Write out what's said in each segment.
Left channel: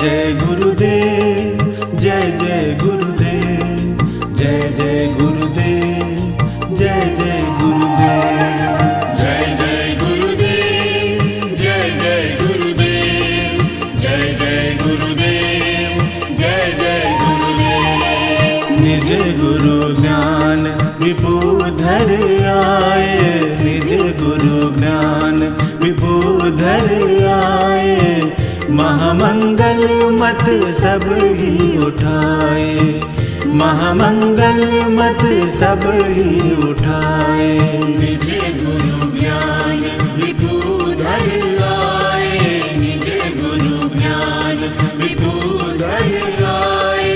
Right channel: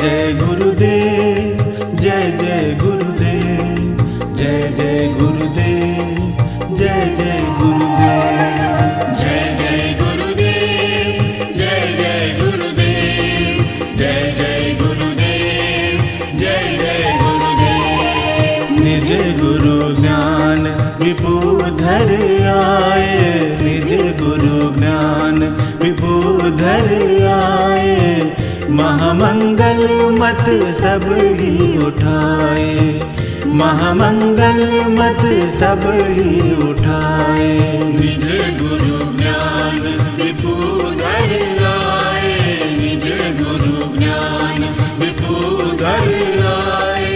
जय गुरुदेव, जय जय गुरुदेव, जय जय गुरुदेव, जय जय गुरुदेव। जय जय गुरुदेव, जय जय गुरुदेव, जय जय गुरुदेव, जय जय गुरुदेव। निज गुरु ज्ञान विबुधर आए, निज गुरु ज्ञान विबुधर आए, महामंगल मत सब ही उठाए, महामंगल मत सब ही उठाए। निज गुरु ज्ञान विबुधर आए, निज गुरु ज्ञान विबुधर आए।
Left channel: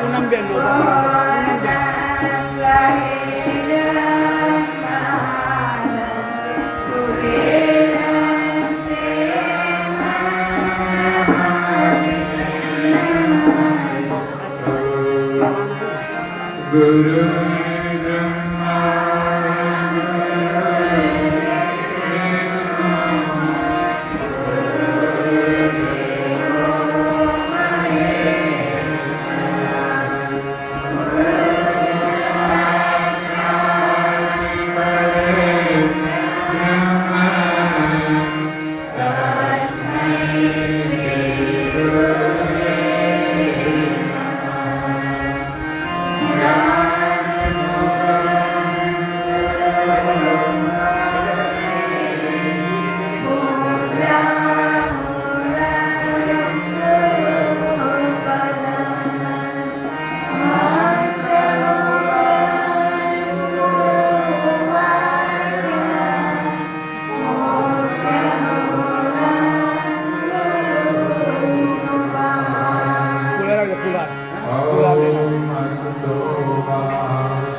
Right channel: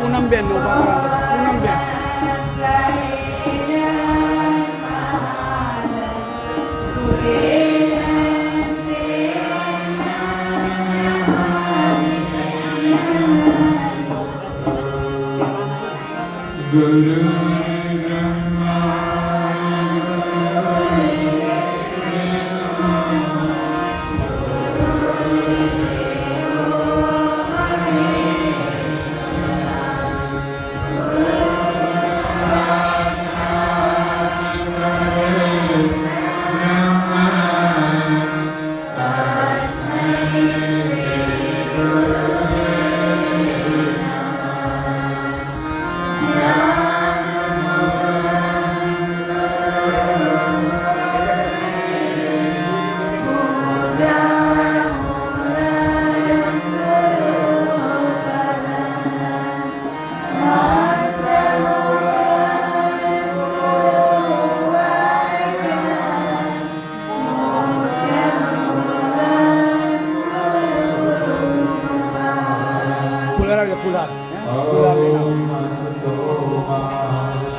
પૂનમબેન પૂનમબેન गुरु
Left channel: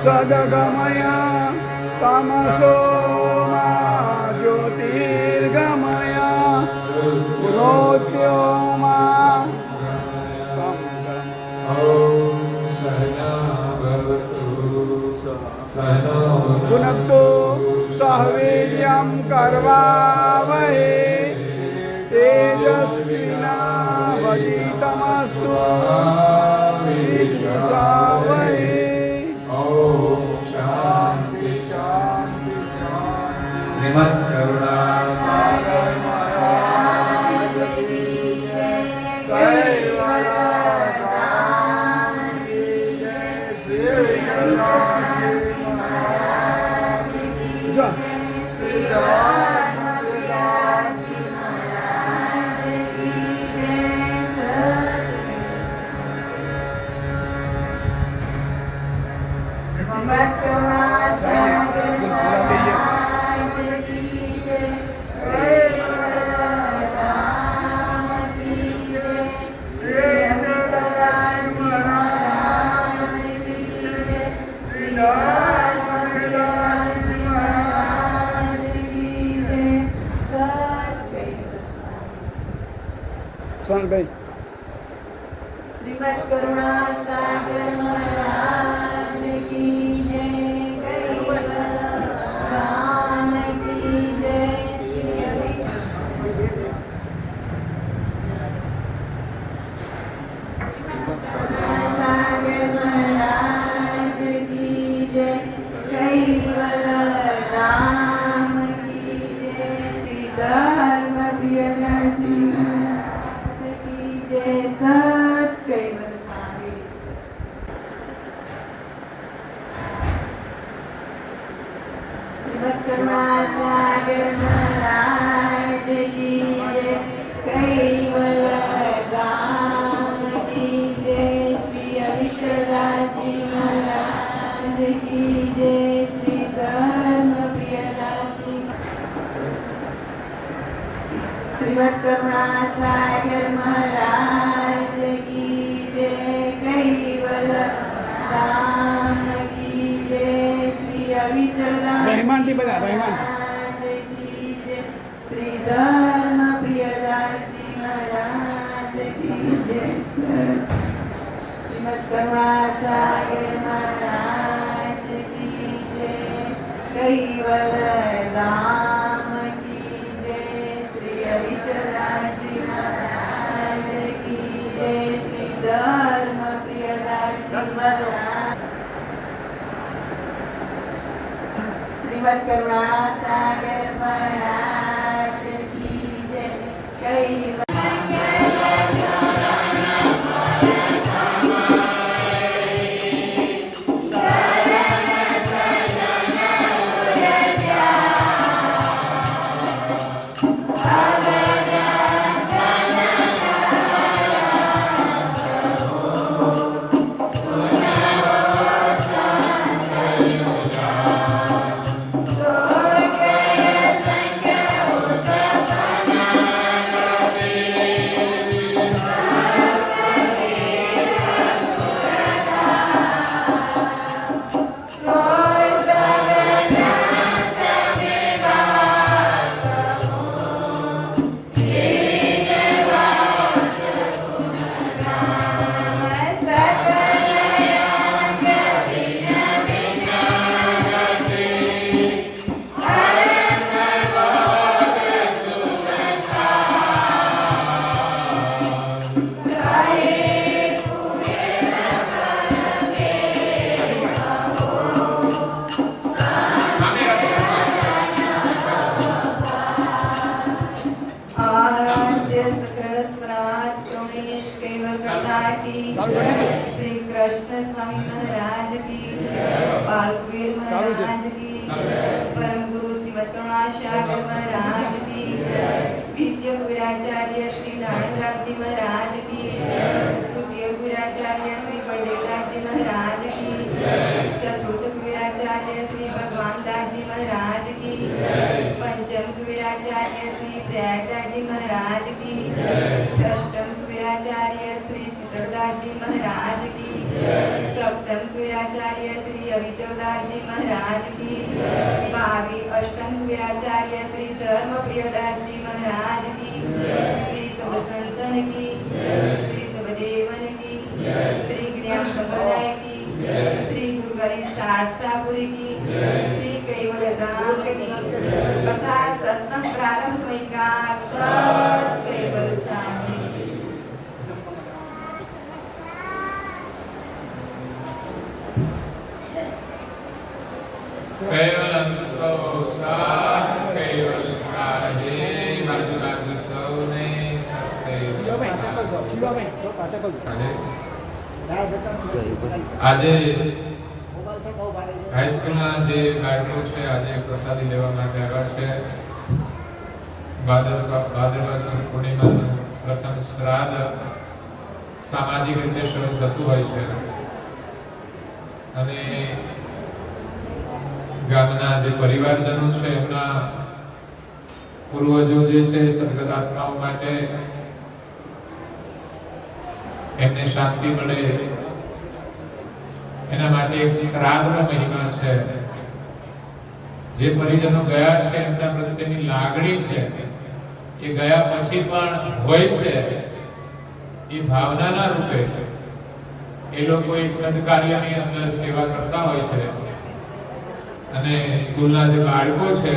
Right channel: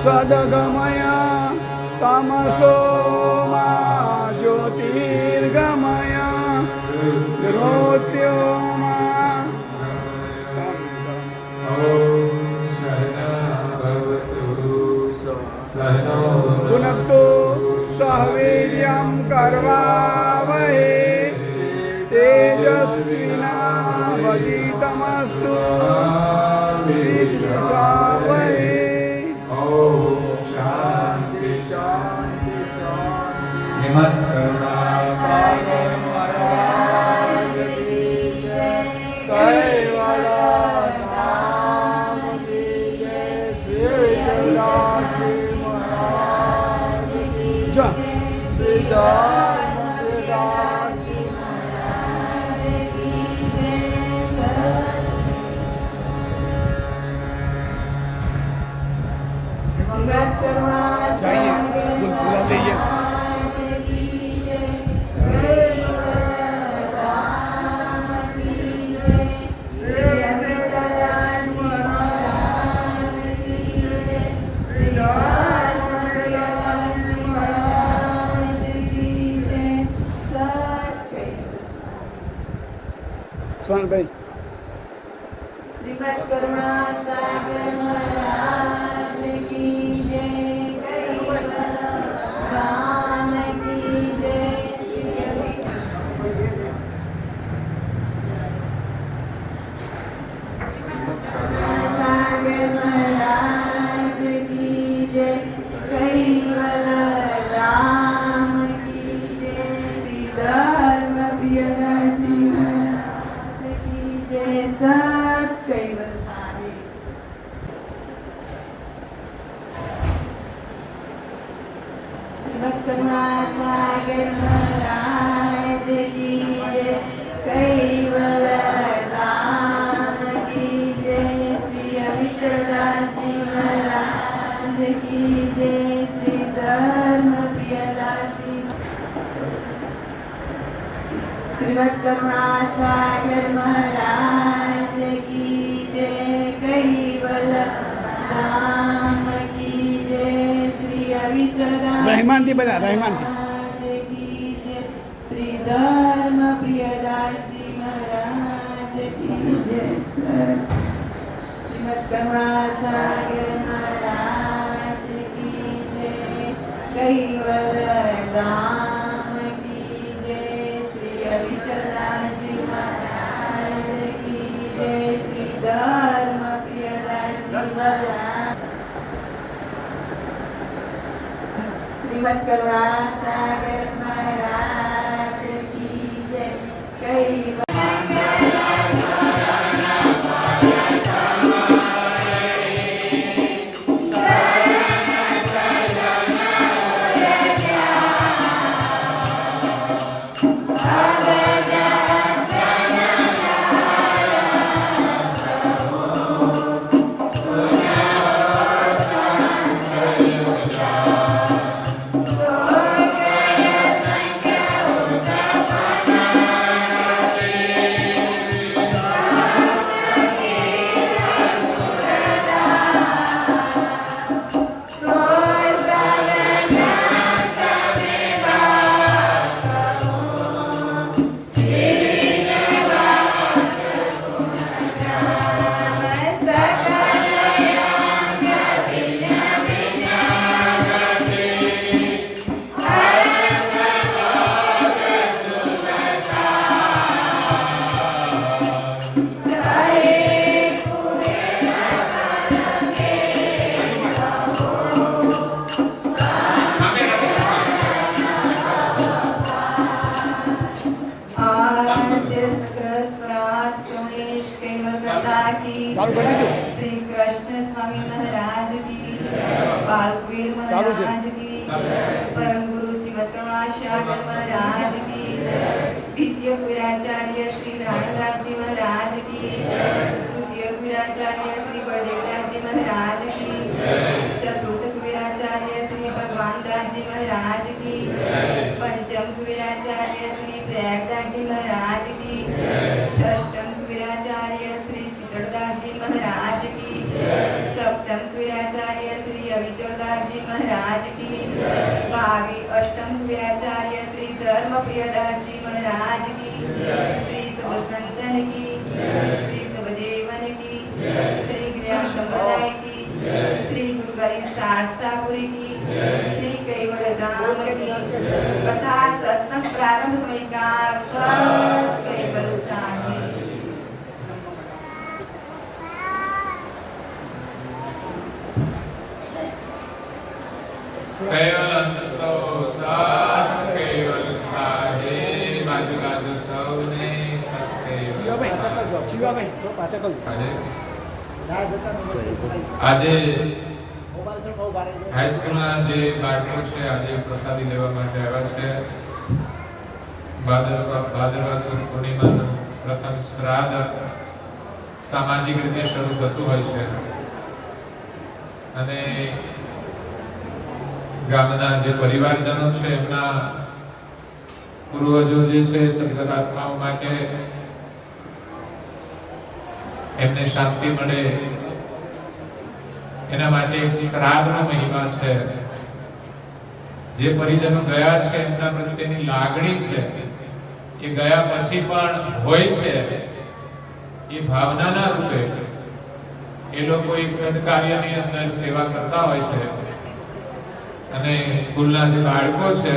सदगमय तमसो मा ज्योतिर्गमय रोत्योमा पुनक्तो सहवीर्यं कर्वावहे तेजस्विनावधीतमस्तु विद्विषावहे। शांति शांति शांति। श्रीमद् करुणा भाई श्रीमद् करुणा सागर महाराज की जय, राम की जय। सागर महाराज की जय, कैवल राम की जय, श्री धर्म प्रिय जय, सत कैवल सारे શ્રીમદ કરુણા સાગર મહારાજ કી જય કૈવલધામ કી જય શ્રી અવિચલદાસજી મહારાજ કી જય શ્રી ધર્મપ્રિયદાસજી શ્રીમદ કરુણા સાગર મહારાજ કી જય કૈવલધામ કી જય શ્રી અવિચલદાસજી રહેમાનથી બધા, રહેમાન. મહારાજ કી જય શ્રી ધર્મપ્રિયદાસજી મહારાજ કી જય શ્રીમદ કરુણા સાગર મહારાજ કી જય કૈવલધામ કી જય શ્રી અવિચલદાસજી મહારાજ કી જય શ્રી ધર્મપ્રિયદાસજી મહારાજ શ્રીમદ કરુણા સાગર મહારાજ કી જય કૈવલ श्री कृष्ण स्वामी महाराज की बालवीर महाराज की परम गुरु श्रीमद करुणा सागर महाराज की द्वितीय गुराचार्य श्री धारणदास जी महाराज की तृतीय गुराचार्य श्री बलदेवदास जी महाराज की चतुर्थ गुराचार्य श्री भगवान दास जी महाराज की पंचम गुराचार्य श्री प्रयागदास जी महाराज की षष्ठम गुराचार्य श्री शीतलदास जी महाराज की सप्तम वीराचार्य श्री अविचलदास जी महाराज की अष्टम वीराचार्य श्री धर्मप्रियदास जी महाराज की श्री सब संतन की श्री सबदेवन की श्री ज्ञान संप्रदाय की श्री गुरु गरीब सारसापुरी की श्री कैवलधाम की कथा सत्संग प्रारंभ समय का सब कैवल स्वामी कैवल कैवल साहे बाजू बाजू सौने सब कैवल આજે હાઈસ્કૂલના જે બાળકો છે આજે પ્રસાદી લેવા માટે આવ્યા છે. ભાદરવા સુદ પૂર્ણિમાનું પ્રથમ શ્રાદ્ધ સામાજિક રીતે શરૂ થતું હોય છે અને ગામના જે પરિવારજનો છે એમના પૂર્વજો જે છે સદગત આત્માઓ માટે એમને શાંતિ મળે એના માટે એક શ્રાદ્ધનો મહિમા છે. જે પરિજનો ગયા છે એમના પ્રત્યેની લાગણી છે એ ગયા પછી પણ હોય છે. એ ભાવનાના રૂપે એ લોકો એક સદકાર્યની અંદર સેવા કરતા હોય છે અને સ્કૂલના જે બાળકો છે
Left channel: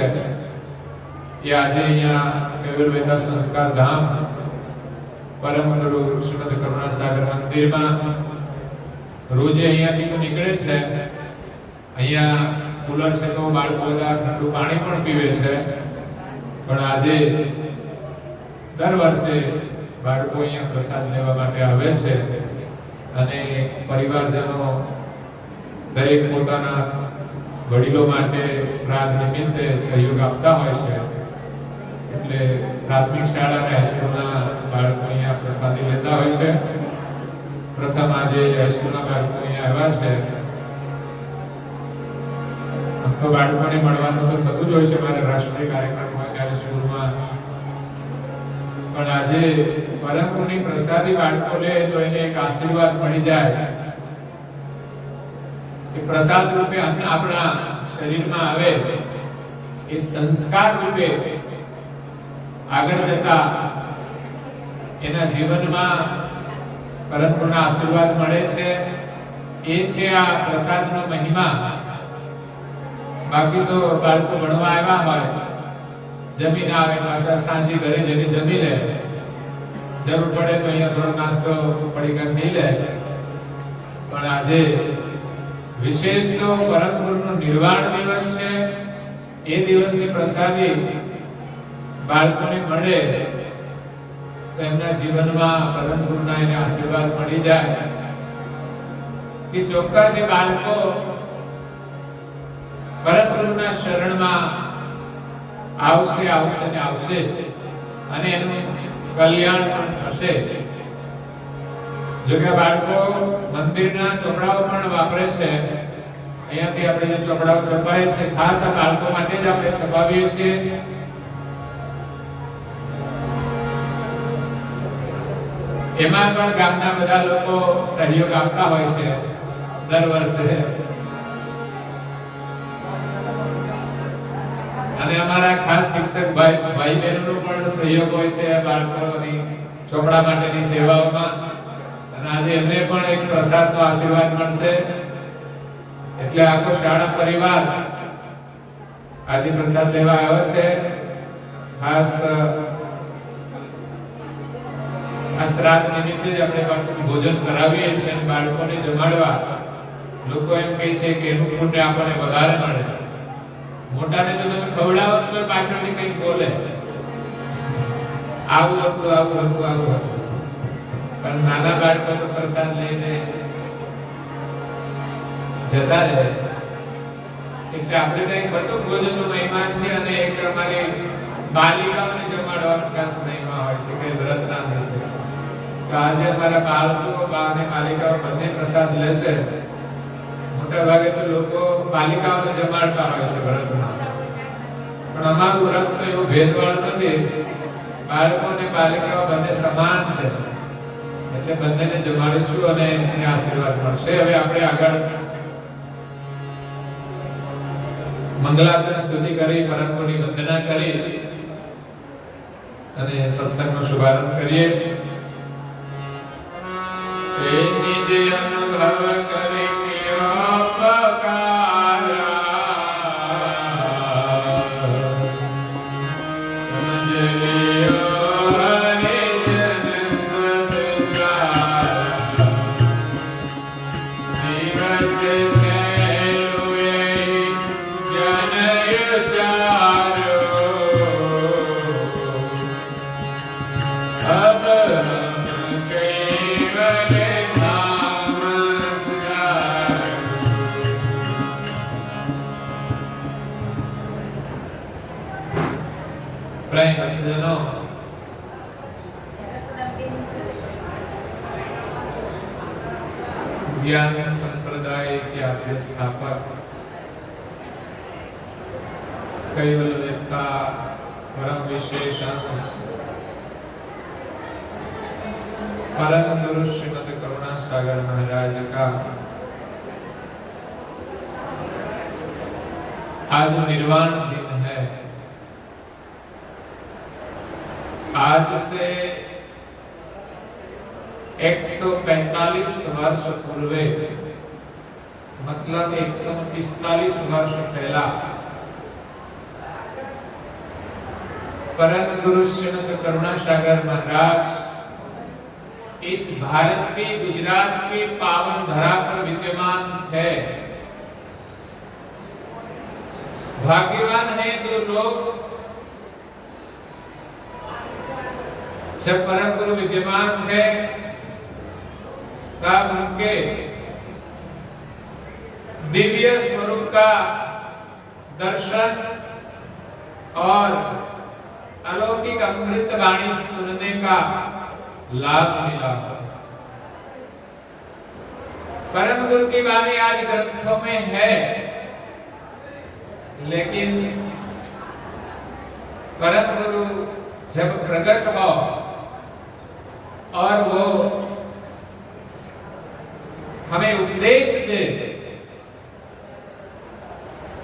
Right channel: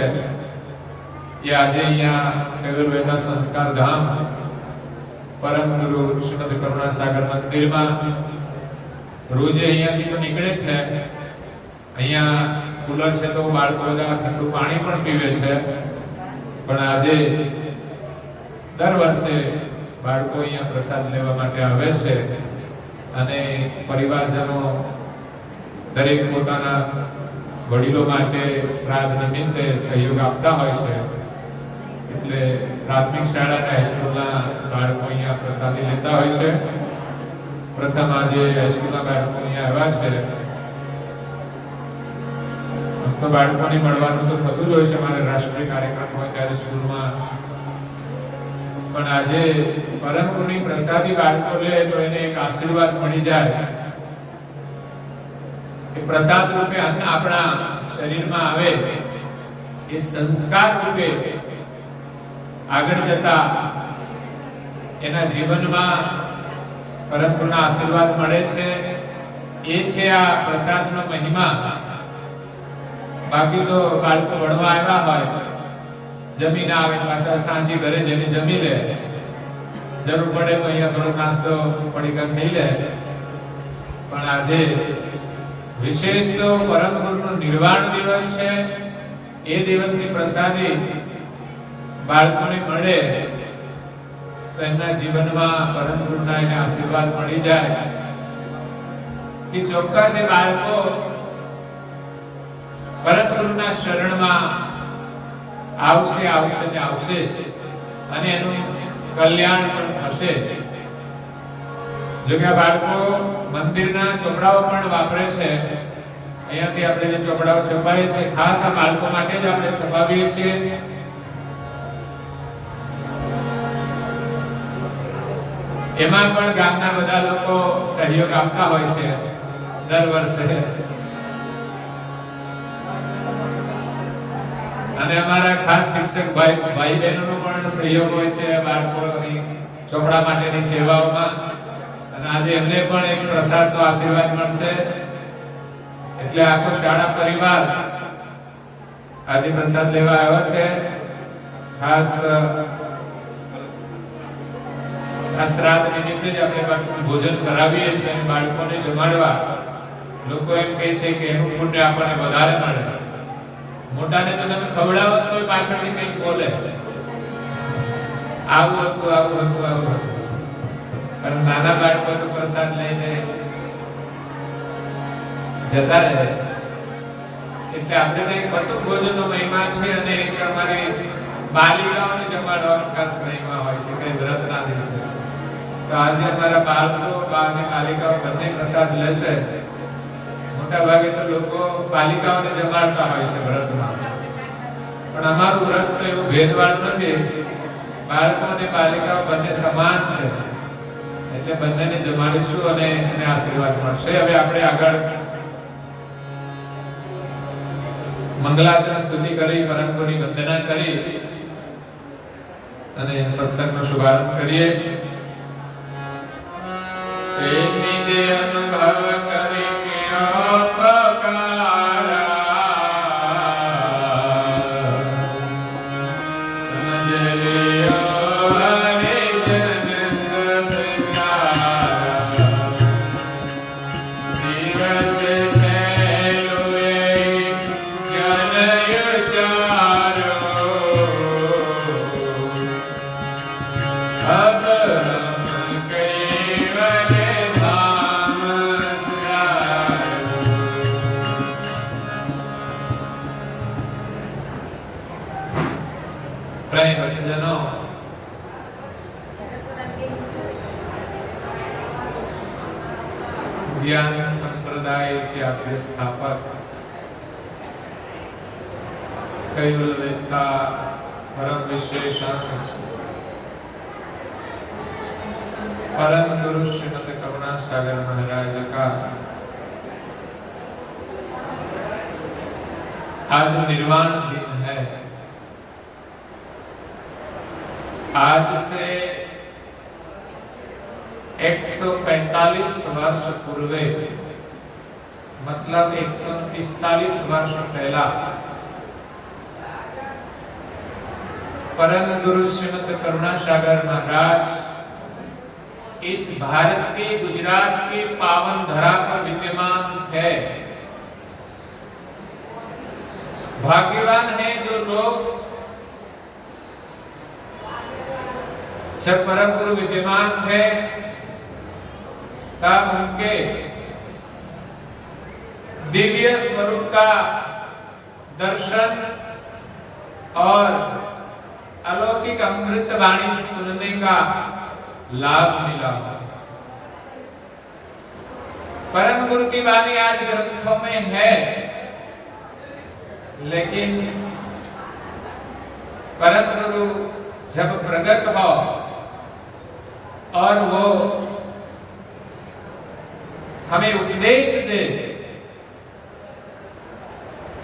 એ આજે અહીંયા કેવલ વેદા સંસ્કાર ધામ પરમ ગુરુ શ્રીમદ કરુણા સાગર મંદિરમાં રોજ અહીંયાથી તો નીકળે છે. અહીંયા કુલર છે તો બાળકો બધા ઠંડુ પાણી પણ પીવે છે, પણ આજે દર વર્ષે બાળકો અહીંયા પ્રસાદ લેવા માટે આવે છે અને પરિવારજનો દરેક પોતાના વડીલો માટે શ્રાદ્ધ નિમિત્તે સહયોગ આપતા હોય છે. એટલે પ્રાથમિક શાળા અને હાઈસ્કૂલના બાળકો અહીંયા પ્રસાદી લેતા હોય છે. પ્રથમ આજે હાઈસ્કૂલના બાળકો અહીંયા આવ્યા છે. આમ તો બાળકોને મળવાનું તો થતું જ હોય છે મારે રાષ્ટ્રીય કાર્યક્રમ હોય ત્યારે સ્કૂલમાં, પણ આજે પરમ ગુરુની પ્રસાદી બાળકો લે તો એને એક આશીર્વાદ મળી જાય. એ પ્રસાદ રૂપે આપણા શરીરમાં આવે, એ સંસ્કાર રૂપે આગળ જતા એના જીવનમાં પરમ ગુરુના આશીર્વાદ મળે છે. એ છે આ પ્રસાદનો મહિમા. બાકી તો બાળકો ભણવા આવ્યા હોય, જમીન આવે પાછા સાંજે ઘરે જમી લે, જરૂર પડે તો અહીંયા થોડો નાસ્તો પડીકા ખાઈ લે. પણ આજે વિશેષ તો પરમ ગુરુનો નિર્વાણ દિવસ છે. એ દિવસની પ્રસાદી બાળકોને મળે તો એમના જીવનમાં પરમ ગુરુના એને આશીર્વાદ મળી જાય કે ચોક્કસ એ બાળકો પરમ ગુરુના શરણમાં આવશે ને આવશે જ, અને એનું કલ્યાણ પણ થશે. જો કે બાળકો મંદિરના ચોપડાઓ પણ વાપરે છે. અહીંયાથી આપણે જે ચોપડાઓ છપાવીએ છીએ ખાસ આ બાળકો માટે જ આપણે છપાવીએ છીએ. એમાં પણ ગામના બધા લોકો સહયોગ આપતા હોય છે દર વર્ષે. અને અમારા ખાસ શિક્ષક ભાઈ બહેનોનો પણ સહયોગ હોય છે બાળકોની ચોપડા માટેની સેવાઓમાં. અને આજે એમને પણ એક પ્રસાદનો આશીર્વાદ મળશે. એટલે આખો શાળા પરિવાર આજે પ્રસાદ લેવા આવ્યો છે. ખાસ આ શ્રાદ્ધ નિમિત્તે જ આપણે ભોજન કરાવીએ છીએ અને બાળકોને જમાડવા. લોકો એમ કહે છે કે એનું પુણ્ય આપણને વધારે મળે. મોટાને તો તમે ખવડાવો તો પાછળથી કંઈક બોલે, આવું હતું. પણ નાના બાળકોનો પ્રસાદ લઈને જતા રહે. એટલે આપણે તો એક બટુક ભોજનનો મહિમા છે, અને એક અમારી બાલિકાઓને જમાડવાનો ખાસ મહિમા હોય છે કે વ્રતના દિવસે. તો આજે અમારા બાળકો અને બાલિકાઓ બંને પ્રસાદ લે છે. મોટા ભાગે તો લોકો બાલિકાઓને જમાડતા હોય છે વ્રતમાં, પણ અમારું વ્રત તો એવું ભેદભાવ નથી. બાળકો અને બાલિકાઓ બંને સમાન છે. એટલે બંનેને જમાડીશું અને એને આશીર્વાદ મળશે. હવે આપણે આગળ મંગલાચરણ સ્તુતિ કરી, પરમ ગુરુની વંદના કરી અને સત્સંગનો શુભારંભ કરીએ. નિજ અનુભવ કરી ज्ञान संप्रदाय के आद्य स्थापक कैवल वेत्ता परम विशेषांक परम गुरु श्रीमद करुणा सागर महाराज का आज निर्वाण दिन है. आज से 145 वर्ष पूर्वे, मतलब 145 वर्ष पहला परम गुरु श्रीमद करुणा सागर महाराज इस भारत के गुजरात के पावन धरा पर विद्यमान थे. भाग्यवान है जो लोग जब परम गुरु विद्यमान थे तब उनके दिव्य स्वरूप का दर्शन और अलौकिक अमृत वाणी सुनने का लाभ मिला। परम गुरु की वाणी आज ग्रंथों में है, लेकिन परम गुरु जब प्रकट हो और वो हमें उपदेश दे,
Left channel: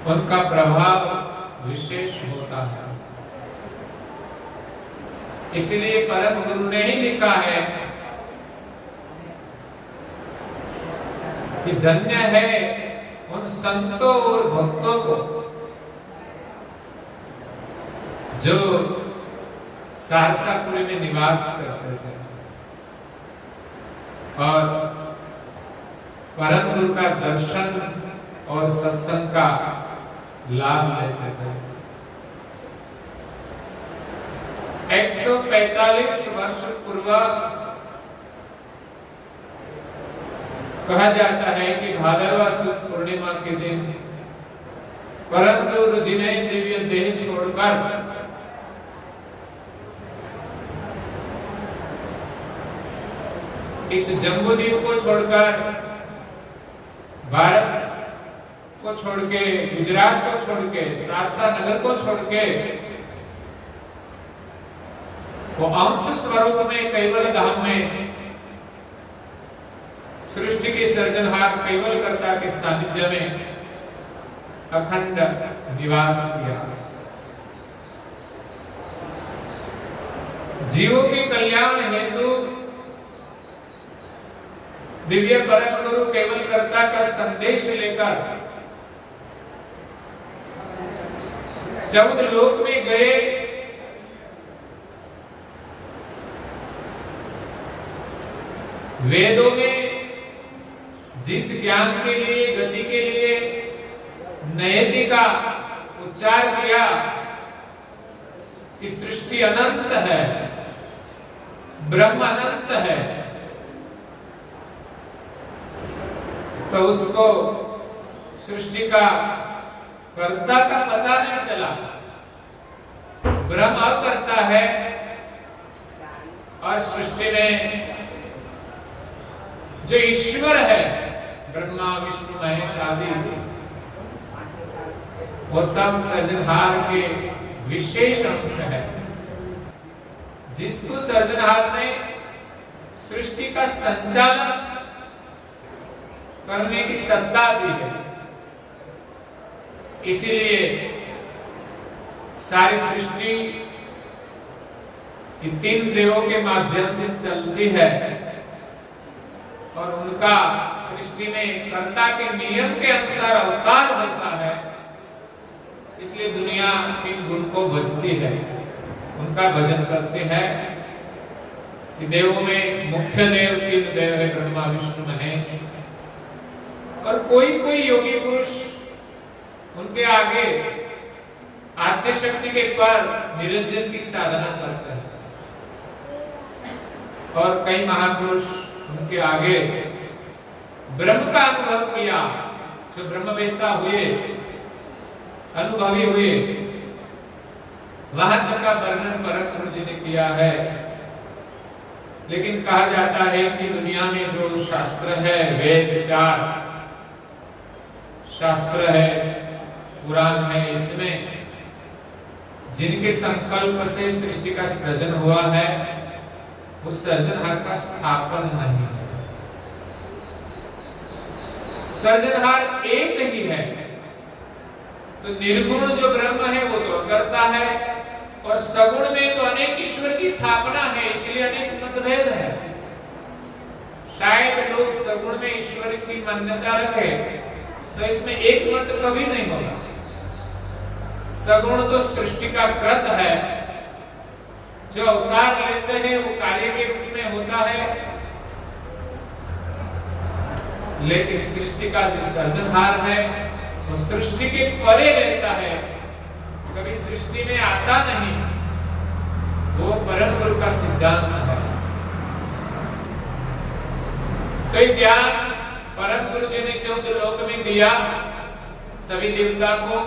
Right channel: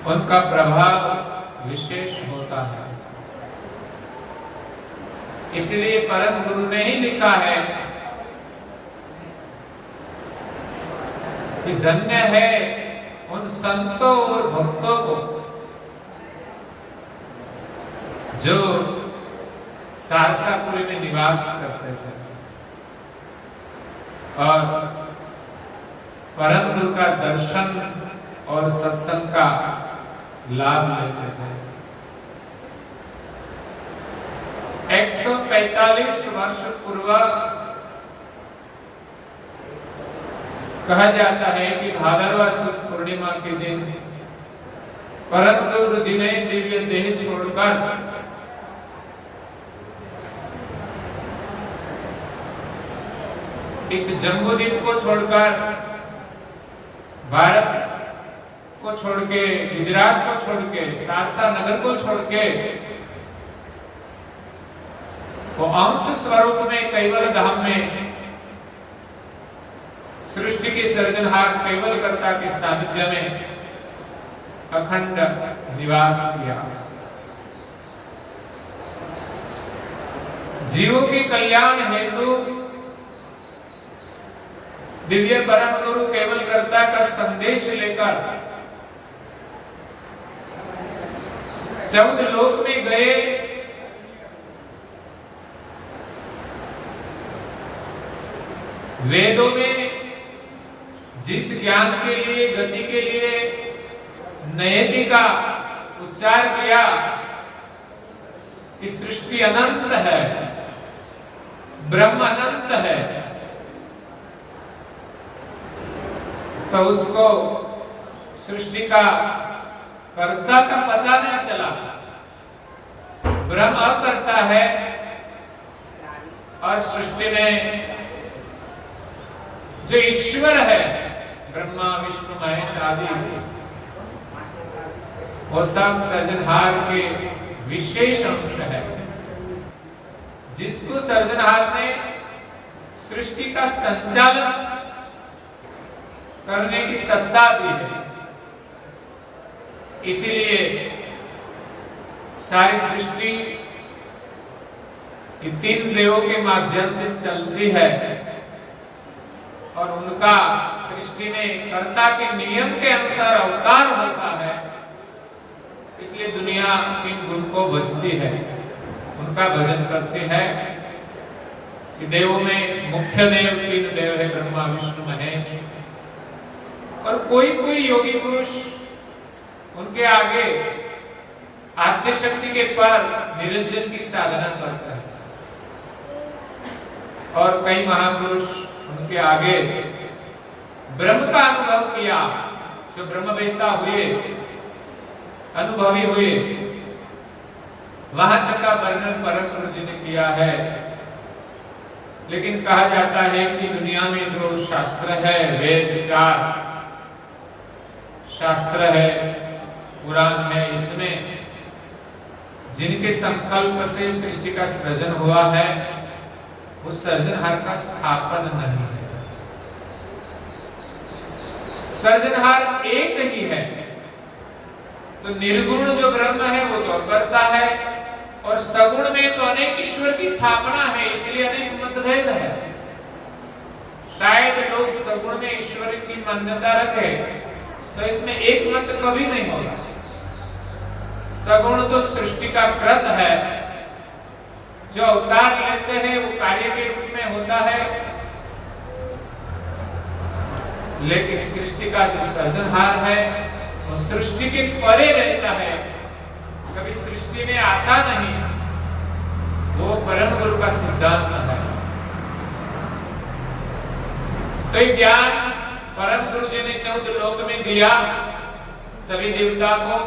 उनका प्रभाव विशेष होता है। इसलिए परम गुरु ने ही लिखा है कि धन्य है उन संतों और भक्तों को जो सहरसापुरी में निवास करते थे और परम गुरु का दर्शन और सत्संग का लाभ लेते थे। 145 वर्ष पूर्व कहा जाता है कि भादरवा सुद पूर्णिमा के दिन परम गुरु जी ने दिव्य देह छोड़कर इस जम्बूद्वीप को छोड़कर, भारत को छोड़ के, गुजरात को छोड़ के, सारसा नगर को छोड़ के वो अंश स्वरूप में कैवल धाम में सृष्टि के सृजनहार केवल कर्ता के सानिध्य में अखंड निवास किया। जीवों के कल्याण हेतु दिव्य परम गुरु केवल कर्ता का संदेश लेकर 14 लोक में गए। वेदों में जिस ज्ञान के लिए, गति के लिए नयति का उच्चार किया कि सृष्टि अनंत है, ब्रह्म अनंत है, तो उसको सृष्टि का कर्ता का पता नहीं चला। ब्रह्म करता है और सृष्टि में जो ईश्वर है, ब्रह्मा विष्णु महेश आदि, वो सब सृजनहार के विशेष अंश है, जिसको सृजनहार ने सृष्टि का संचालन करने की सत्ता दी है। इसीलिए सारी सृष्टि 3 देवों के माध्यम से चलती है और उनका सृष्टि में कर्ता के नियम के अनुसार अवतार होता है। इसलिए दुनिया इन गुरु को भजती है, उनका भजन करते हैं कि देवों में मुख्य देव 3 देव है, ब्रह्मा विष्णु महेश, और कोई कोई योगी पुरुष उनके आगे आद्य शक्ति के पर निरंजन की साधना करते हैं और कई महापुरुष उनके आगे ब्रह्म का अनुभव किया, जो ब्रह्मवेत्ता हुए, अनुभवी हुए, वहां तक का वर्णन परम गुरु जी ने किया है। लेकिन कहा जाता है कि दुनिया में जो शास्त्र है, वेद 4 शास्त्र है, पुराण है, इसमें जिनके संकल्प से सृष्टि का सृजन हुआ है, वो सृजनहार का स्थापन नहीं है। सृजनहार एक ही है, तो निर्गुण जो ब्रह्म है वो तो अकर्ता है, और सगुण में तो अनेक ईश्वर की स्थापना है, इसलिए अनेक मतभेद है। शायद लोग सगुण में ईश्वर की मान्यता रखे, तो इसमें एक मत कभी नहीं होगा। सगुण तो सृष्टि का कृत है, जो अवतार लेते हैं वो कार्य के रूप में होता है, लेकिन सृष्टि का जो सृजनहार है वो सृष्टि के परे रहता है, कभी सृष्टि में आता नहीं। वो परम गुरु का सिद्धांत है। तो ज्ञान परम गुरु जी ने 14 लोक में दिया सभी देवता को,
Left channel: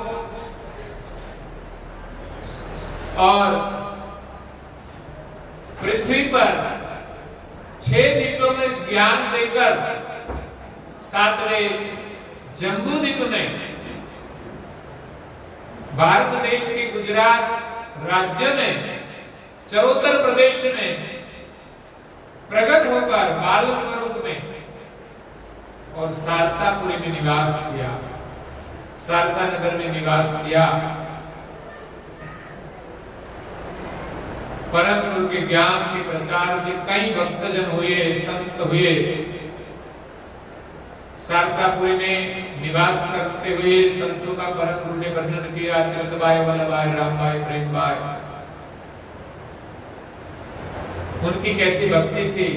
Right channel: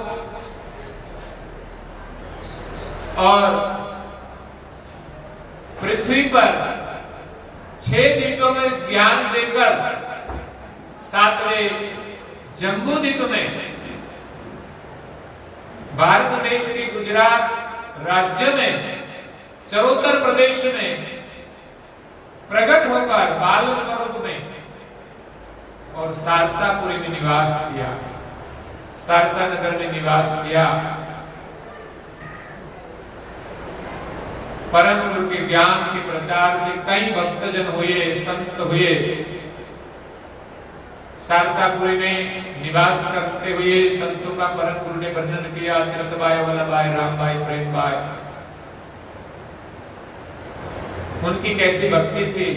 और पृथ्वी पर 6 द्वीपों में ज्ञान देकर 7वें जम्बू द्वीप में भारत देश के गुजरात राज्य में चरोतर प्रदेश में प्रकट होकर बाल स्वरूप में और सारसापुरी में निवास किया, सारसा नगर में निवास किया। परम गुरु के ज्ञान के प्रचार से कई भक्तजन हुए, संत हुए। सारसापुरी में निवास करते हुए संतों का परम गुरु ने वर्णन किया, चरतबाई, वल्लभाई, रामबाई, प्रेमबाई, उनकी कैसी भक्ति थी।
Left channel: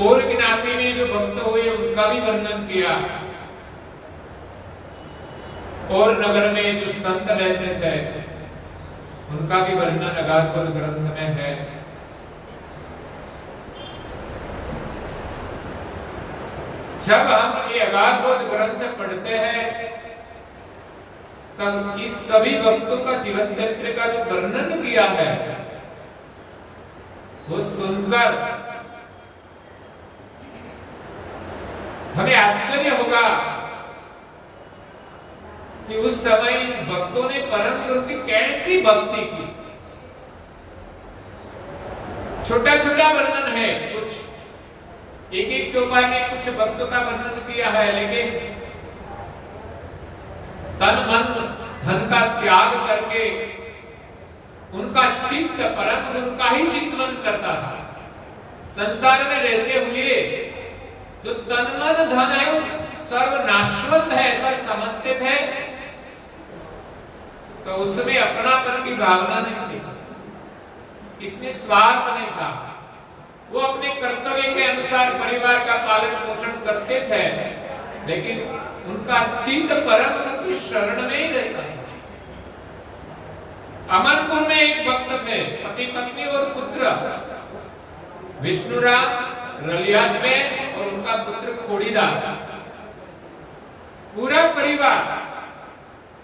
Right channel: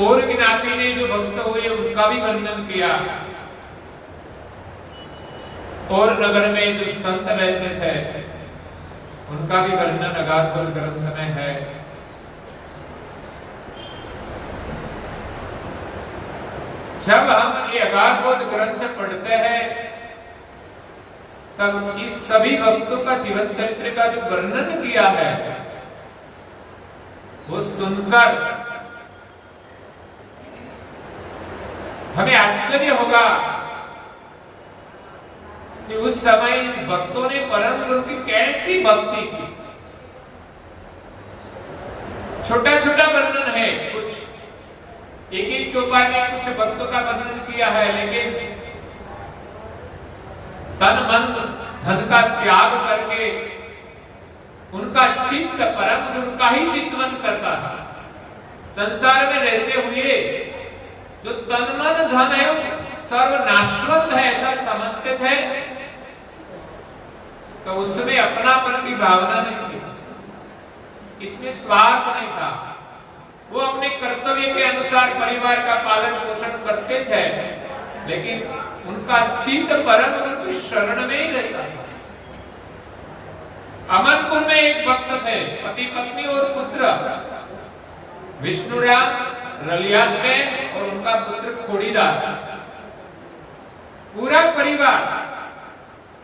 और ज्ञाति में जो भक्त हुए उनका भी वर्णन किया। और नगर में जो संत रहते थे उनका भी वर्णन अगाधबोध ग्रंथ में है। जब हम ये अगाधबोध ग्रंथ पढ़ते हैं तब इस सभी भक्तों का जीवन चरित्र का जो वर्णन किया है वो सुनकर हमें आश्चर्य होगा कि उस समय इस भक्तों ने परम गुरु की कैसी भक्ति की। छोटा छोटा वर्णन है, कुछ एक एक चौपाई में कुछ भक्तों का वर्णन किया है, लेकिन तन मन धन का त्याग करके उनका चित्त परम गुरु का ही चिंतन करता था। संसार में रहते हुए जो तन मन धन है वो सर्वनाशवंत है ऐसा समझते थे, तो उसमें अपनापन की भावना नहीं थी, इसमें स्वार्थ नहीं था। वो अपने कर्तव्य के अनुसार परिवार का पालन पोषण करते थे, लेकिन उनका चित्त परम गुरु की शरण में ही रहता था। अमनपुर में एक भक्त थे, पति पत्नी और पुत्र, विष्णुराम, रलियाद में और उनका पुत्र खोड़ीदास। पूरा परिवार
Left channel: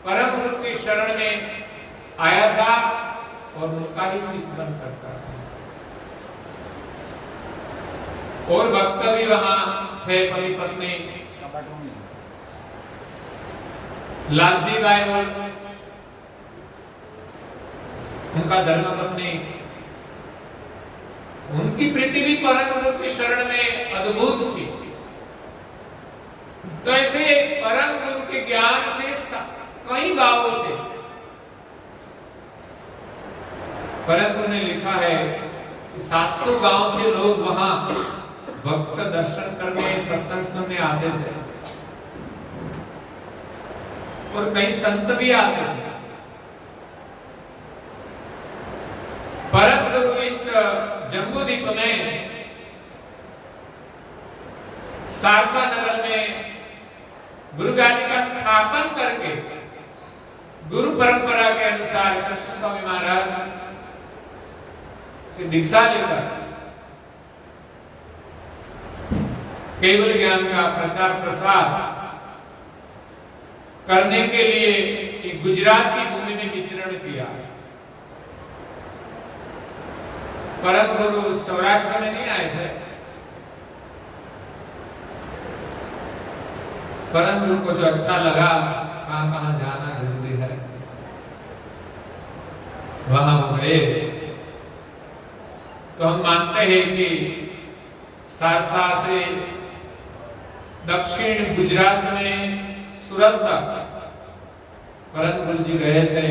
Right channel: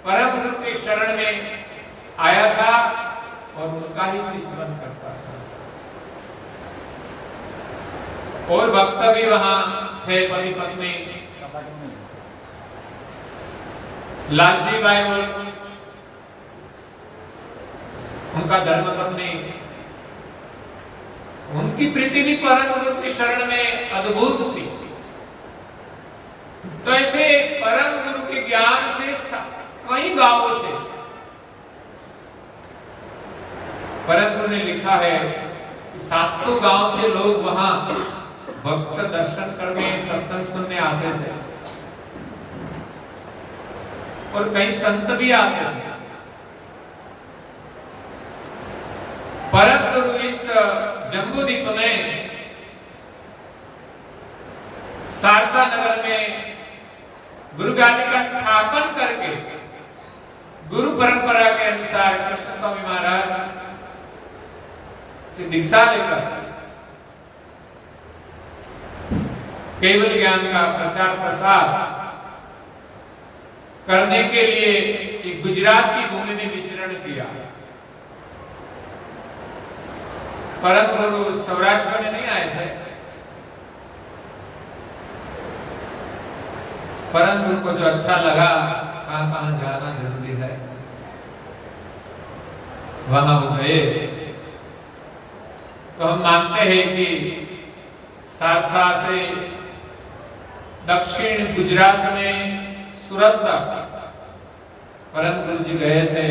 परम गुरु की शरण में आया था और उनका ही चिंतन करता था। और भक्त भी वहां थे, पति पत्नी लालजी बाई और उनका धर्मपत्नी। उनकी प्रीति भी परम गुरु की शरण में अद्भुत थी। तो ऐसे परम गुरु के ज्ञान से कई गांवों से परम गुरु ने लिखा है कि 700 गांव से लोग वहां भक्त दर्शन करने, सत्संग सुनने आते थे और कई संत भी आते थे। परम गुरु इस जम्बू द्वीप में सारसा नगर में गुरु गादी का स्थापन करके गुरु परंपरा के अनुसार कृष्ण स्वामी महाराज से दीक्षा लेकर केवल ज्ञान का प्रचार प्रसार करने के लिए गुजरात की भूमि में विचरण किया। परम गुरु सौराष्ट्र में नहीं आए थे। परम गुरु को जो अच्छा लगा, कहां कहां जाना जरूरी है, वहां वो गए। तो हम मानते हैं कि सारसा से दक्षिण गुजरात में सूरत तक परम गुरु जी गए थे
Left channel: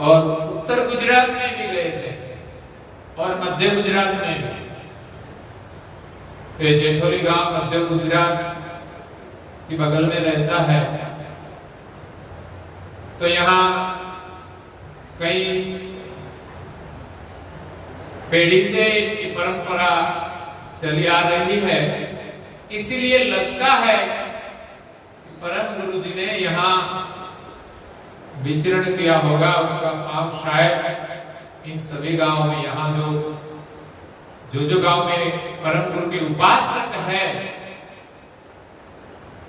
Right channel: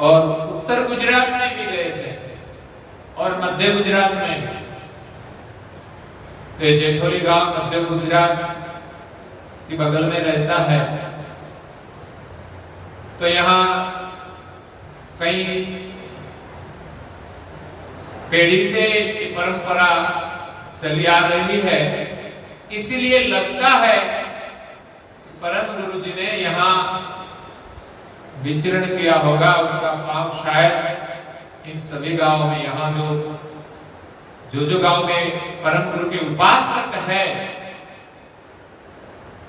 और उत्तर गुजरात में भी गए थे और मध्य गुजरात में भी। जेठोली गांव मध्य गुजरात की बगल में रहता है। तो यहाँ कई पीढ़ी से परंपरा चली आ रही है, इसीलिए लगता है कि परम गुरु जी ने यहाँ विचरण किया होगा। उसका भाव शायद इन सभी गांवों में, यहाँ जो गांव में परम गुरु के उपासक है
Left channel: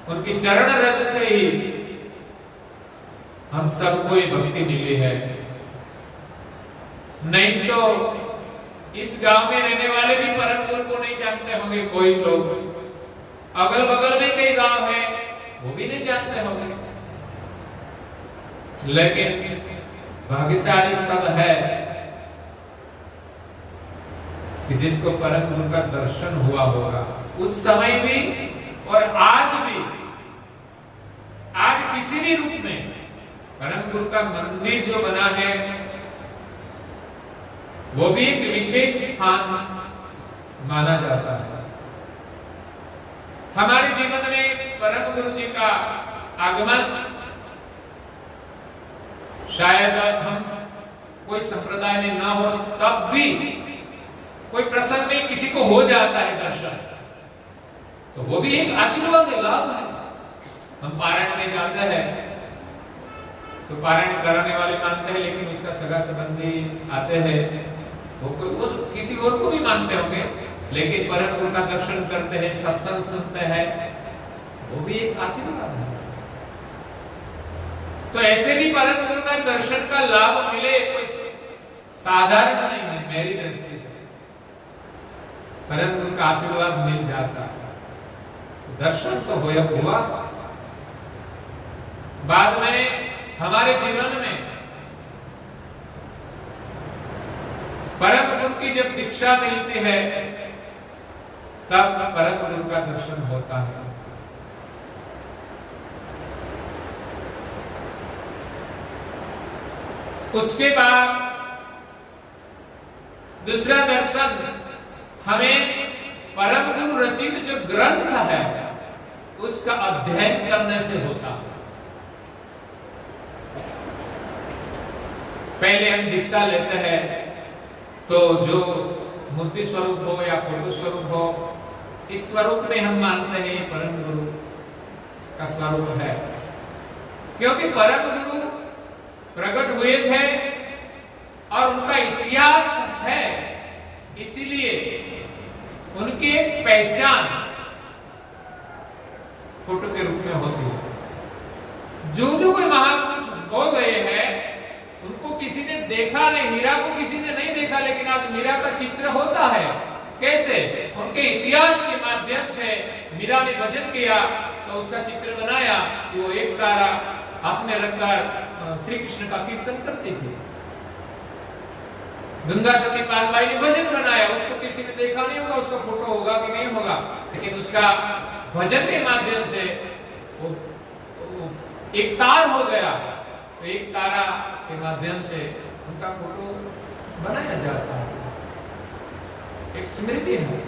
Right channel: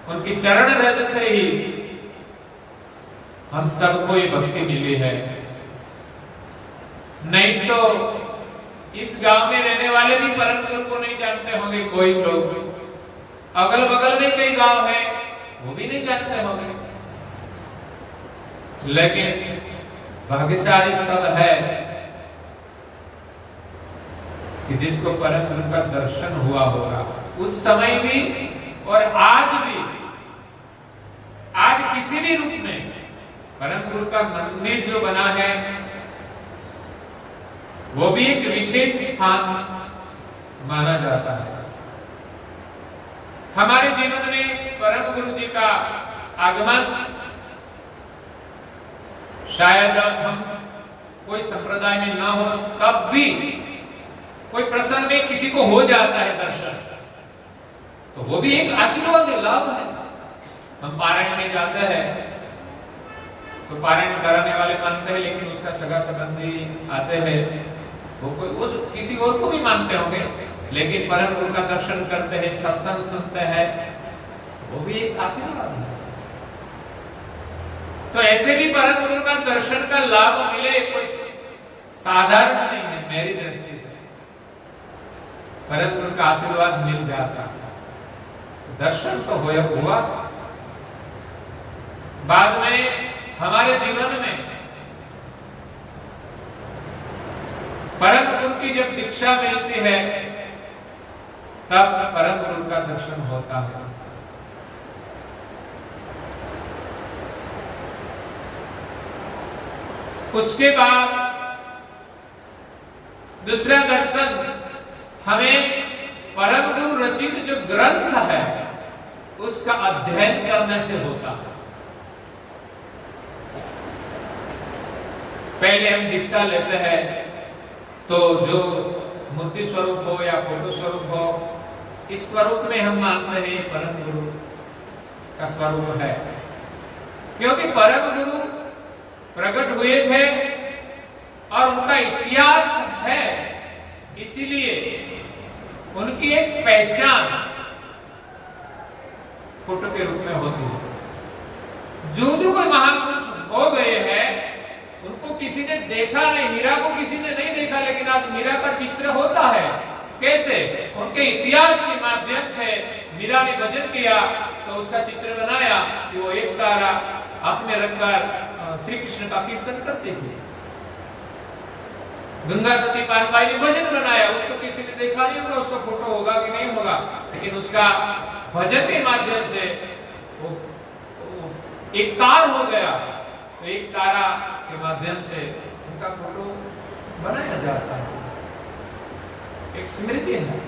उनकी चरण रज से ही हम सबको ये भक्ति मिली है। नहीं तो इस गांव में रहने वाले भी परम गुरु को नहीं जानते होंगे। कोई लोग अगल बगल में कई गांव है वो भी नहीं जानते होंगे। लेकिन भाग्यशाली सब है कि जिसको परम गुरु का दर्शन हुआ होगा। उस समय भी और आज भी, आज किसी भी रूप में परम गुरु का मंदिर जो बना है वो भी एक विशेष स्थान माना जाता है। हमारे जीवन में परम गुरु जी का आगमन शायद हम कोई संप्रदाय में ना हो तब भी कोई प्रसंग में किसी को हो जाता है दर्शन, तो वो भी एक आशीर्वाद है, लाभ है। हम पारायण में जाते हैं तो पारायण कराने वाले मानते हैं, लेकिन उसका सगा संबंधी आते हैं, वो किसी और को भी मानते होंगे, लेकिन परम गुरु का दर्शन करते हैं, सत्संग सुनते हैं, वो भी एक आशीर्वाद है। तो ऐसे भी परम गुरु का दर्शन का लाभ मिले कोई साधारण नहीं है। मेरी दृष्टि से परम गुरु का आशीर्वाद मिल जाता, दर्शन तो हुआ। बाद में हमारे जीवन में परम गुरु की जब दीक्षा मिलती है तब परम गुरु का दर्शन होता है। उसके बाद दूसरा दर्शन हमें परम गुरु रचित जो ग्रंथ है उसका अध्ययन करने से होता है। पहले हम दीक्षा लेते हैं तो जो मूर्ति स्वरूप हो या फोटो स्वरूप हो, इस स्वरूप में हम मानते हैं परम गुरु का स्वरूप है, क्योंकि परम गुरु प्रकट हुए थे और उनका इतिहास है, इसीलिए उनकी एक पहचान फोटो के रूप में होती है। जो कोई महापुरुष हो गए हैं उनको किसी ने देखा नहीं, मीरा को किसी ने नहीं देखा, लेकिन आज मीरा का चित्र होता है। कैसे? उनके इतिहास के माध्यम से मीरा ने भजन किया तो उसका चित्र बनाया कि वो एक तारा हाथ में रखकर श्री कृष्ण का कीर्तन करती थी। गंगा सती पारबाई ने भजन बनाया, उसको किसी ने देखा नहीं होगा, उसका फोटो होगा कि नहीं होगा, लेकिन उसका भजन के माध्यम से वो एक तार हो गया, तो एक तारा के माध्यम से उनका फोटो बनाया जाता है। एक स्मृति है,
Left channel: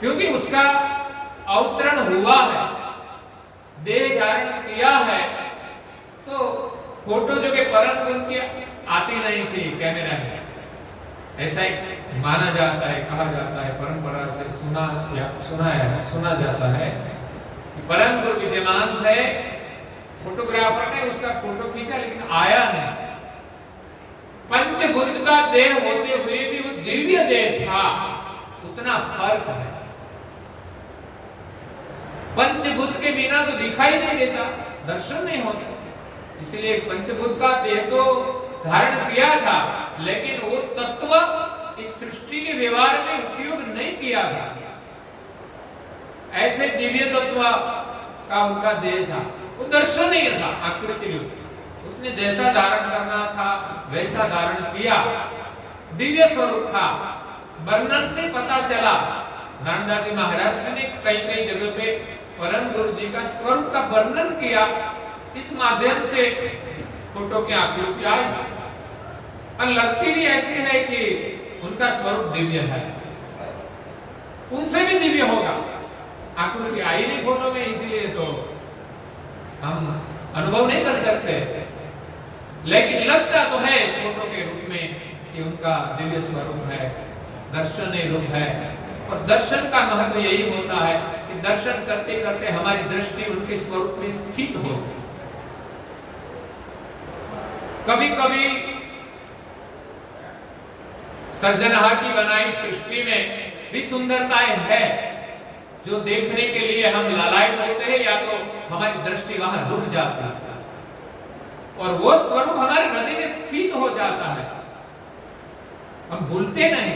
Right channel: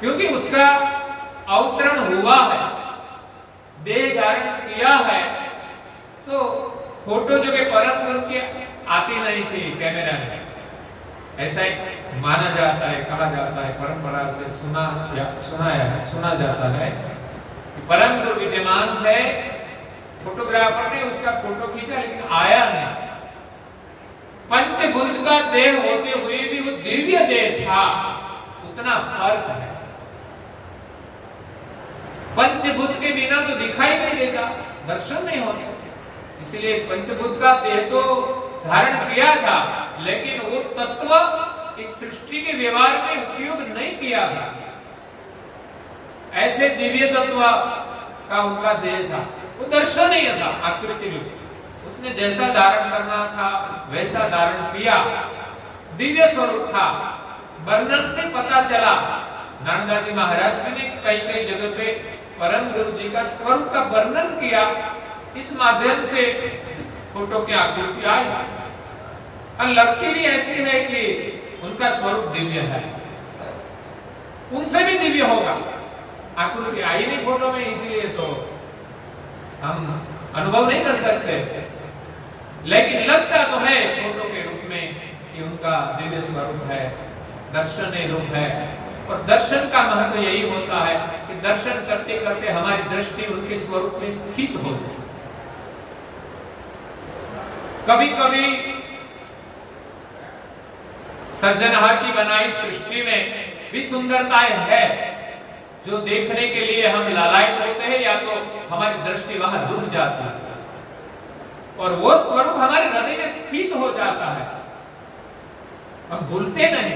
क्योंकि उसका अवतरण हुआ है, देह धारण किया है। तो फोटो जो कि परम गुरु की आती नहीं थी कैमरा में, ऐसा ही माना जाता है, कहा जाता है, परंपरा से सुना जाता है कि परम गुरु विद्यमान थे, फोटोग्राफर ने उसका फोटो खींचा लेकिन आया नहीं। पंचभूत का देह होते हुए भी वो दिव्य देह था, उतना फर्क है। पंचभूत के बिना तो दिखाई नहीं देता, दर्शन नहीं होते, इसलिए पंचभूत का देह तो धारण किया था, लेकिन वो तत्व इस सृष्टि के व्यवहार में उपयोग नहीं किया था। ऐसे दिव्य तत्व का उनका देह था, वो दर्शन नहीं था, आकृति रूप। उसने जैसा धारण करना था वैसा धारण किया, दिव्य स्वरूप था। वर्णन से पता चला, नानकदास जी महाराज ने कई जगह पे परम गुरु जी का स्वरूप का वर्णन किया, इस माध्यम से फोटो की आकृति आई और लगती भी ऐसी है कि उनका स्वरूप दिव्य है, उनसे भी दिव्य होगा। आकृति आई नहीं फोटो में, इसीलिए तो हम अनुभव नहीं कर सकते, लेकिन लगता तो है फोटो के रूप में कि उनका दिव्य स्वरूप है, दर्शनीय रूप है। और दर्शन का महत्व यही होता है कि दर्शन करते करते हमारी दृष्टि उनके स्वरूप में स्थित हो जाए। कभी कभी सर्जनहार की बनाई सृष्टि में भी सुंदरताएं है जो देखने के लिए हम लालायित होते हैं, या तो हमारी दृष्टि वहां रुक जाती है। और वो स्वरूप हमारे हृदय में स्थित हो जाता है, हम भूलते नहीं।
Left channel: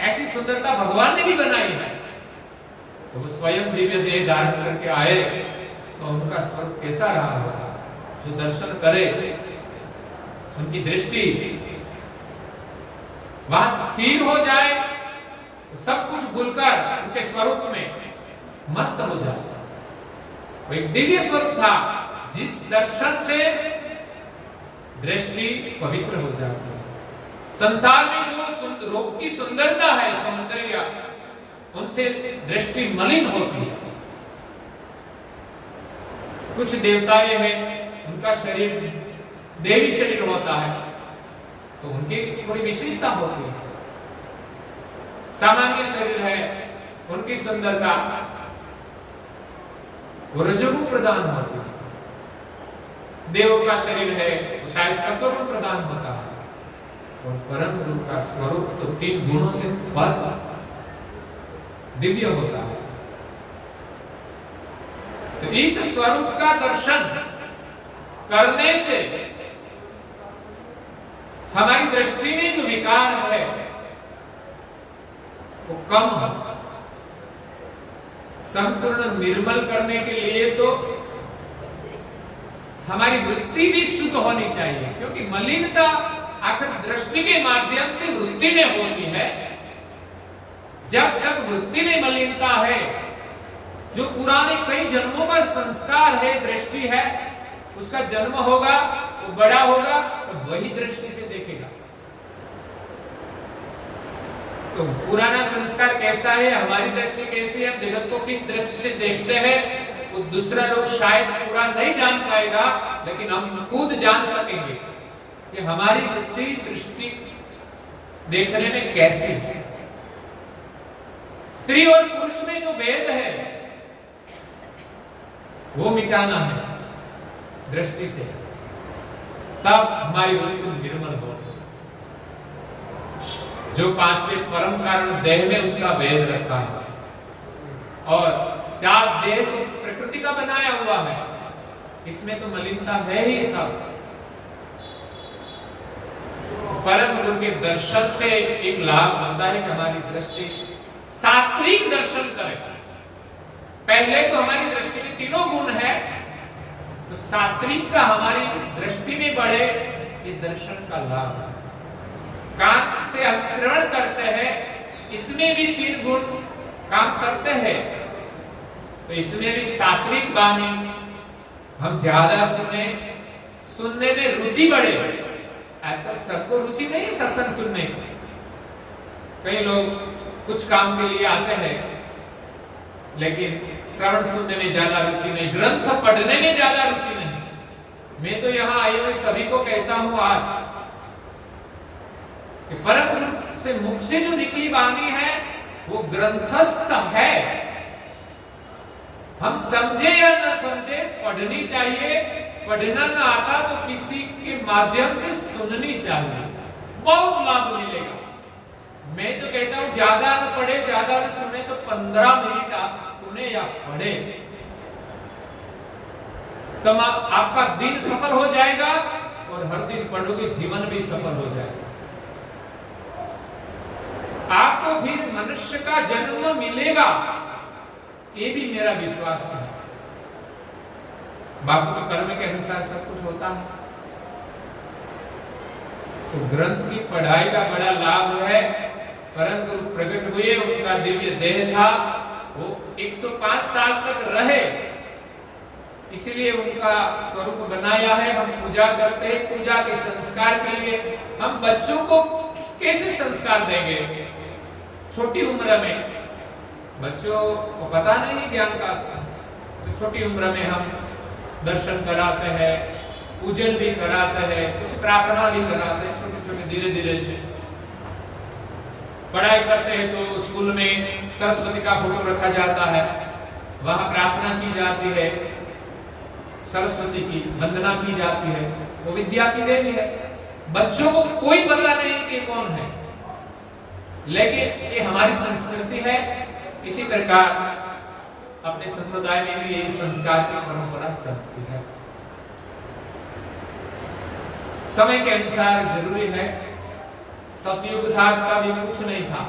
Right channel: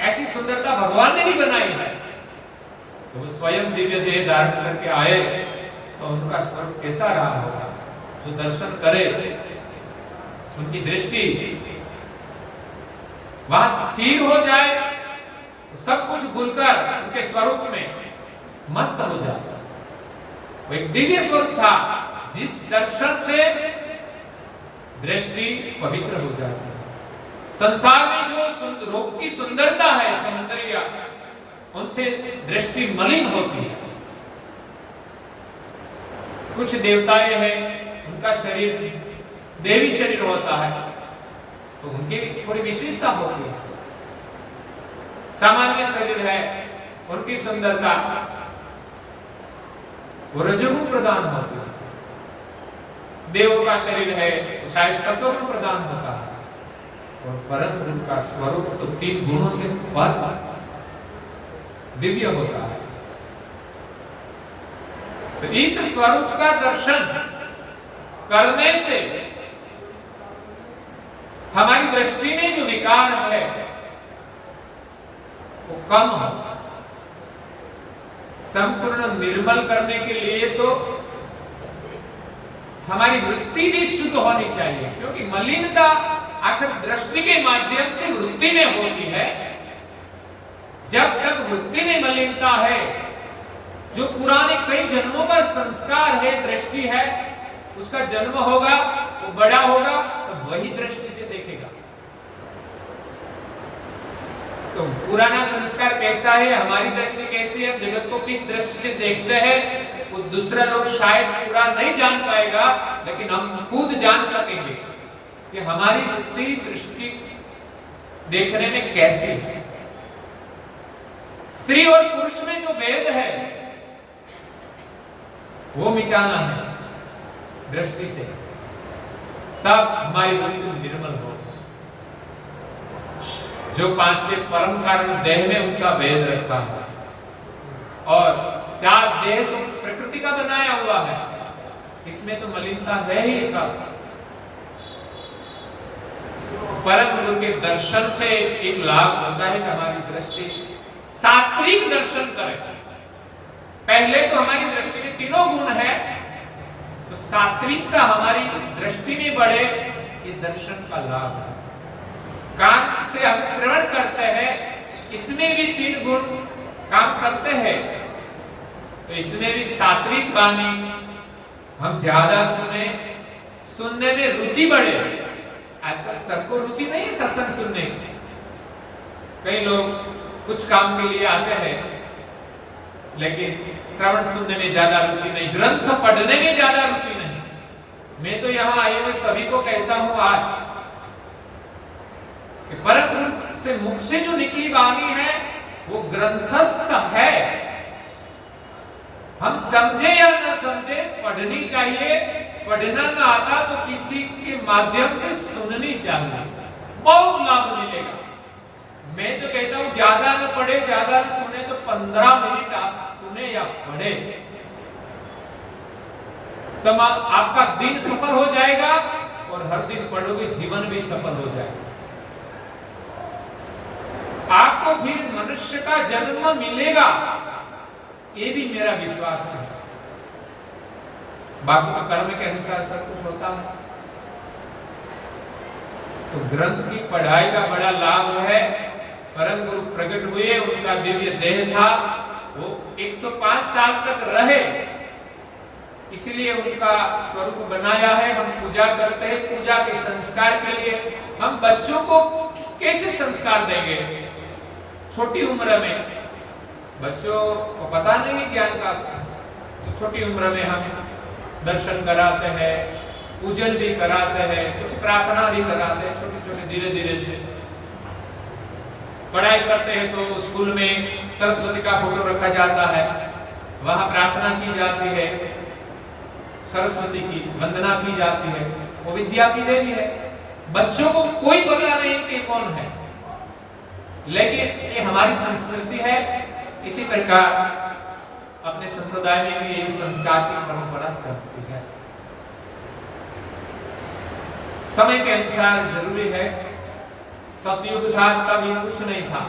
ऐसी सुंदरता भगवान ने भी बनाई है। तो वो स्वयं दिव्य देह धारण करके आए तो उनका स्वरूप कैसा रहा होगा? जो दर्शन करे उनकी दृष्टि वहां स्थिर हो जाए, तो सब कुछ भूलकर उनके स्वरूप में मस्त हो जाए। वो एक दिव्य स्वरूप था जिस दर्शन से दृष्टि पवित्र हो जाती है। संसार में जो रूप की सुंदरता है, सौंदर्य, उनसे दृष्टि मलिन होती है। कुछ देवताएं हैं, उनका शरीर देवी शरीर होता है, तो उनकी थोड़ी विशेषता होती है। सामान्य शरीर है, उनकी सुंदरता वो रजोगुण प्रदान होती है। देवों का शरीर है, वो शायद सत्वगुण प्रदान होता है। और परम गुरु का स्वरूप तो 3 गुणों से पर दिव्य होता है। तो इस स्वरूप का दर्शन करने से हमारी दृष्टि में जो विकार है वो कम हो। संपूर्ण निर्मल करने के लिए तो हमारी वृत्ति भी शुद्ध होनी चाहिए, क्योंकि मलिनता आखिर दृष्टि के माध्यम से वृत्ति में होती है। जब तक वृत्ति में मलिनता है, जो पुराने कई जन्मों का संस्कार है, दृष्टि है, उसका जन्म होगा, वो बड़ा होगा, तो वही दृष्टि से देखेगा। तो पुराना संस्कार कैसा है, हमारी दृष्टि कैसी है, जगत को किस दृष्टि से देखते हैं, वो दूसरा लोग शायद पूरा नहीं जान पाएगा, लेकिन हम खुद जान सकेंगे कि हमारी वृत्ति सृष्टि देखने में कैसी है। स्त्री और पुरुष में जो भेद है वो मिटाना है दृष्टि से, तब हमारी वृत्ति निर्मल हो। जो 5वें परम कारण देह में उसका भेद रखा है, और 4 देह तो प्रकृति का बनाया हुआ है, इसमें तो मलिनता है ही सब। परम गुरु के दर्शन से एक लाभ होता है कि हमारी दृष्टि सात्विक दर्शन करे। पहले तो हमारी दृष्टि में 3 गुण है, तो सात्विकता हमारी दृष्टि में बढ़े, ये दर्शन का लाभ है। कान से हम श्रवण करते हैं, इसमें भी 3 गुण काम करते हैं, तो इसमें भी सात्विक वाणी हम ज्यादा सुने, सुनने में रुचि बढ़े। आजकल सबको रुचि नहीं है सत्संग सुनने की। कई लोग कुछ काम के लिए आते हैं, लेकिन श्रवण सुनने में ज्यादा रुचि नहीं, ग्रंथ पढ़ने में ज्यादा रुचि नहीं। मैं तो यहाँ आए हुए सभी को कहता हूँ आज कि परम गुरु से मुख से जो निकली वाणी है वो ग्रंथस्थ है। हम समझे या न समझे पढ़नी चाहिए, पढ़ना न आता तो किसी के माध्यम से सुननी चाहिए, बहुत लाभ मिलेगा। मैं तो कहता हूं ज्यादा न पढ़े, ज्यादा न सुने, तो 15 मिनट आप सुने या पढ़े, तब आपका दिन सफल हो जाएगा, और हर दिन पढ़ोगे जीवन भी सफल हो जाएगा। आपको फिर मनुष्य का जन्म मिलेगा, ये भी मेरा विश्वास है। बाकी तो कर्म के अनुसार सब कुछ होता है। तो ग्रंथ की पढ़ाई का बड़ा लाभ है। परम गुरु प्रकट हुए, उनका दिव्य देह था, वो 105 साल तक रहे, इसलिए उनका स्वरूप बनाया है। हम पूजा करते हैं, पूजा के संस्कार के लिए हम बच्चों को कैसे संस्कार देंगे? छोटी उम्र में बच्चों को पता नहीं ज्ञान का, तो छोटी उम्र में हम दर्शन कराते हैं, पूजन भी कराते हैं, कुछ प्रार्थना भी कराते हैं, छोटे छोटे धीरे धीरे से। पढ़ाई करते हैं तो स्कूल में सरस्वती का फोटो रखा जाता है, वहां प्रार्थना की जाती है, सरस्वती की वंदना की जाती है, वो विद्या की देवी है। बच्चों को कोई पता नहीं कि कौन है, लेकिन ये हमारी संस्कृति है। इसी प्रकार अपने संप्रदाय में भी यही संस्कार की परंपरा चलती है। समय के अनुसार जरूरी है। सतयुग था तभी कुछ नहीं था,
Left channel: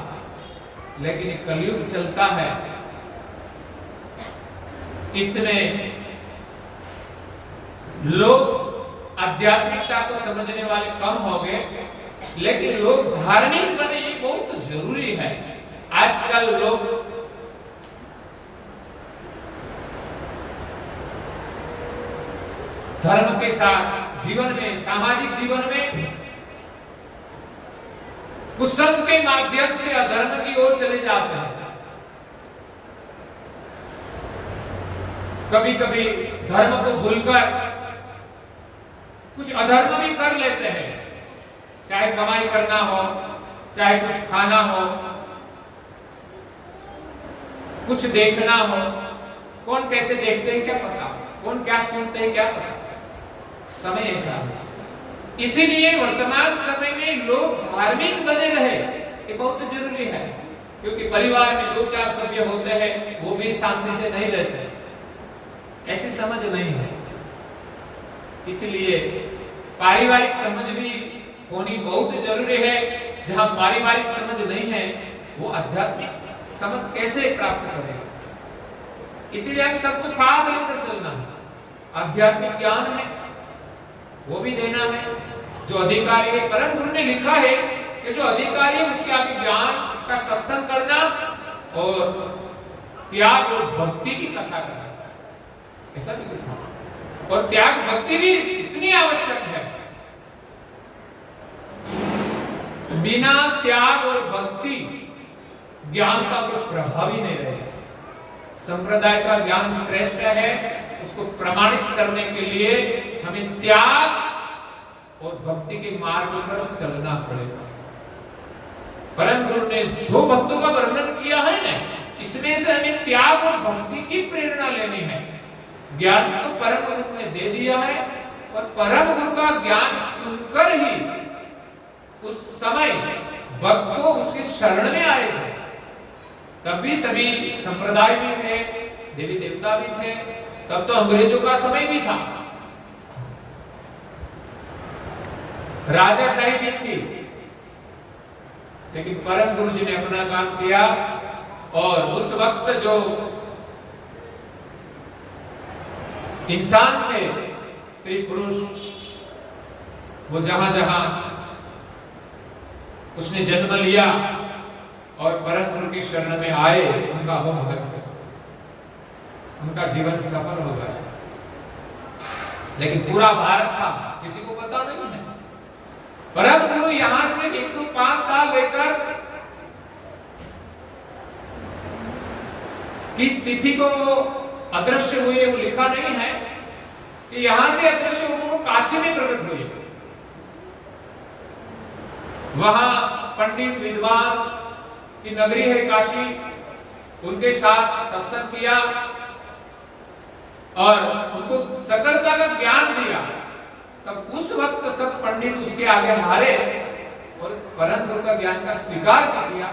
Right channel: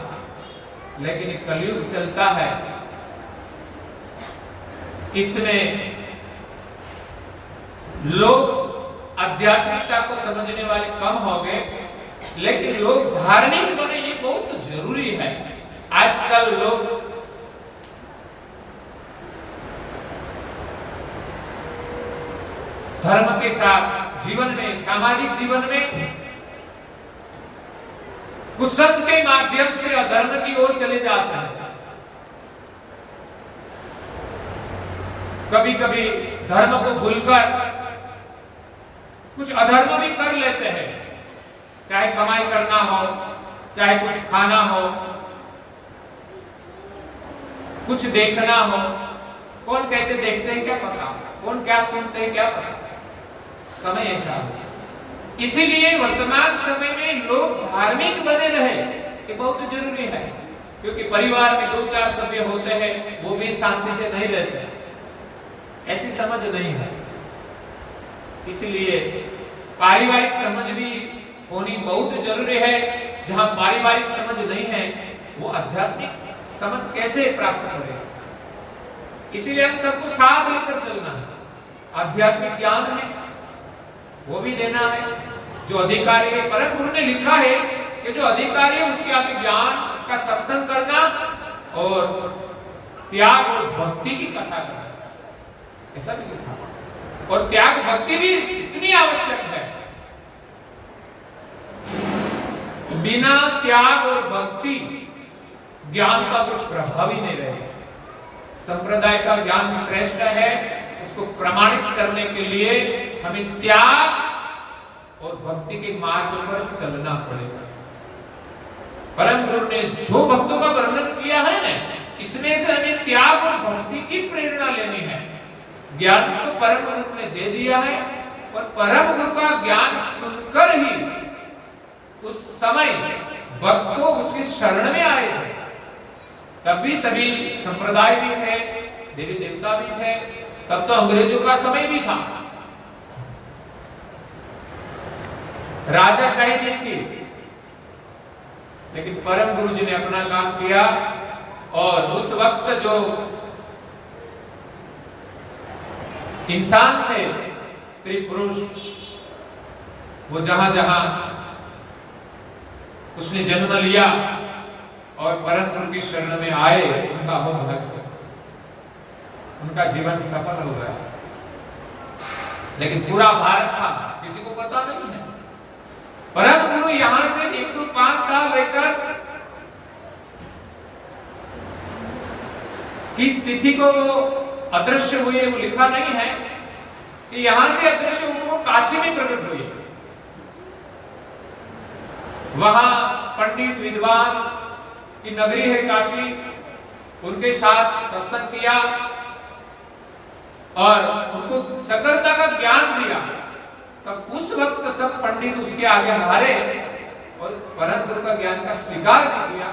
लेकिन कलयुग चलता है, इसमें लोग आध्यात्मिकता को समझने वाले कम हो गए, लेकिन लोग धार्मिक बने, ये बहुत जरूरी है। आजकल लोग धर्म के साथ जीवन में, सामाजिक जीवन में कुसंग के माध्यम से अधर्म की ओर चले जाते हैं। कभी कभी धर्म को भूलकर कुछ अधर्म भी कर लेते हैं, चाहे कमाई करना हो, चाहे कुछ खाना हो, कुछ देखना हो। कौन कैसे देखते हैं क्या पता, कौन क्या सुनते हैं क्या पता। समय ऐसा है, इसीलिए वर्तमान समय में लोग धार्मिक बने रहे, ये बहुत जरूरी है। क्योंकि परिवार में 2-4 सभ्य होते हैं, वो भी शांति से नहीं रहते, ऐसी समझ नहीं है। इसलिए पारिवारिक समझ भी होनी बहुत जरूरी है। जहां पारिवारिक समझ नहीं है, वो आध्यात्मिक समझ कैसे प्राप्त करेगा। इसीलिए हम सबको साथ लेकर चलना है। आध्यात्मिक ज्ञान है, वो भी देना है। जो अधिकारी है, परम गुरु ने लिखा है कि जो अधिकारी है उसके आगे ज्ञान का सत्संग करना और त्याग और भक्ति की कथा करना, ऐसा भी लिखा। और त्याग भक्ति भी इतनी आवश्यक है। बिना त्याग और भक्ति ज्ञान का कोई प्रभाव ही नहीं रहेगा। संप्रदाय का ज्ञान श्रेष्ठ है, उसको प्रमाणित करने के लिए हमें त्याग और भक्ति के मार्ग पर चलना पड़ेगा। परम गुरु ने जो भक्तों का वर्णन किया है ना, इसमें से हमें त्याग और भक्ति की प्रेरणा लेनी है। ज्ञान तो परम गुरु ने दे दिया है, और परम गुरु का ज्ञान सुनकर ही उस समय भक्तों उसके शरण में आए थे। तब भी सभी संप्रदाय भी थे, देवी देवता भी थे, तब तो अंग्रेजों का समय भी था, राजाशाही भी थी। लेकिन परम गुरु जी ने अपना काम किया, और उस वक्त जो इंसान थे, स्त्री पुरुष, वो जहां जहां उसने जन्म लिया और परम गुरु की शरण में आए, उनका हो भाग्य, उनका जीवन सफल हो गया। लेकिन पूरा भारत था, किसी को पता नहीं है। परम गुरु यहां से 105 साल रहकर किस तिथि को वो अदृश्य हुए, वो लिखा नहीं है कि यहां से अदृश्य हुए, वो काशी में प्रकट हुए। वहां पंडित विद्वान की नगरी है काशी, उनके साथ सत्संग किया और उनको सकलता का ज्ञान दिया। तब उस वक्त सब पंडित उसके आगे हारे और परम गुरु का ज्ञान का स्वीकार भी किया।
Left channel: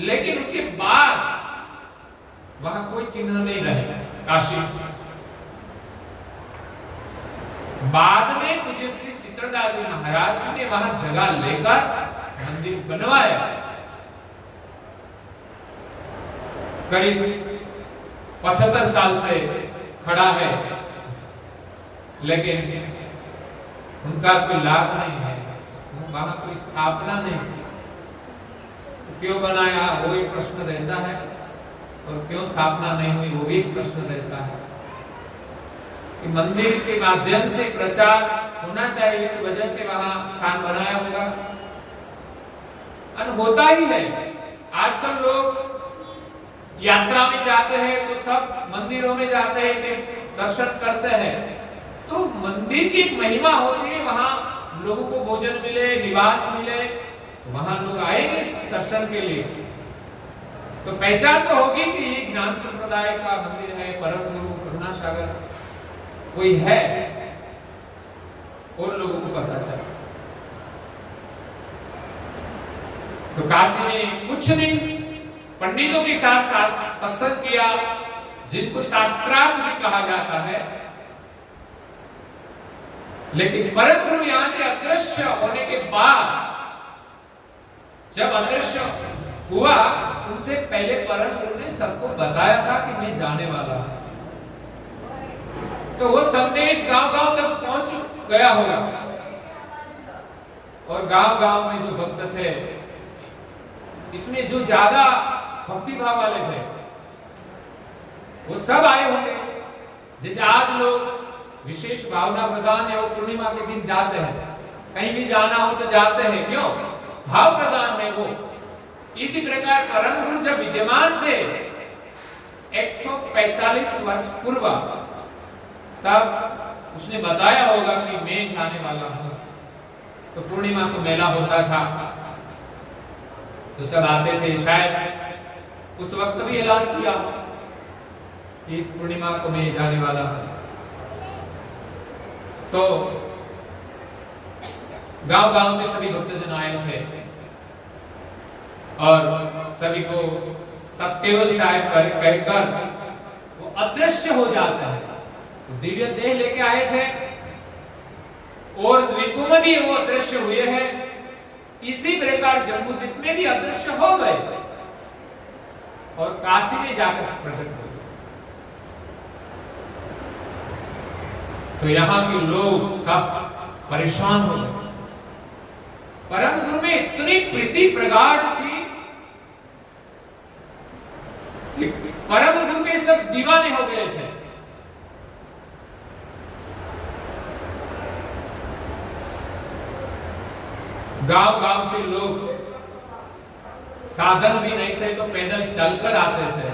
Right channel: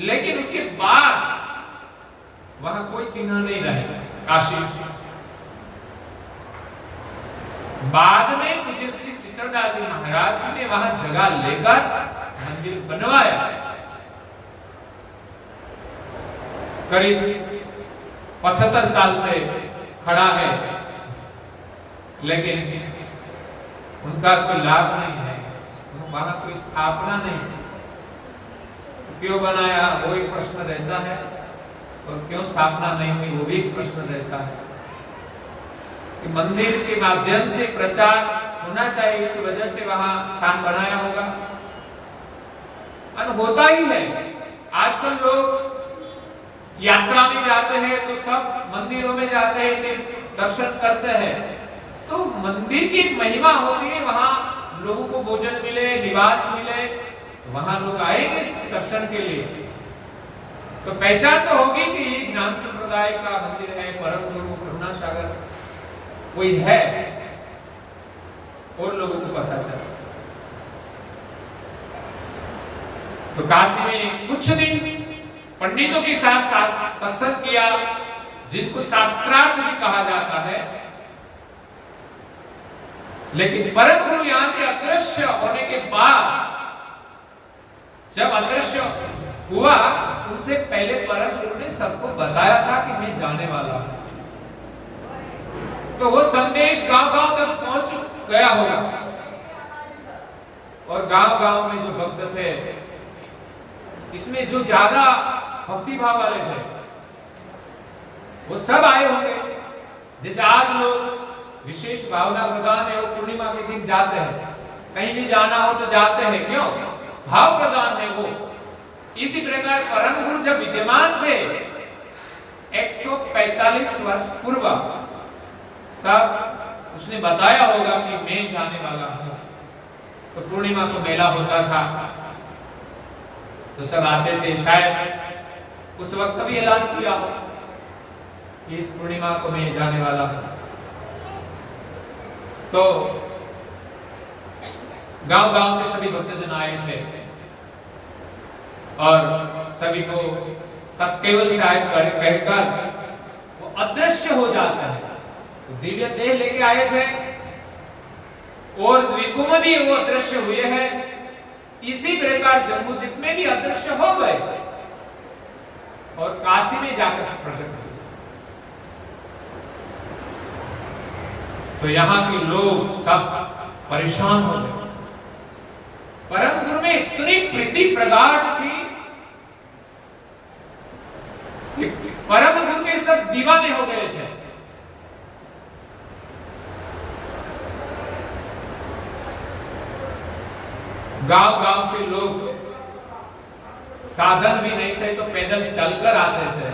लेकिन उसके बाद वहां कोई चिन्ह नहीं रहे काशी। बाद में पूज्य श्री शीतलदास जी महाराज जी ने वहां जगह लेकर मंदिर बनवाया। करीब 75 साल से खड़ा है, लेकिन उनका कोई लाभ नहीं है, वहां कोई स्थापना नहीं। क्यों बनाया वो एक प्रश्न रहता है, और क्यों स्थापना नहीं हुई वो भी एक प्रश्न रहता है। कि मंदिर के माध्यम से प्रचार होना चाहिए, इस वजह से वहां स्थान बनाया होगा, और होता ही है। आजकल लोग यात्रा में जाते हैं तो सब मंदिरों में जाते हैं, दर्शन करते हैं। तो मंदिर की एक महिमा होती है, वहां लोगों को भोजन मिले, निवास मिले, वहां लोग आएंगे दर्शन के लिए। तो पहचान तो होगी कि ये ज्ञान संप्रदाय का मंदिर है, परम गुरु करुणा सागर कोई है, और लोगों को पता चला। तो काशी में कुछ दिन पंडितों के साथ सत्संग किया, जिनको शास्त्रार्थ भी कहा जाता है। लेकिन परम गुरु यहां से अदृश्य होने के बाद, जब अदृश्य हुआ, उनसे पहले परम गुरु ने सबको बताया था कि मैं जाने वाला हूं। तो वो संदेश गांव-गांव तक पहुंच गया होगा और गांव-गांव में जो भक्त थे, इसमें जो ज्यादा भक्ति भाव वाले थे, वो सब आए होंगे। जैसे आज लोग विशेष भावना प्रदान है, वो पूर्णिमा के दिन जाते हैं, कहीं भी जाना हो तो जाते हैं, क्यों? भाव प्रदान है वो। इसी प्रकार परम गुरु जब विद्यमान थे 145 वर्ष पूर्व, तब उसने बताया होगा कि मैं जाने वाला हूं। तो पूर्णिमा को मेला होता था, तो सब आते थे। शायद उस वक्त भी ऐलान किया हो कि इस पूर्णिमा को मैं जाने वाला हूं। तो गांव-गांव से सभी भक्तजन आए थे और सभी को सब केवल से आए कर वो अदृश्य हो जाता है। तो दिव्य देह लेके आए थे और द्वीपों में भी वो अदृश्य हुए हैं। इसी प्रकार जम्बूद्वीप में भी अदृश्य हो गए और काशी में जाकर प्रकट हुए। तो यहाँ के लोग सब परेशान हो गए। परम गुरु में इतनी प्रीति प्रगाढ़ थी कि परम गुरु के सब दीवाने हो गए थे। गांव-गांव से लोग, साधन भी नहीं थे तो पैदल चलकर आते थे,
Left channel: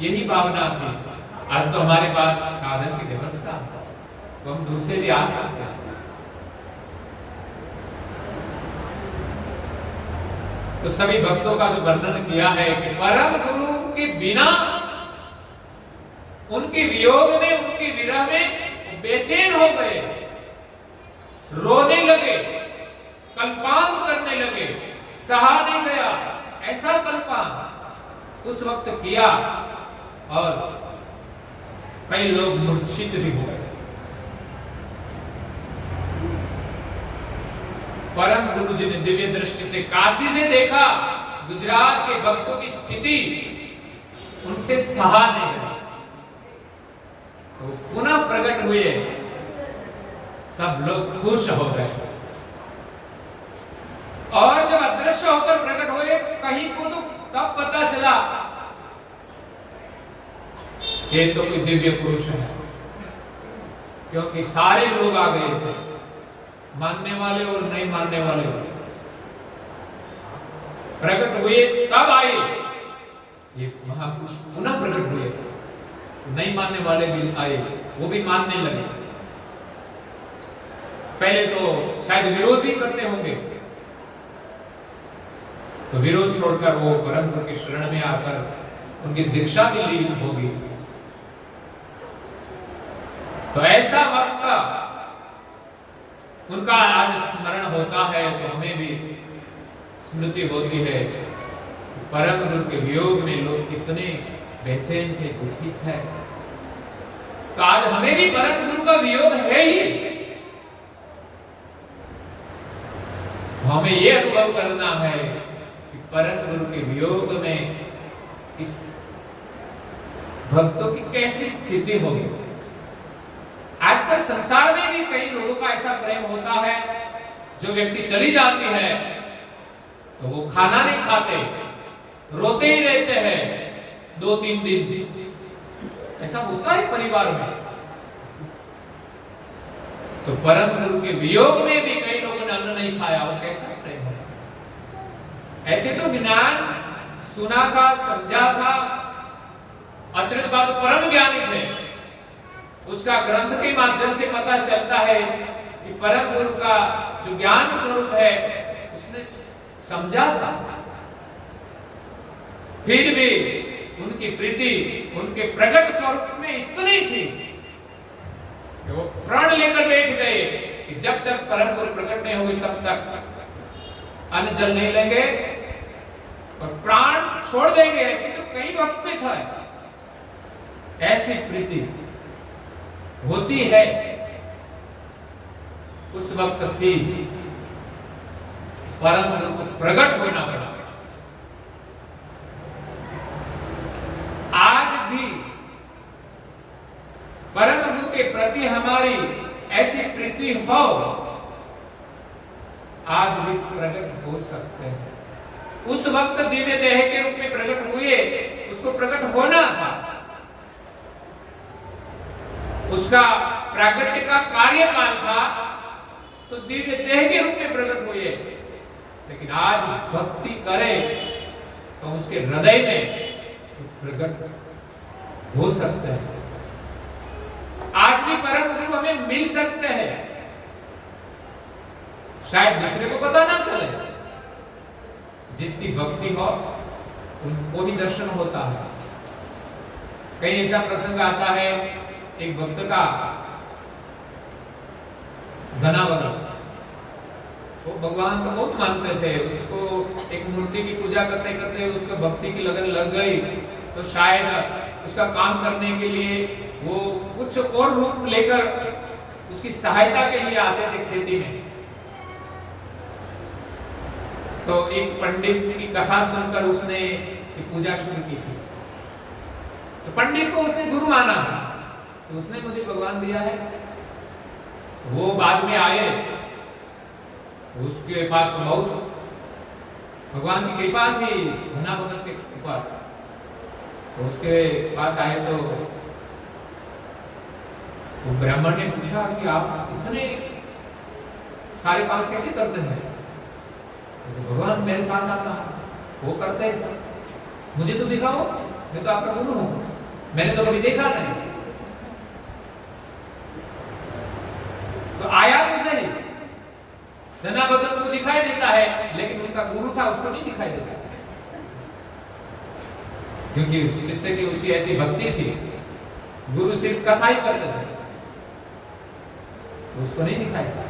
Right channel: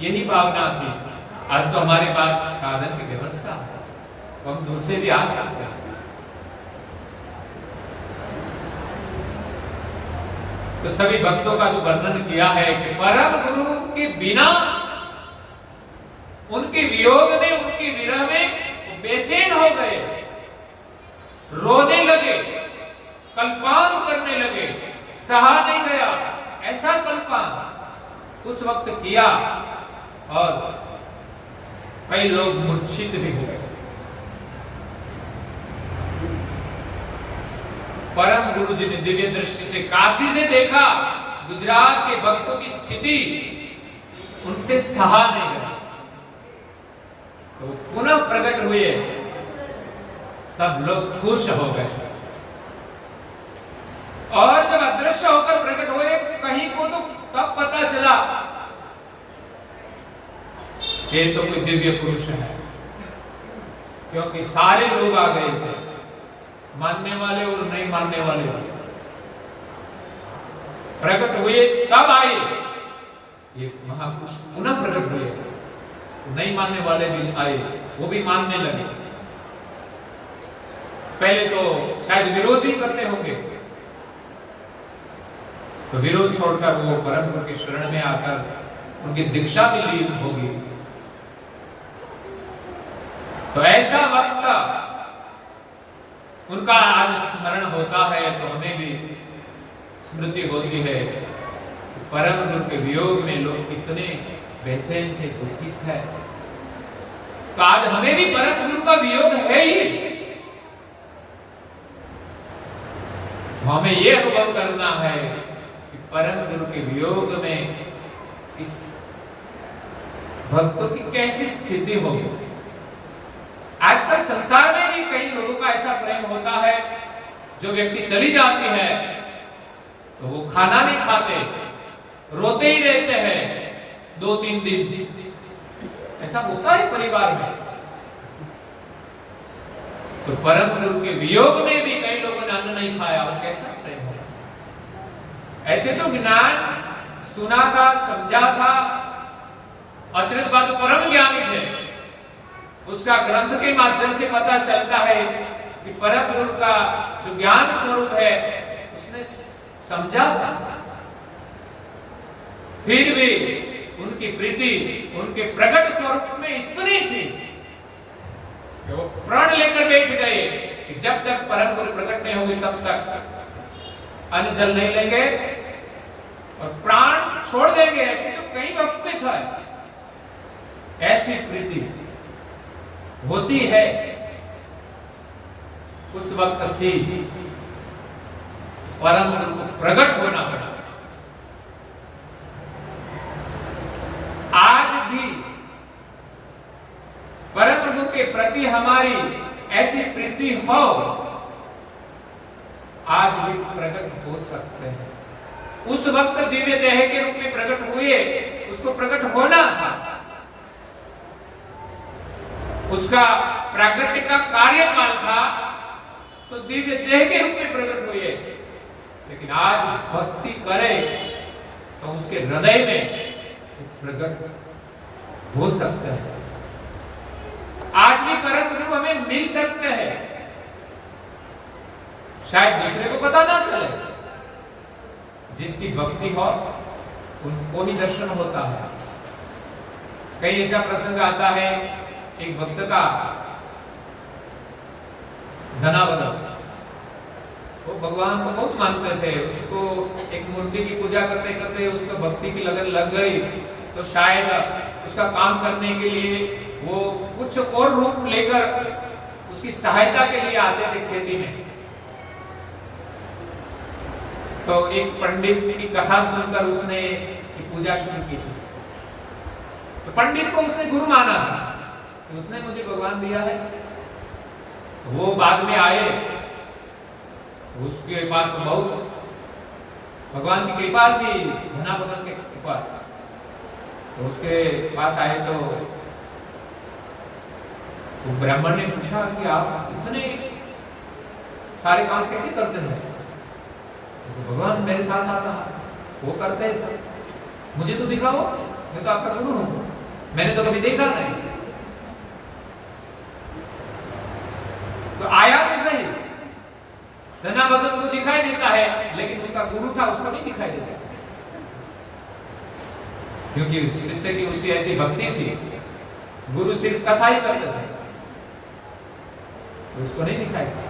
यही भावना थी। आज तो हमारे पास साधन की व्यवस्था है, तो हम दूर से भी आ सकते हैं। तो सभी भक्तों का जो वर्णन किया है कि परम गुरु के बिना, उनके वियोग में, उनके विरह में बेचैन हो गए, रोने लगे, कल्पांत करने लगे, सहा नहीं गया, ऐसा कल्पांत उस वक्त किया और कई लोग मूर्छित भी हो गए। परम गुरु जी ने दिव्य दृष्टि से काशी से देखा गुजरात के भक्तों की स्थिति, उनसे सहा नहीं गया, तो पुनः प्रकट हुए, सब लोग खुश हो गए। और जब अदृश्य होकर प्रकट हुए कहीं को, तो तब पता चला ये तो कोई दिव्य पुरुष है, क्योंकि सारे लोग आ गए थे, मानने वाले और नहीं मानने वाले प्रकट हुए। तब आए ये महापुरुष, पुनः प्रकट हुए, नहीं मानने वाले भी आए, वो भी मानने लगे। पहले तो शायद विरोध भी करते होंगे, तो विरोध छोड़कर वो परम गुरु की शरण में आकर उनकी दीक्षा भी ली होगी। तो ऐसा वक्त उनका आज स्मरण होता है, तो हमें भी स्मृति होती है परम गुरु के वियोग में लोग कितने बेचैन थे, दुखी थे। तो आज हमें भी परम गुरु का वियोग है ही, तो हमें यह अनुभव करना है कि परम गुरु के वियोग में इस भक्तों की कैसी स्थिति होगी। आजकल संसार में भी कई लोगों का ऐसा प्रेम होता है, जो व्यक्ति चली जाती है तो वो खाना नहीं खाते, रोते ही रहते हैं 2-3 दिन, ऐसा होता है परिवार में। तो परम गुरु के वियोग में भी कई लोगों ने अन्न नहीं खाया, वो कैसा प्रेम होगा। ऐसे तो ज्ञान सुना था, समझा था, अचरज बात परम ज्ञानी थे, उसका ग्रंथ के माध्यम से पता चलता है कि परम गुरु का जो ज्ञान स्वरूप है उसने समझा था, फिर भी उनकी प्रीति उनके प्रकट स्वरूप में इतनी थी कि वो प्राण लेकर बैठ गए कि जब तक परम गुरु प्रकट नहीं होंगे तब तक अन्न जल नहीं लेंगे और प्राण छोड़ देंगे। ऐसे तो कई वक्त था, ऐसी प्रीति होती है। उस वक्त थी, परम गुरु को प्रकट होना पड़ा। आज भी परम गुरु के प्रति हमारी ऐसी प्रीति हो, आज भी प्रकट हो सकते हैं। उस वक्त दिव्य देह के रूप में प्रकट हुए, उसको प्रकट होना था, उसका प्रागट्य का कार्यकाल था, तो दिव्य देह के रूप में प्रकट हुए। लेकिन आज भक्ति करे तो उसके हृदय में प्रकट हो सकते हैं। आज भी परम गुरु हमें मिल सकते हैं, शायद दूसरे को पता ना चले। जिसकी भक्ति हो उनको ही दर्शन होता है। कई ऐसा प्रसंग आता है, एक भक्त का धनावत, वो भगवान को बहुत मानते थे, उसको एक मूर्ति की पूजा करते करते उसको भक्ति की लगन लग गई, तो शायद उसका काम करने के लिए वो कुछ और रूप लेकर उसकी सहायता के लिए आते थे खेती में। तो एक पंडित की कथा सुनकर उसने पूजा शुरू की थी। तो पंडित को उसने गुरु माना था, तो उसने मुझे भगवान दिया है। वो बाद में आए, उसके पास तो बहुत भगवान की कृपा थी, धना भगत की कृपा। तो उसके पास आए तो ब्राह्मण ने पूछा कि आप इतने सारे काम कैसे करते हैं? तो भगवान मेरे साथ आप वो करते हैं सब, मुझे तो दिखाओ, मैं तो आपका गुरु हूं, मैंने तो कभी देखा नहीं। तो आया तो सही, धना भगत को दिखाई देता है, लेकिन उनका गुरु था उसको नहीं दिखाई देता, क्योंकि शिष्य की उसकी ऐसी भक्ति थी। गुरु सिर्फ कथा ही करते थे, तो उसको नहीं दिखाई देता।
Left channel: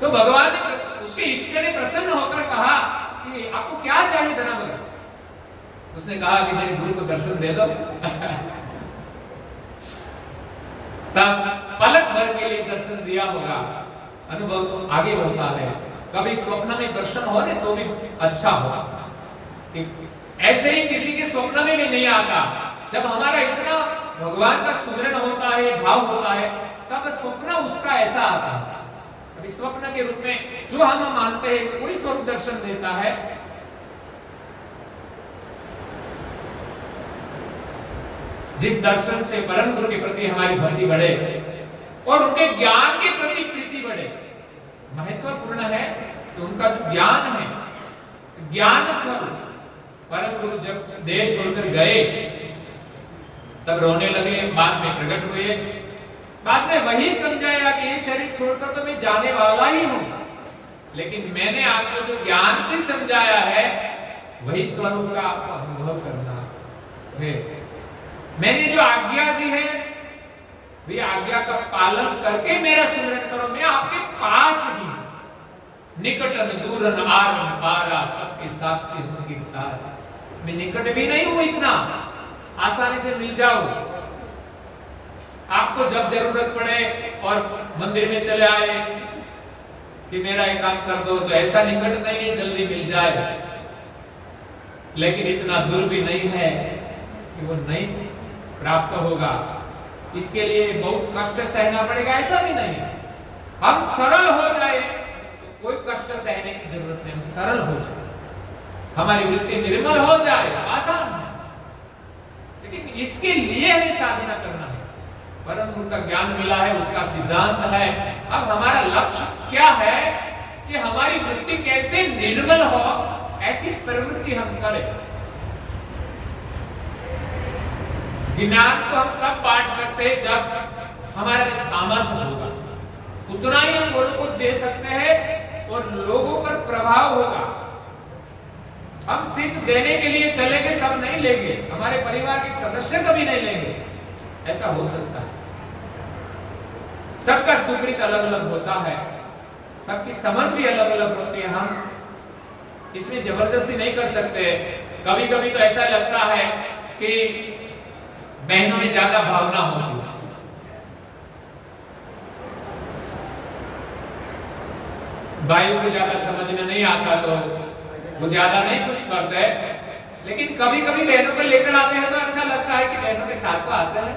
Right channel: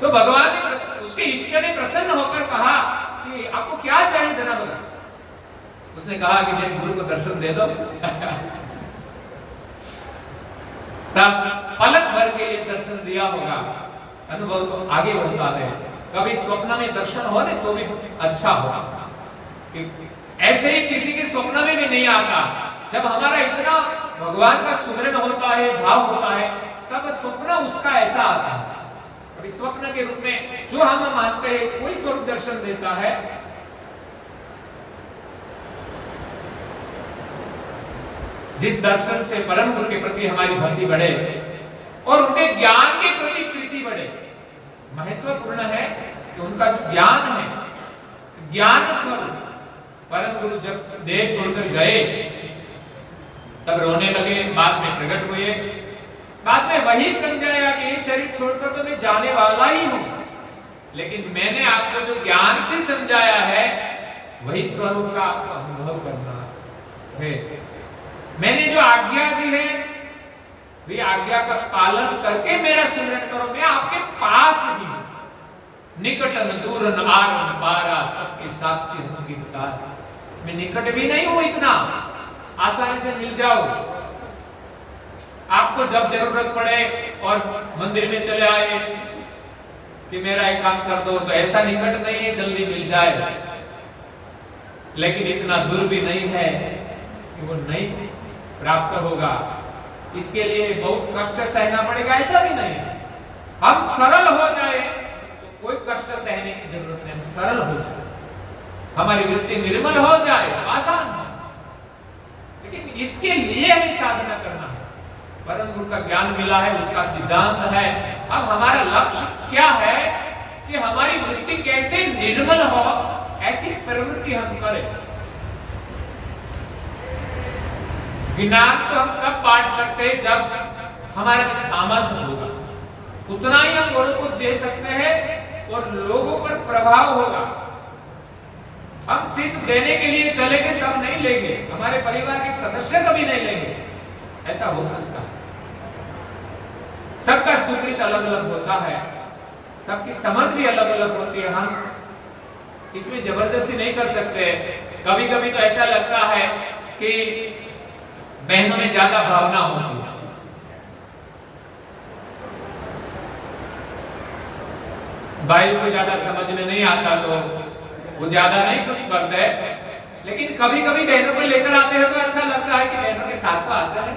तो भगवान ने, उसके इष्ट ने प्रसन्न होकर कहा कि आपको क्या चाहिए धना भगत? उसने कहा कि मेरे गुरु को दर्शन दे दो। तब पलक भर के लिए दर्शन दिया होगा। अनुभव तो आगे होता है, कभी स्वप्न में दर्शन हो ने तो भी अच्छा होगा। ऐसे ही किसी के स्वप्न में भी नहीं आता। जब हमारा इतना भगवान का सुमिरन होता है, भाव होता है, तब स्वप्न उसका ऐसा आता है। अभी स्वप्न के रूप में जो हम मानते हैं कोई स्वरूप दर्शन देता है, जिस दर्शन से परम गुरु के प्रति हमारी भक्ति बढ़े और उनके ज्ञान के प्रति प्रीति बढ़े। महत्वपूर्ण है कि उनका जो ज्ञान है, ज्ञान स्वरूप परम गुरु जब देह छोड़कर गए तब रोने लगे, बाद में प्रकट हुए, बाद में वही समझाया कि ये शरीर छोड़कर तो मैं जाने वाला ही हूं, लेकिन मैंने आपको जो ज्ञान से समझाया है वही स्वरूप का आपको अनुभव करना है। मैंने जो आज्ञा दी है वे आज्ञा का पालन करके मेरा सुमिरन करो। मैं आपके पास ही हूं, निकटन दूरन आरन पारा, सबके साक्षी हूं गिरदार। मैं निकट भी नहीं हूं, इतना आसानी से मिल जाओ। आपको जब जरूरत पड़े और मंदिर में चले आए कि मेरा एक काम कर दो, तो ऐसा निकट नहीं है जल्दी मिल जाए, लेकिन इतना दूर भी नहीं है कि वो नहीं प्राप्त होगा। इसके लिए बहुत कष्ट सहना पड़ेगा, ऐसा भी नहीं है। हम सरल हो जाए तो कोई कष्ट सहने की जरूरत नहीं, हम सरल हो जाए, हमारी वृत्ति निर्मल हो जाए, आसान है। लेकिन इसके लिए हमें साधना करना है। परम गुरु का ज्ञान मिला है, उसका सिद्धांत है। अब हमारा लक्ष्य क्या है कि हमारी वृत्ति कैसे निर्मल हो, ऐसी प्रवृत्ति हम करें। ज्ञान तो हम तब बांट सकते हैं जब हमारे में सामर्थ्य होगा, उतना ही हम लोगों को दे सकते हैं और लोगों पर प्रभाव होगा। हम सिर्फ देने के लिए चलेंगे, सब नहीं लेंगे, हमारे परिवार के सदस्य कभी नहीं लेंगे, ऐसा हो सकता है। सबका सुकृत अलग अलग होता है, सबकी समझ भी अलग अलग होती है, हम इसमें जबरदस्ती नहीं कर सकते। कभी कभी तो ऐसा लगता है कि बहनों में ज्यादा भावना होती है, भाई को ज्यादा समझ में नहीं आता तो वो ज्यादा नहीं कुछ करते, लेकिन कभी कभी बहनों को लेकर आते हैं तो अच्छा लगता है कि बहनों के साथ तो आते हैं,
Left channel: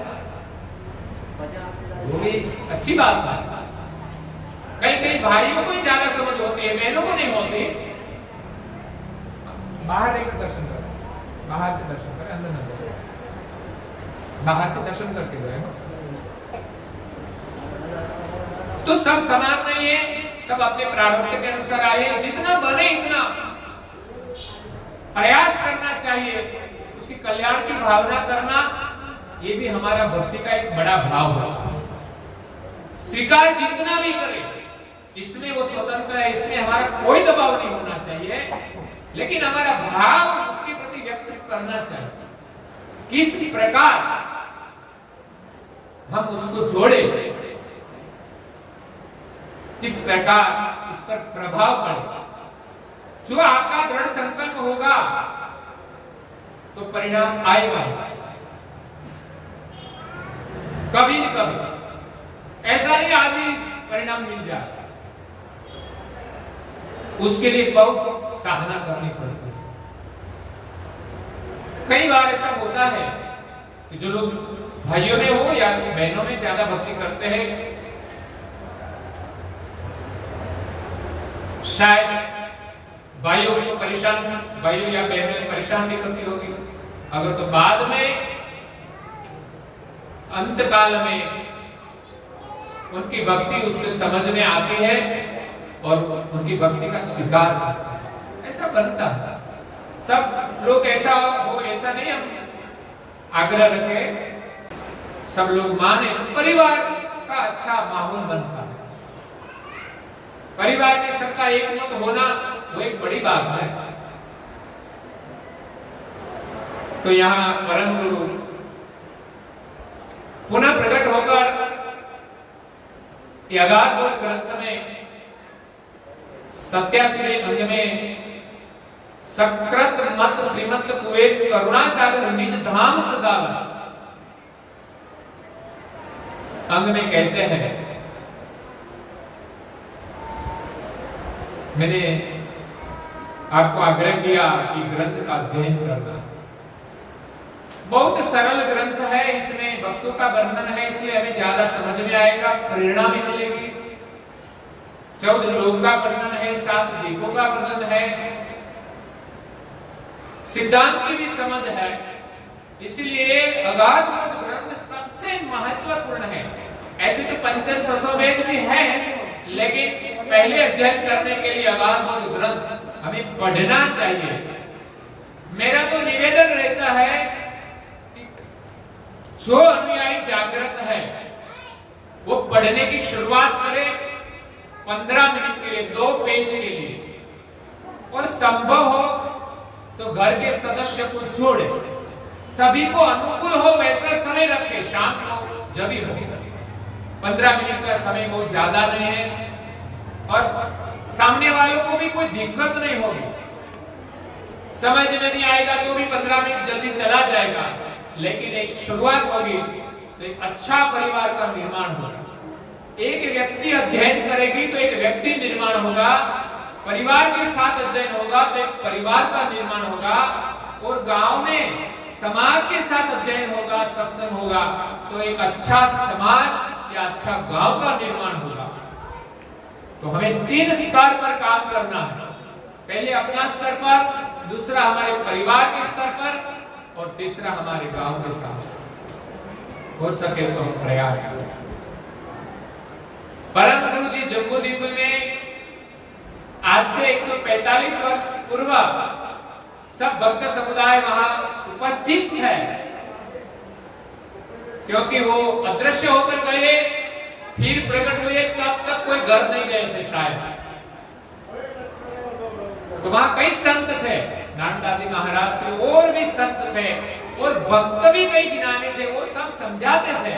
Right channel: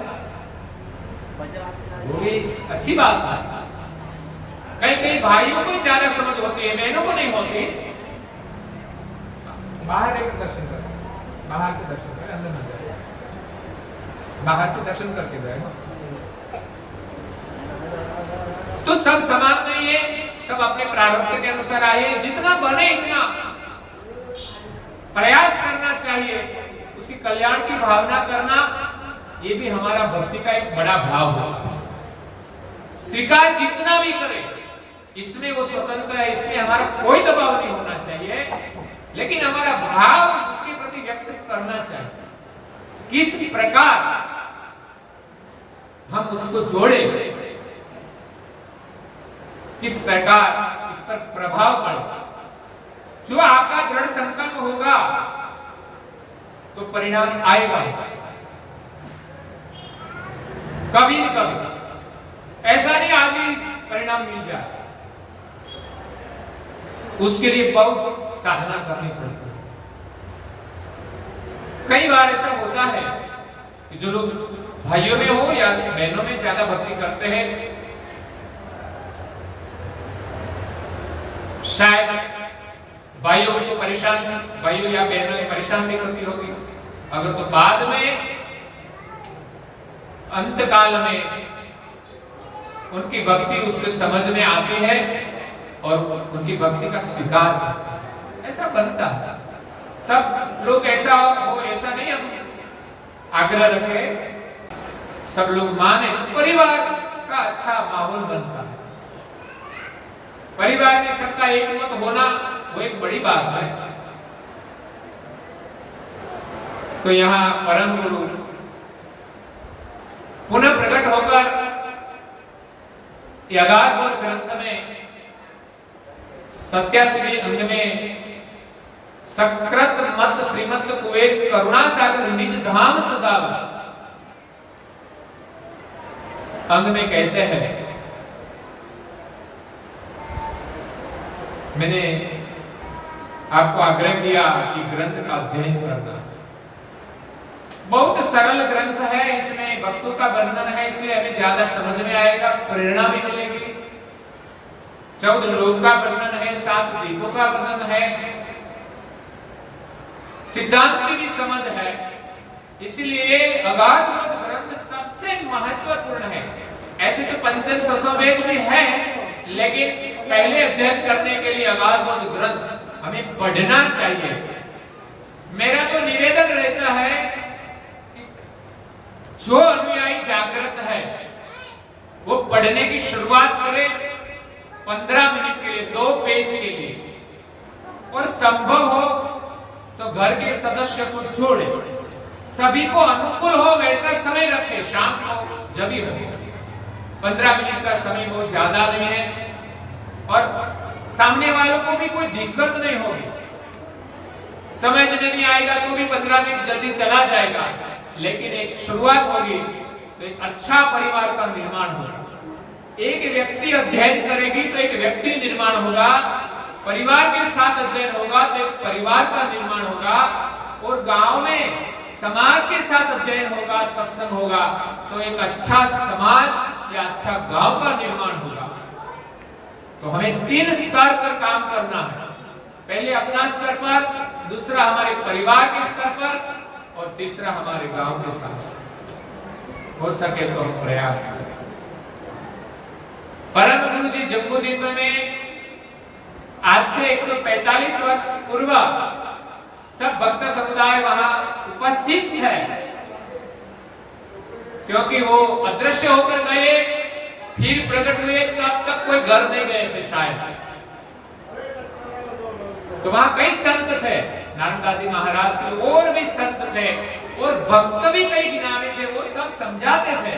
वो भी अच्छी बात है। कई कई भाइयों को ज्यादा समझ होती है, बहनों को नहीं होती। बाहर एक दर्शन करें, बाहर से दर्शन करें, अंदर न जाए, बाहर से दर्शन करके जाएगा। तो सब समान नहीं है, सब अपने प्रारब्ध के अनुसार आए, जितना बने इतना प्रयास करना चाहिए, उसकी कल्याण की भावना करना, ये भी हमारा भक्ति का एक बड़ा भाव है। स्वीकार जितना भी करे, इसमें वो स्वतंत्र है, इसमें हमारा कोई दबाव नहीं होना चाहिए, लेकिन हमारा भाव उसके प्रति व्यक्त करना चाहिए। किस प्रकार हम उसको जोड़े, किस प्रकार इस पर प्रभाव पड़े। जो आपका दृढ़ संकल्प होगा तो परिणाम आएगा, कभी न कभी। ऐसा नहीं आज ही परिणाम मिल जाए, उसके लिए बहुत साधना करनी पड़ती है। कई बार ऐसा होता है कि जो लोग भाइयों में हो या बहनों में ज्यादा भक्ति करते हैं, शायद भाइयों को परेशान, भाइयों या बहनों परेशान नहीं करती होगी, अगर तो बाद में अंत काल में उनकी भक्ति उसके समझ में आती है और उनकी भक्ति का स्वीकार करता है। ऐसा बनता है। सब लोग ऐसा हो ऐसा नहीं हम आग्रह रखे, सब लोग माने, परिवार का अच्छा माहौल बनता है। परिवार में सबका एक मत होना वो एक बड़ी बात है। तो यहाँ परम गुरु पुनः प्रकट होकर अगाधबोध ग्रंथ में 87वें अंग में सकृत मत श्रीमत कुबेर करुणा सागर निज धाम सदावन अंग में कहते हैं, मैंने आपको आग्रह किया कि ग्रंथ का अध्ययन करना। बहुत सरल ग्रंथ है, इसमें भक्तों का वर्णन है, इसलिए हमें ज्यादा समझ में आएगा, प्रेरणा भी मिलेगी। 14 लोक का वर्णन है, 7 दीपों का वर्णन है, सिद्धांत की भी समझ है। इसलिए अगाधबोध ग्रंथ सबसे महत्वपूर्ण है। ऐसे तो पंचम ससोवेद भी है, लेकिन पहले अध्ययन करने के लिए अगाधबोध ग्रंथ हमें पढ़ना चाहिए। मेरा तो निवेदन रहता है कि जो अनुयायी जागृत है वो पढ़ने की शुरुआत करे 15 मिनट के लिए, 2 पेज के लिए, और संभव हो तो घर के सदस्य को जोड़े, सभी को अनुकूल हो वैसा समय रखे, शाम को जब ही हो। 15 मिनट का समय वो ज्यादा नहीं है और सामने वालों को भी कोई दिक्कत नहीं होगी, समझ में नहीं आएगा तो भी 15 मिनट जल्दी चला जाएगा, लेकिन एक शुरुआत होगी तो एक अच्छा परिवार का निर्माण होगा। एक व्यक्ति अध्ययन करेगी तो एक व्यक्ति निर्माण होगा, परिवार के साथ अध्ययन होगा तो एक परिवार का निर्माण होगा, और गांव में समाज के साथ अध्ययन होगा, सत्संग होगा तो एक अच्छा समाज या अच्छा गांव का निर्माण होगा। तो हमें 3 स्तर पर काम करना है, पहले अपना स्तर पर, दूसरा हमारे परिवार के स्तर पर, और तीसरा हमारे गांव के साथ। हो सके तो हम प्रयास करें। परम गुरु जी जम्बूद्वीप में आज से 145 वर्ष पूर्व सब भक्त समुदाय वहां उपस्थित है, क्योंकि वो अदृश्य होकर गए, फिर प्रकट हुए, तब तक कोई घर नहीं गए थे शायद। तो वहां कई संत थे, नानकदास महाराज से और भी संत थे, और भक्त भी कई गिनाने थे, वो सब समझाते थे,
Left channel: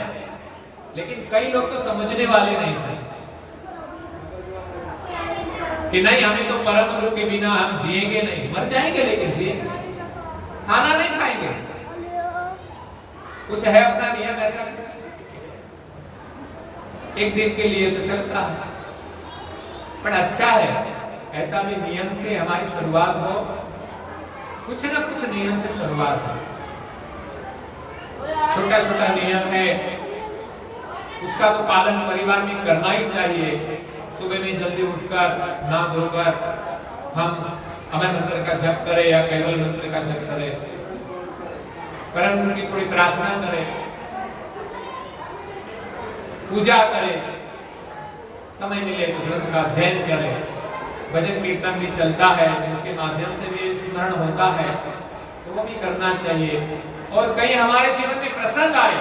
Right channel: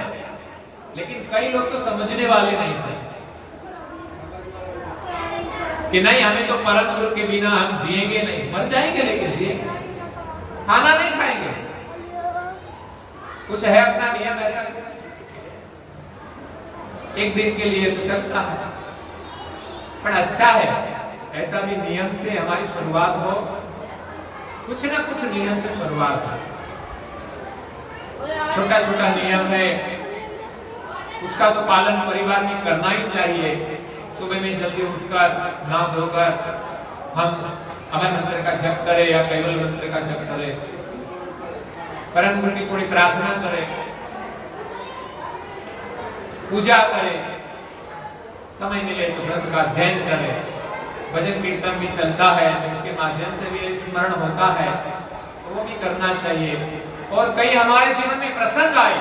लेकिन कई लोग तो समझने वाले नहीं थे कि नहीं, हमें तो परम गुरु के बिना हम जिएंगे नहीं, मर जाएंगे लेकिन जिएंगे, खाना नहीं खाएंगे, कुछ है अपना नियम ऐसा नहीं, एक दिन के लिए तो चलता है। पर अच्छा है ऐसा भी नियम से हमारी शुरुआत हो, कुछ ना कुछ नियम से शुरुआत हो। छोटा छोटा नियम है, उसका तो पालन परिवार में करना ही चाहिए। सुबह में जल्दी उठकर नहा धोकर हम अमर मंत्र का जप करें या कैवल मंत्र का जप करें, परम गुरु की थोड़ी प्रार्थना करें, पूजा करें, समय मिले तो ग्रंथ का अध्ययन करें, भजन कीर्तन भी चलता है उसके माध्यम से भी स्मरण होता है, वो भी करना चाहिए। और कहीं हमारे जीवन में प्रसंग आए,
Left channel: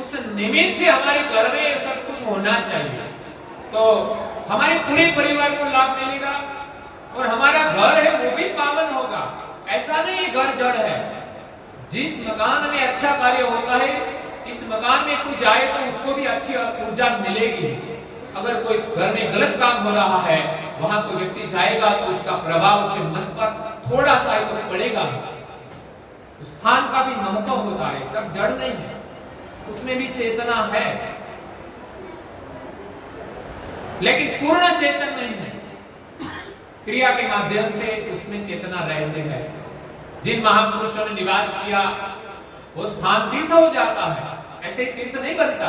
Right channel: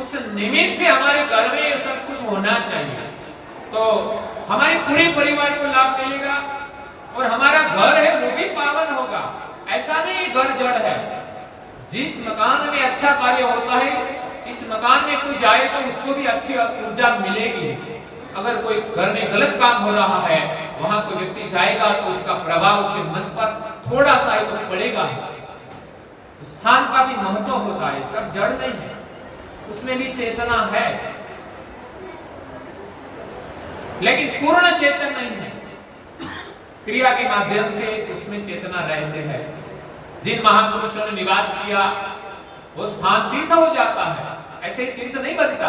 उस निमित्त से हमारे घर में ये सब कुछ होना चाहिए, तो हमारे पूरे परिवार को लाभ मिलेगा और हमारा घर है वो भी पावन होगा। ऐसा नहीं घर जड़ है, जिस मकान में अच्छा कार्य होता है इस मकान में कोई जाए तो उसको भी अच्छी ऊर्जा मिलेगी। अगर कोई घर में गलत काम हो रहा है, वहां कोई व्यक्ति जाएगा तो उसका प्रभाव उसके मन पर थोड़ा सा ही तो पड़ेगा। स्थान का भी महत्व होता है, सब जड़ नहीं है, उसमें भी चेतना है, लेकिन पूर्ण चेतन नहीं है। क्रिया के माध्यम से उसमें चेतना रहते हैं। जिन महापुरुषों ने निवास किया वो स्थान तीर्थ हो जाता है, ऐसे तीर्थ नहीं बनता।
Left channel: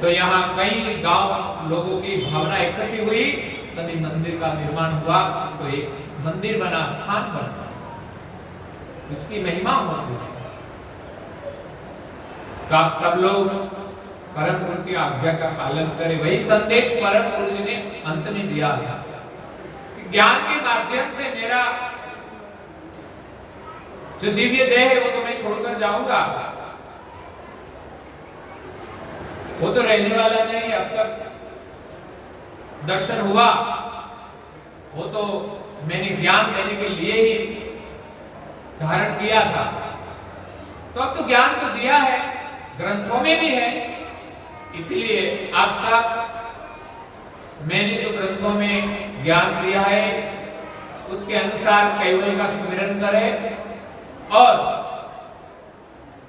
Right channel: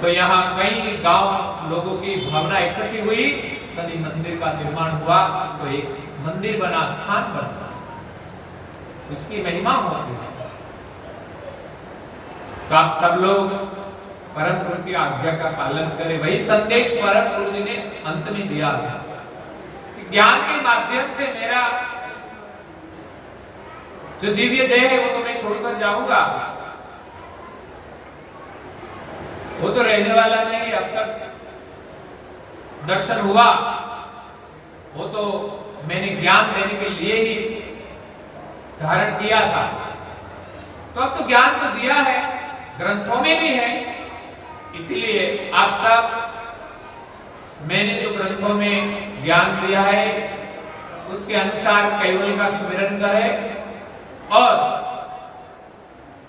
तो यहाँ कई गांव लोगों की भावना इकट्ठी हुई, तभी मंदिर का निर्माण हुआ, तो एक मंदिर बना, स्थान बना, उसकी महिमा होती है। तो आप सब लोग परम गुरु की आज्ञा का पालन करें। वही संदेश परम गुरु जी ने अंत में दिया था, ज्ञान के माध्यम से मेरा जो दिव्य देह है वो तो मैं छोड़कर जाऊंगा, वो तो रहने वाला नहीं। अब तक दर्शन हुआ, वो तो मैंने ज्ञान देने के लिए ही धारण किया था, तो अब तो ज्ञान तो दिया है, ग्रंथों में भी है। इसलिए आप सब, मैंने जो ग्रंथों में ज्ञान दिया है उसके अनुसार कैवल का सुमिरन करें और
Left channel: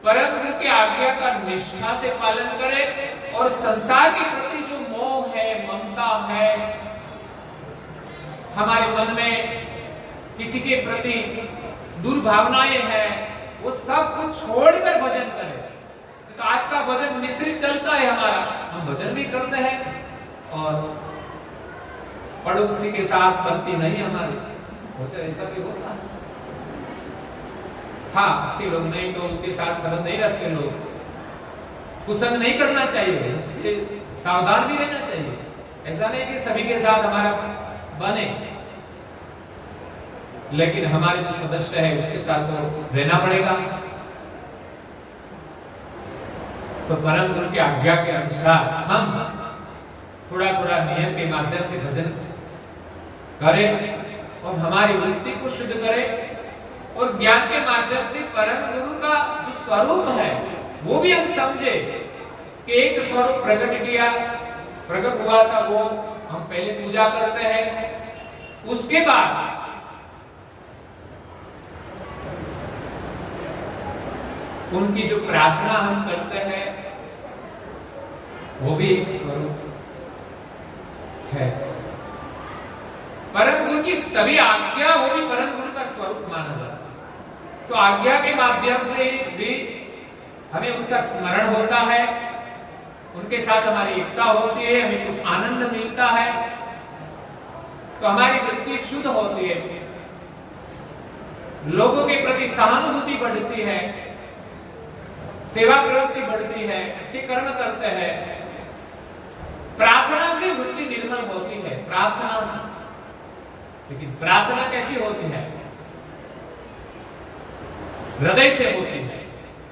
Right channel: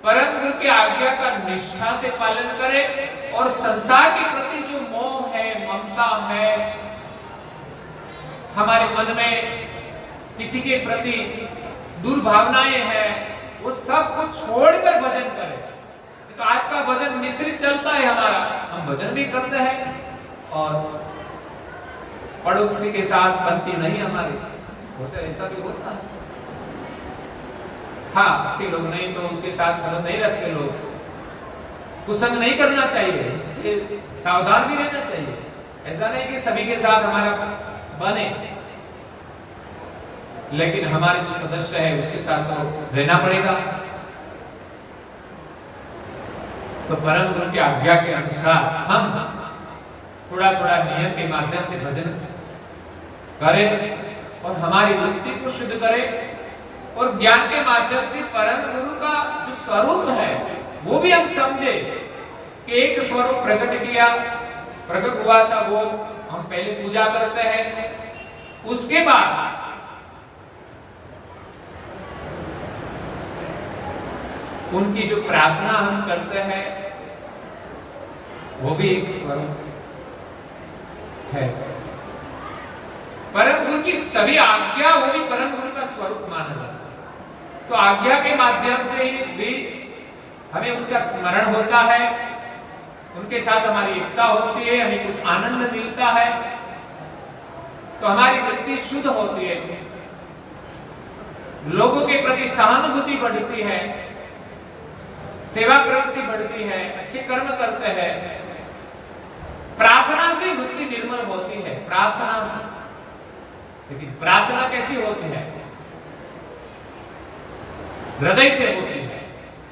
परम गुरु की आज्ञा का निष्ठा से पालन करें। और संसार के प्रति जो मोह है, ममता है, हमारे मन में किसी के प्रति दुर्भावनाएं हैं, वो सब कुछ छोड़कर भजन करें। तो आज का भजन मिश्रित चलता है हमारा, हम भजन भी करते हैं और पड़ोसी के साथ बनती नहीं हमारी, वैसे ऐसा भी होता है। हाँ, अच्छे लोग नहीं तो उसके साथ संबंध नहीं रखते लोग, कुसंग नहीं करना चाहिए, उससे सावधान भी रहना चाहिए। ऐसा नहीं कि सभी के साथ हमारा बने, लेकिन हमारे जो सदस्य है उसके साथ तो रहना पड़ेगा। तो परम गुरु की आज्ञा के अनुसार हम थोड़ा थोड़ा नियम के माध्यम से भजन करें और हमारी वृत्ति को शुद्ध करें और ज्ञान के माध्यम से परम गुरु का जो स्वरूप है वो भी हम समझे कि एक स्वरूप प्रकट किया, प्रकट हुआ था, वो हम पहले पूजा करते हैं, उसके बाद उनकी जो प्रार्थना हम करते हैं वो भी एक स्वरूप है। परम गुरु की सभी आज्ञा वो भी परम गुरु का स्वरूप माना जाता है। तो आज्ञा के माध्यम से भी हमें उसका स्मरण होता है, उनके साथ हमारी एकता होती है, हमें कुछ आनंद मिलता है, तो हमारी वृत्ति शुद्ध होती है, लोगों के प्रति सहानुभूति बढ़ती है, सेवा प्रवृत्ति बढ़ती है, अच्छे कर्म करते हैं, प्रार्थना से वृत्ति निर्मल होती है, प्रार्थना से। लेकिन प्रार्थना कैसी होती है? हृदय से होती है,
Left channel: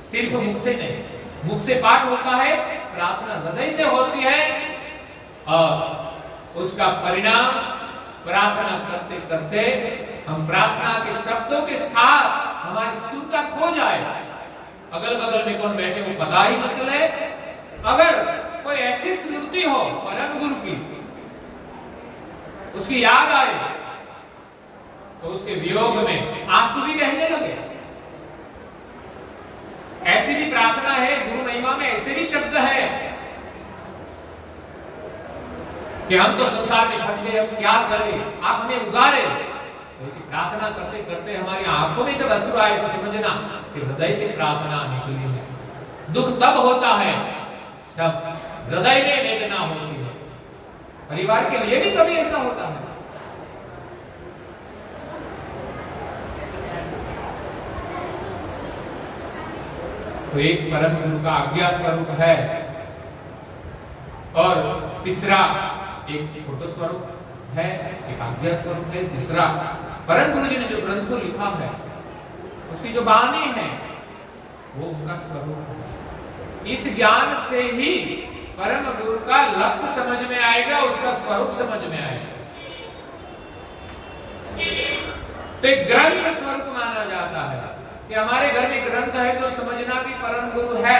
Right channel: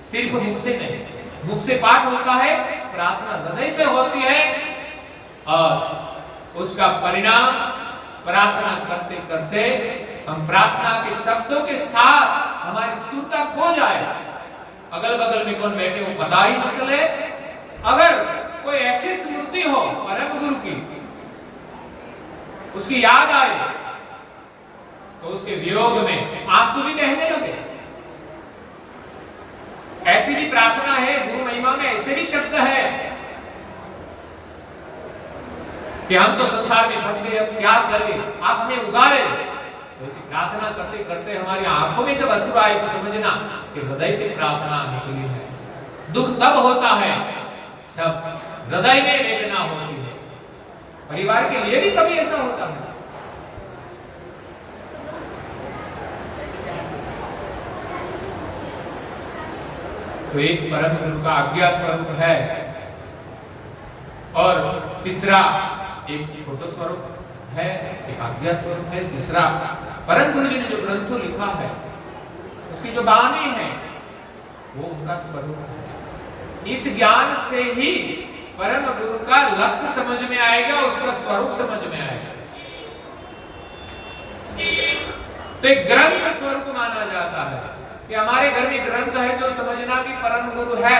सिर्फ मुख से नहीं। मुख से पाठ होता है, प्रार्थना हृदय से होती है और उसका परिणाम प्रार्थना करते करते हम प्रार्थना के शब्दों के साथ हमारी सुरता खो जाए, अगल बगल में कौन बैठे वो पता ही न चले। अगर कोई ऐसी स्मृति हो परम गुरु की, उसकी याद आए तो उसके वियोग में आंसू भी बहने लगे। ऐसी भी प्रार्थना है, गुरु महिमा में ऐसे भी शब्द है कि हम तो संसार में फंस गए, अब क्या करें, आप हमें उगारे। तो ऐसी प्रार्थना करते करते हमारी आंखों में जब अश्रु आए तो समझना कि हृदय से प्रार्थना निकली है। दुख तब होता है जब हृदय में वेदना होती है। परिवार के लिए भी कभी ऐसा होता है। तो एक परम गुरु का आज्ञा स्वरूप है और तीसरा एक फोटो स्वरूप है, एक आज्ञा स्वरूप है। तीसरा परम गुरु जी ने जो ग्रंथ लिखा है उसकी जो वाणी है वो उनका स्वरूप है। इस ज्ञान से ही परम गुरु का लक्ष्य समझ में आएगा, उसका स्वरूप समझ में आएगा। तो एक ग्रंथ स्वरूप माना जाता है कि हमारे घर में ग्रंथ है तो समझना कि परम गुरु है,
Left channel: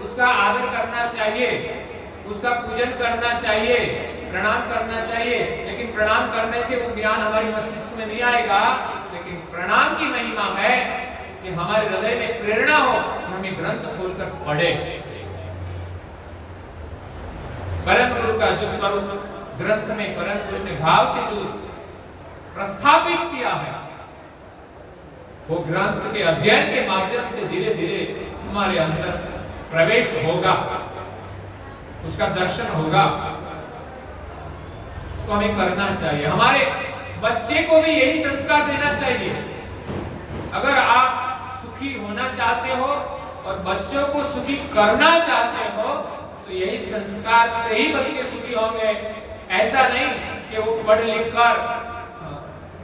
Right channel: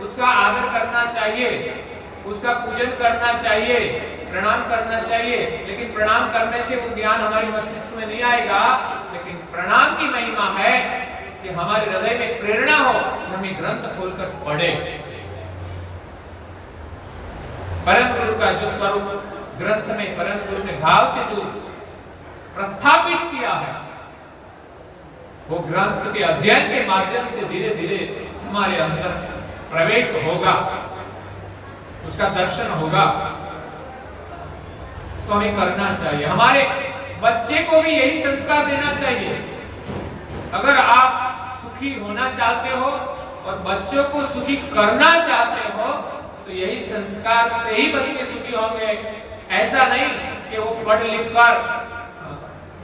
उसका आदर करना चाहिए, उसका पूजन करना चाहिए, प्रणाम करना चाहिए। लेकिन प्रणाम करने से वो ज्ञान हमारे मस्तिष्क में नहीं आएगा। लेकिन प्रणाम की महिमा है कि हमारे हृदय में प्रेरणा हो कि हम ये ग्रंथ खोलकर पढ़े। परम गुरु का जो स्वरूप ग्रंथ में परम गुरु ने भाव से जो प्रस्थापित किया है वो ग्रंथ के अध्ययन के माध्यम से धीरे धीरे हमारे अंदर प्रवेश होगा, उसका दर्शन होगा। तो हमें करना चाहिए, हमारे बच्चे को भी यही संस्कार देना चाहिए। अगर आप सुखी होना चाहते हो और बच्चों को सुखी करना चाहते हो तो यही संस्कार से ही बच्चे सुखी होंगे। ऐसा नहीं कि वो पढ़ लिख कर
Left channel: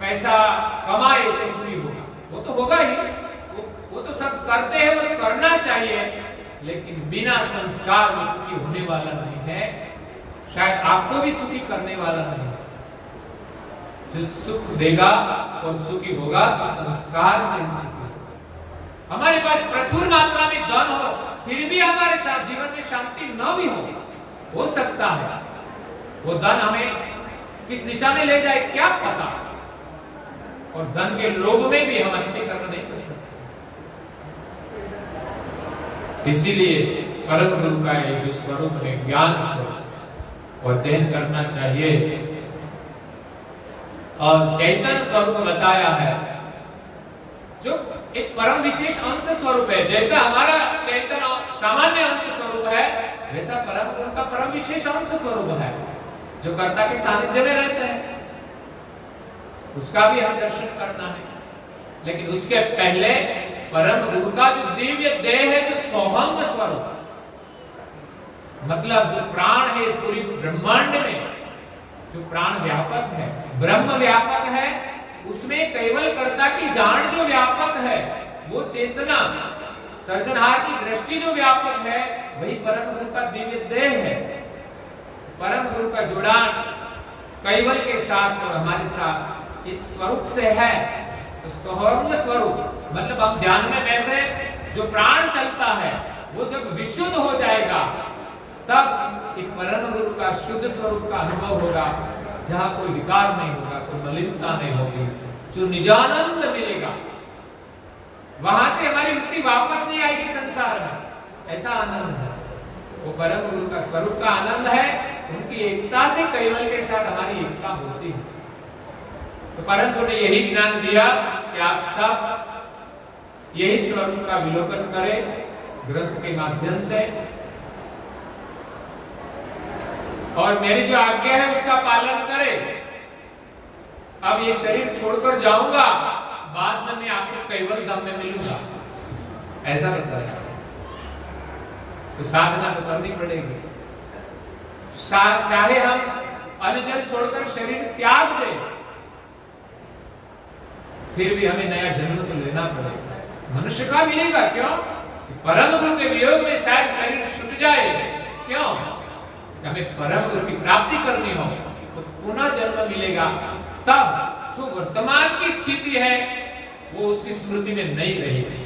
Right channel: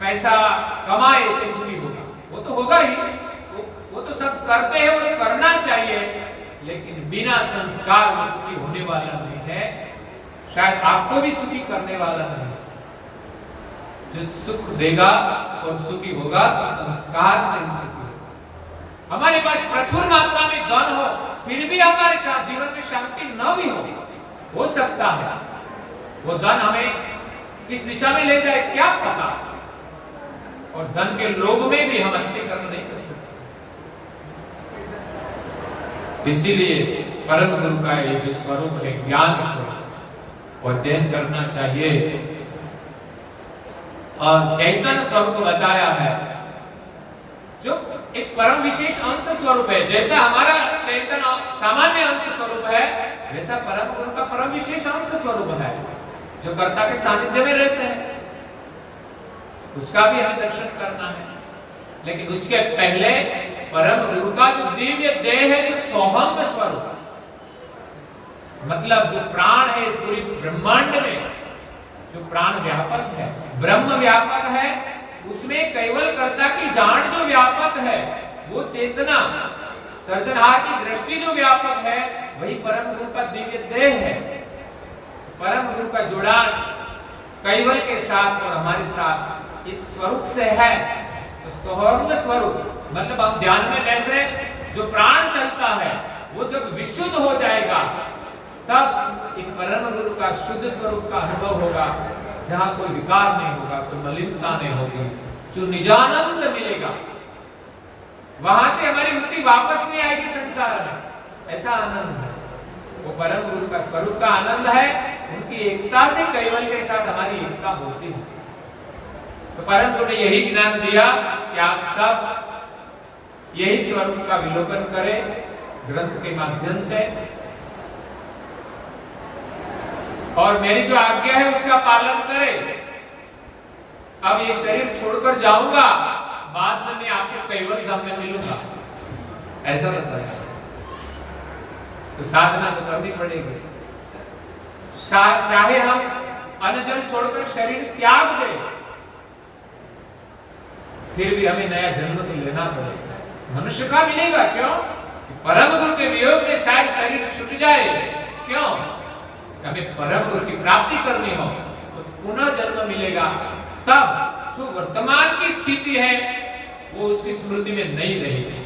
पैसा कमाए तो सुखी होगा, वो तो होगा ही, वो तो सब करते हैं, वो करना चाहिए। लेकिन बिना संस्कार वो सुखी होने वाला नहीं है, शायद आपको भी सुखी करने वाला नहीं है। जो सुख देगा और सुखी होगा तो संस्कार से ही सुखी होगा। हमारे पास प्रचुर मात्रा में धन हो फिर भी हमारे साथ जीवन में शांति न भी हो सकता है वो धन हमें किस दिशा में ले जाए क्या पता। और धन के लोभ में भी हम अच्छे कर्म नहीं कर सकते। इसीलिए परम गुरु का ये जो स्वरूप है ज्ञान स्वरूप और अध्ययन करना चाहिए। और चैतन्य स्वरूप बताया है जो एक परम विशेष अंश स्वरूप है। जैसा हमारा चैतन्य सामान्य अंश स्वरूप है वैसा परम गुरु का परम विशेष अंश स्वरूप है जो कर्ता के सानिध्य में रहते हैं, उसका भी हमें दर्शन करना है। लेकिन उसके पहले परम गुरु का जो दिव्य देह है, जो सोहंग स्वरूप, मतलब जो प्राण है इस पूरी ब्रह्मांड में, जो प्राण व्यापक है, ब्रह्म व्यापक है, उसमें केवल कर्ता की जान जो व्यापक है, वो चेतना सर्जनहार की दृष्टि जो व्यापक है, वही परम गुरु का दिव्य देह है। परम गुरु का जुड़ान कैवल के साथ और हमारे साथ इस स्वरूप से है। तो सोहंग स्वरूप मतलब हम ध्यान में बैसे, जो प्राण चलता है वो जब विशुद्ध हो जाएगा तब एक परम गुरु का शुद्ध स्वरूप का अनुभव होगा, जहां कोई विकार नहीं होगा, कोई मलिनता नहीं होगी, जो निजानंद मिलेगा। वहां से हमारी मुक्ति वापस नहीं आएगी संसार में, ऐसा आनंद है। वो परम गुरु का स्वरूप का आनंद है, उनकी एकता से कैवल के साथ हमारी एकता होती है। तो परम गुरु ने यही ज्ञान दिया कि आप सब यही स्वरूप का विलोकन करें ग्रंथ के माध्यम से, और मेरी जो आज्ञा है उसका पालन करें। अब ये शरीर छोड़कर जाऊंगा, बाद में मैं आपको कैवल धाम में मिलूंगा, ऐसा बताया। तो साधना तो करनी पड़ेगी। चाहे हम अन्न छोड़कर शरीर त्याग दें, फिर भी हमें नया जन्म तो लेना पड़ेगा। मनुष्य का मिलेगा क्यों? परम गुरु के वियोग में शायद शरीर छूट जाए, क्यों? हमें परम गुरु की प्राप्ति करनी हो तो पुनः जन्म मिलेगा। तब जो वर्तमान की स्थिति है वो उसकी स्मृति में नहीं रहेगी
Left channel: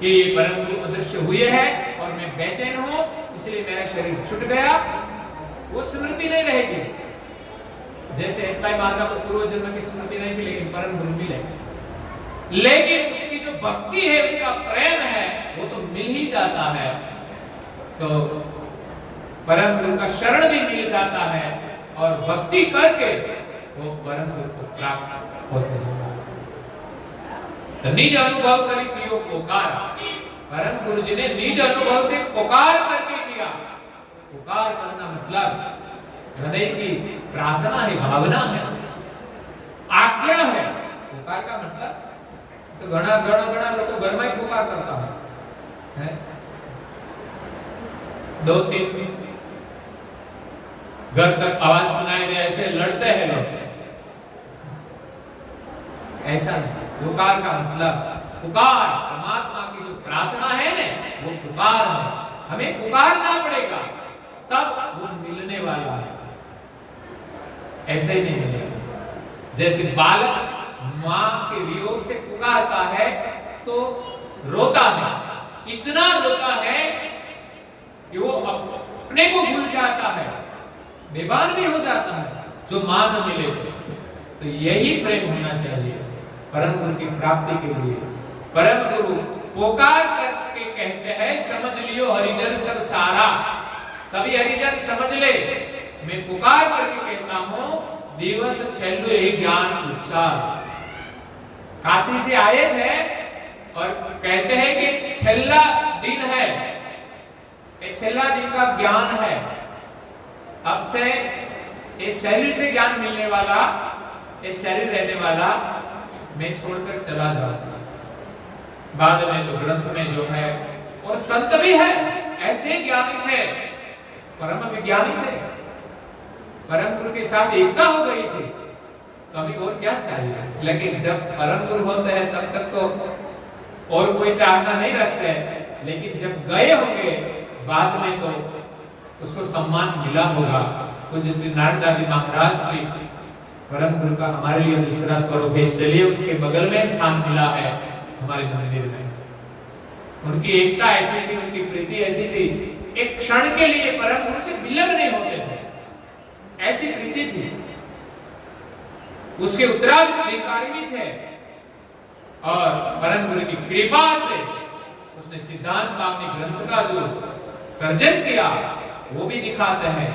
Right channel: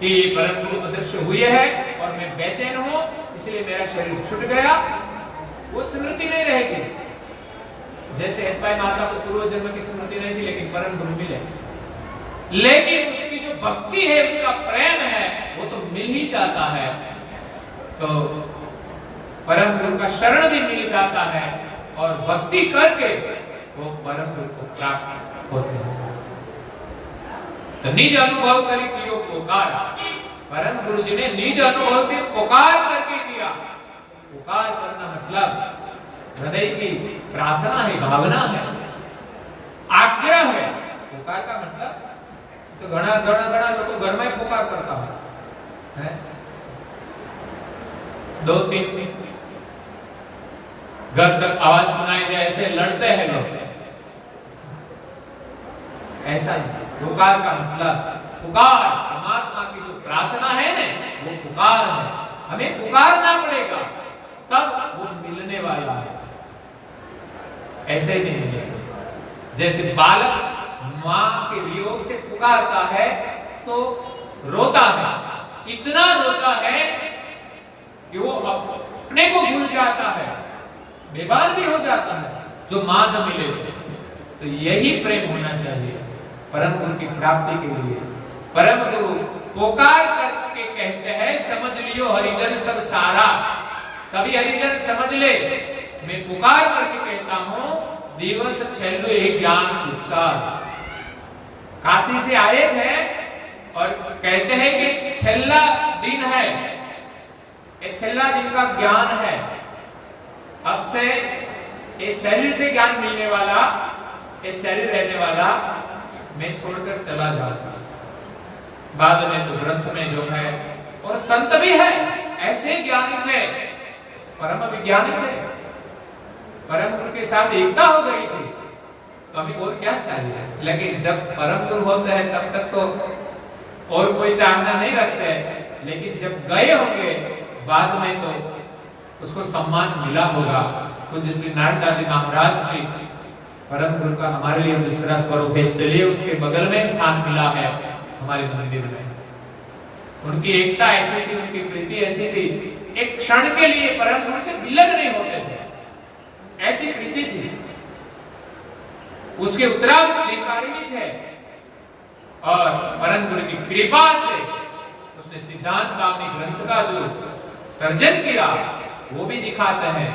कि ये परम गुरु अदृश्य हुए हैं और मैं बेचैन हूं इसलिए मेरा शरीर छूट गया, वो स्मृति नहीं रहेगी। जैसे हेतभाई माता को पूर्व जन्म की स्मृति नहीं थी लेकिन परम गुरु मिले, लेकिन उसकी जो भक्ति है, उसका प्रेम है, वो तो मिल ही जाता है। तो परम गुरु का शरण भी मिल जाता है और भक्ति करके वो परम गुरु को प्राप्त होते हैं। तो निज अनुभव करी कियो पुकार, परम गुरु जी ने निज अनुभव से पुकार करके किया। पुकार करना मतलब हृदय की प्रार्थना है, भावना है, आज्ञा है। पुकार का मतलब तो घना घना घना लोग घर में ही पुकार करता है, दो तीन घर तक आवाज सुनाई दे ऐसे लड़ते हैं लोग, ऐसा नहीं। पुकार का मतलब पुकार परमात्मा की जो प्रार्थना है ना, वो पुकार है। हमें पुकारना पड़ेगा तब वो मिलने वाला है, ऐसे ही नहीं मिलेगा। जैसे बालक मां के वियोग से पुकारता है तो रोता है, इतना रोता है कि वो अपने को भूल जाता है, बेबान भी हो जाता है जो मां न मिले। तो यही प्रेम होना चाहिए परम गुरु की प्राप्ति के लिए। परम गुरु पुकार करके कहते हैं, समझ लियो हरिजन सब सारा, सभी हरिजन समझ ले, मैं पुकार करके कहता हूं दिवस छेल्लो एक ज्ञान उपचार। काशी से आए थे और कहते हैं कि छेल्ला दिन है, एक छेल्ला दिन का ज्ञान है। अब से इस शरीर से ज्ञान मिलने वाला, इस शरीर रहने वाला मैं छोड़कर चला जाऊंगा। बाद में तो ग्रंथ में जो है, और संत भी है, ऐसे ज्ञानी थे, परम विज्ञानी थे, परम गुरु के साथ एकता हो गई थी, तो अभी और क्या चाहिए। लेकिन जब परम गुरु होते हैं तब तक तो और कोई चाहना नहीं रखते हैं, लेकिन जब गए होंगे बाद में तो उसको सम्मान मिला होगा। पूज्य श्री नारायण जी महाराज श्री परम गुरु का हमारे लिए दूसरा स्वरूप है, इसलिए उसके बगल में स्थान मिला है हमारे मंदिर में। उनकी एकता ऐसी थी, उनकी प्रीति ऐसी थी, एक क्षण के लिए परम गुरु से विलग नहीं होते थे, ऐसी प्रीति थी। उसके उत्तराधिकारी भी थे और परम गुरु की कृपा से उसने सिद्धांत पावनी ग्रंथ का जो सर्जन किया वो भी दिखाते हैं।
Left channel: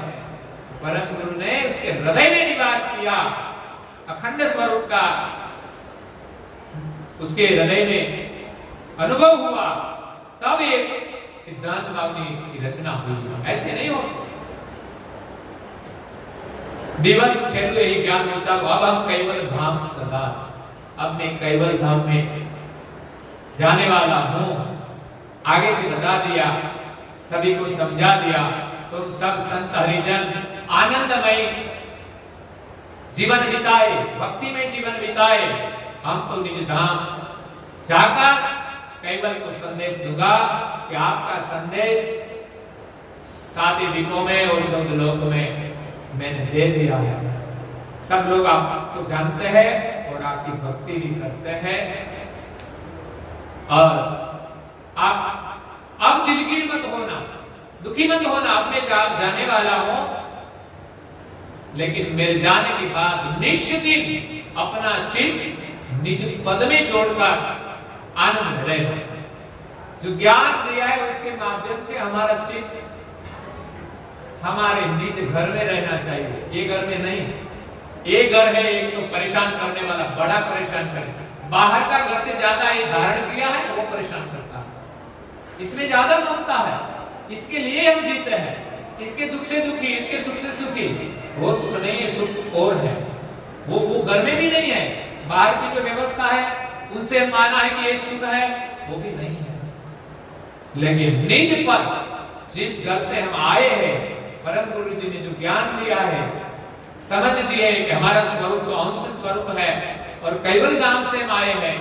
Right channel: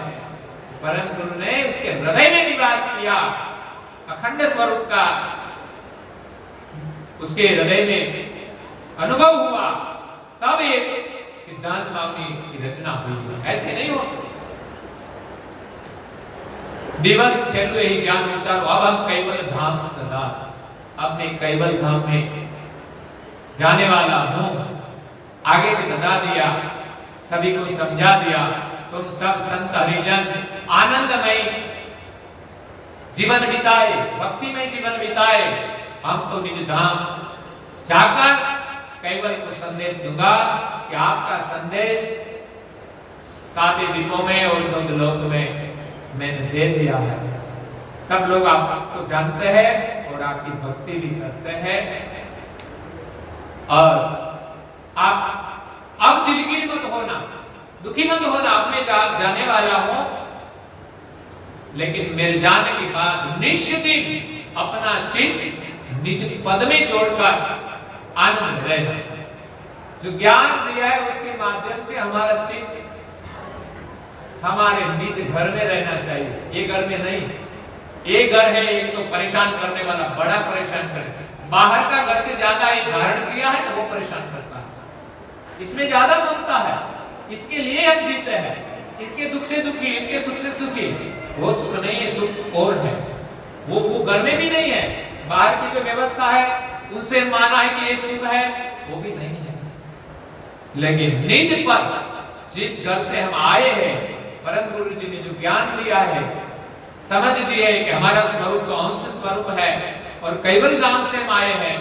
परम गुरु ने उसके हृदय में निवास किया, अखंड स्वरूप का उसके हृदय में अनुभव हुआ, तब ये सिद्धांत पावनी की रचना हुई। ऐसे नहीं होता। दिवस छेल्लो ही ज्ञान विचार, अब हम कैवल धाम सदा, अब मैं कैवल धाम में जाने वाला हूं। आगे से बता दिया, सभी को समझा दिया, तुम सब संत हरिजन आनंदमय जीवन बिताए, भक्ति में जीवन बिताए, हम तो निज धाम जाकर कैवल को संदेश दूंगा कि आपका संदेश 7 दिनों में और 14 लोक में मैंने दे दिया है। सब लोग आपको जानते हैं और आपकी भक्ति भी करते हैं। और आप अब दिलगीर मत होना, दुखी मत होना, अब मैं जाने वाला हूं, लेकिन मेरे जाने के बाद निश्चित ही अपना चित्त निज पद में जोड़कर आनंद रहे। जो ज्ञान दिया है उसके माध्यम से हमारा चित्त हमारे निज घर में रहना चाहिए, ये घर में नहीं। ये घर है एक तो परेशान करने वाला, बड़ा परेशान करे। बाहर का घर से ज्यादा ये धारण किया है वो परेशान करता है, इसमें ज्यादा ममता है, इसके लिए हम जीते हैं, इसके दुख से दुखी, इसके सुख से सुखी। वो सुख नहीं है, सुख और है, वो घर में भी नहीं है। बाहर की जो व्यवस्था है उनसे माना है कि ये सुख है, वो भी नहीं है। लेकिन निज पर जिस घर से हम आए हैं, परम गुरु जी ने जो ज्ञान दिया है, समझ दिया है कि हमारा स्वरूप तो अंश स्वरूप है और कैवल धाम से हम आए हैं,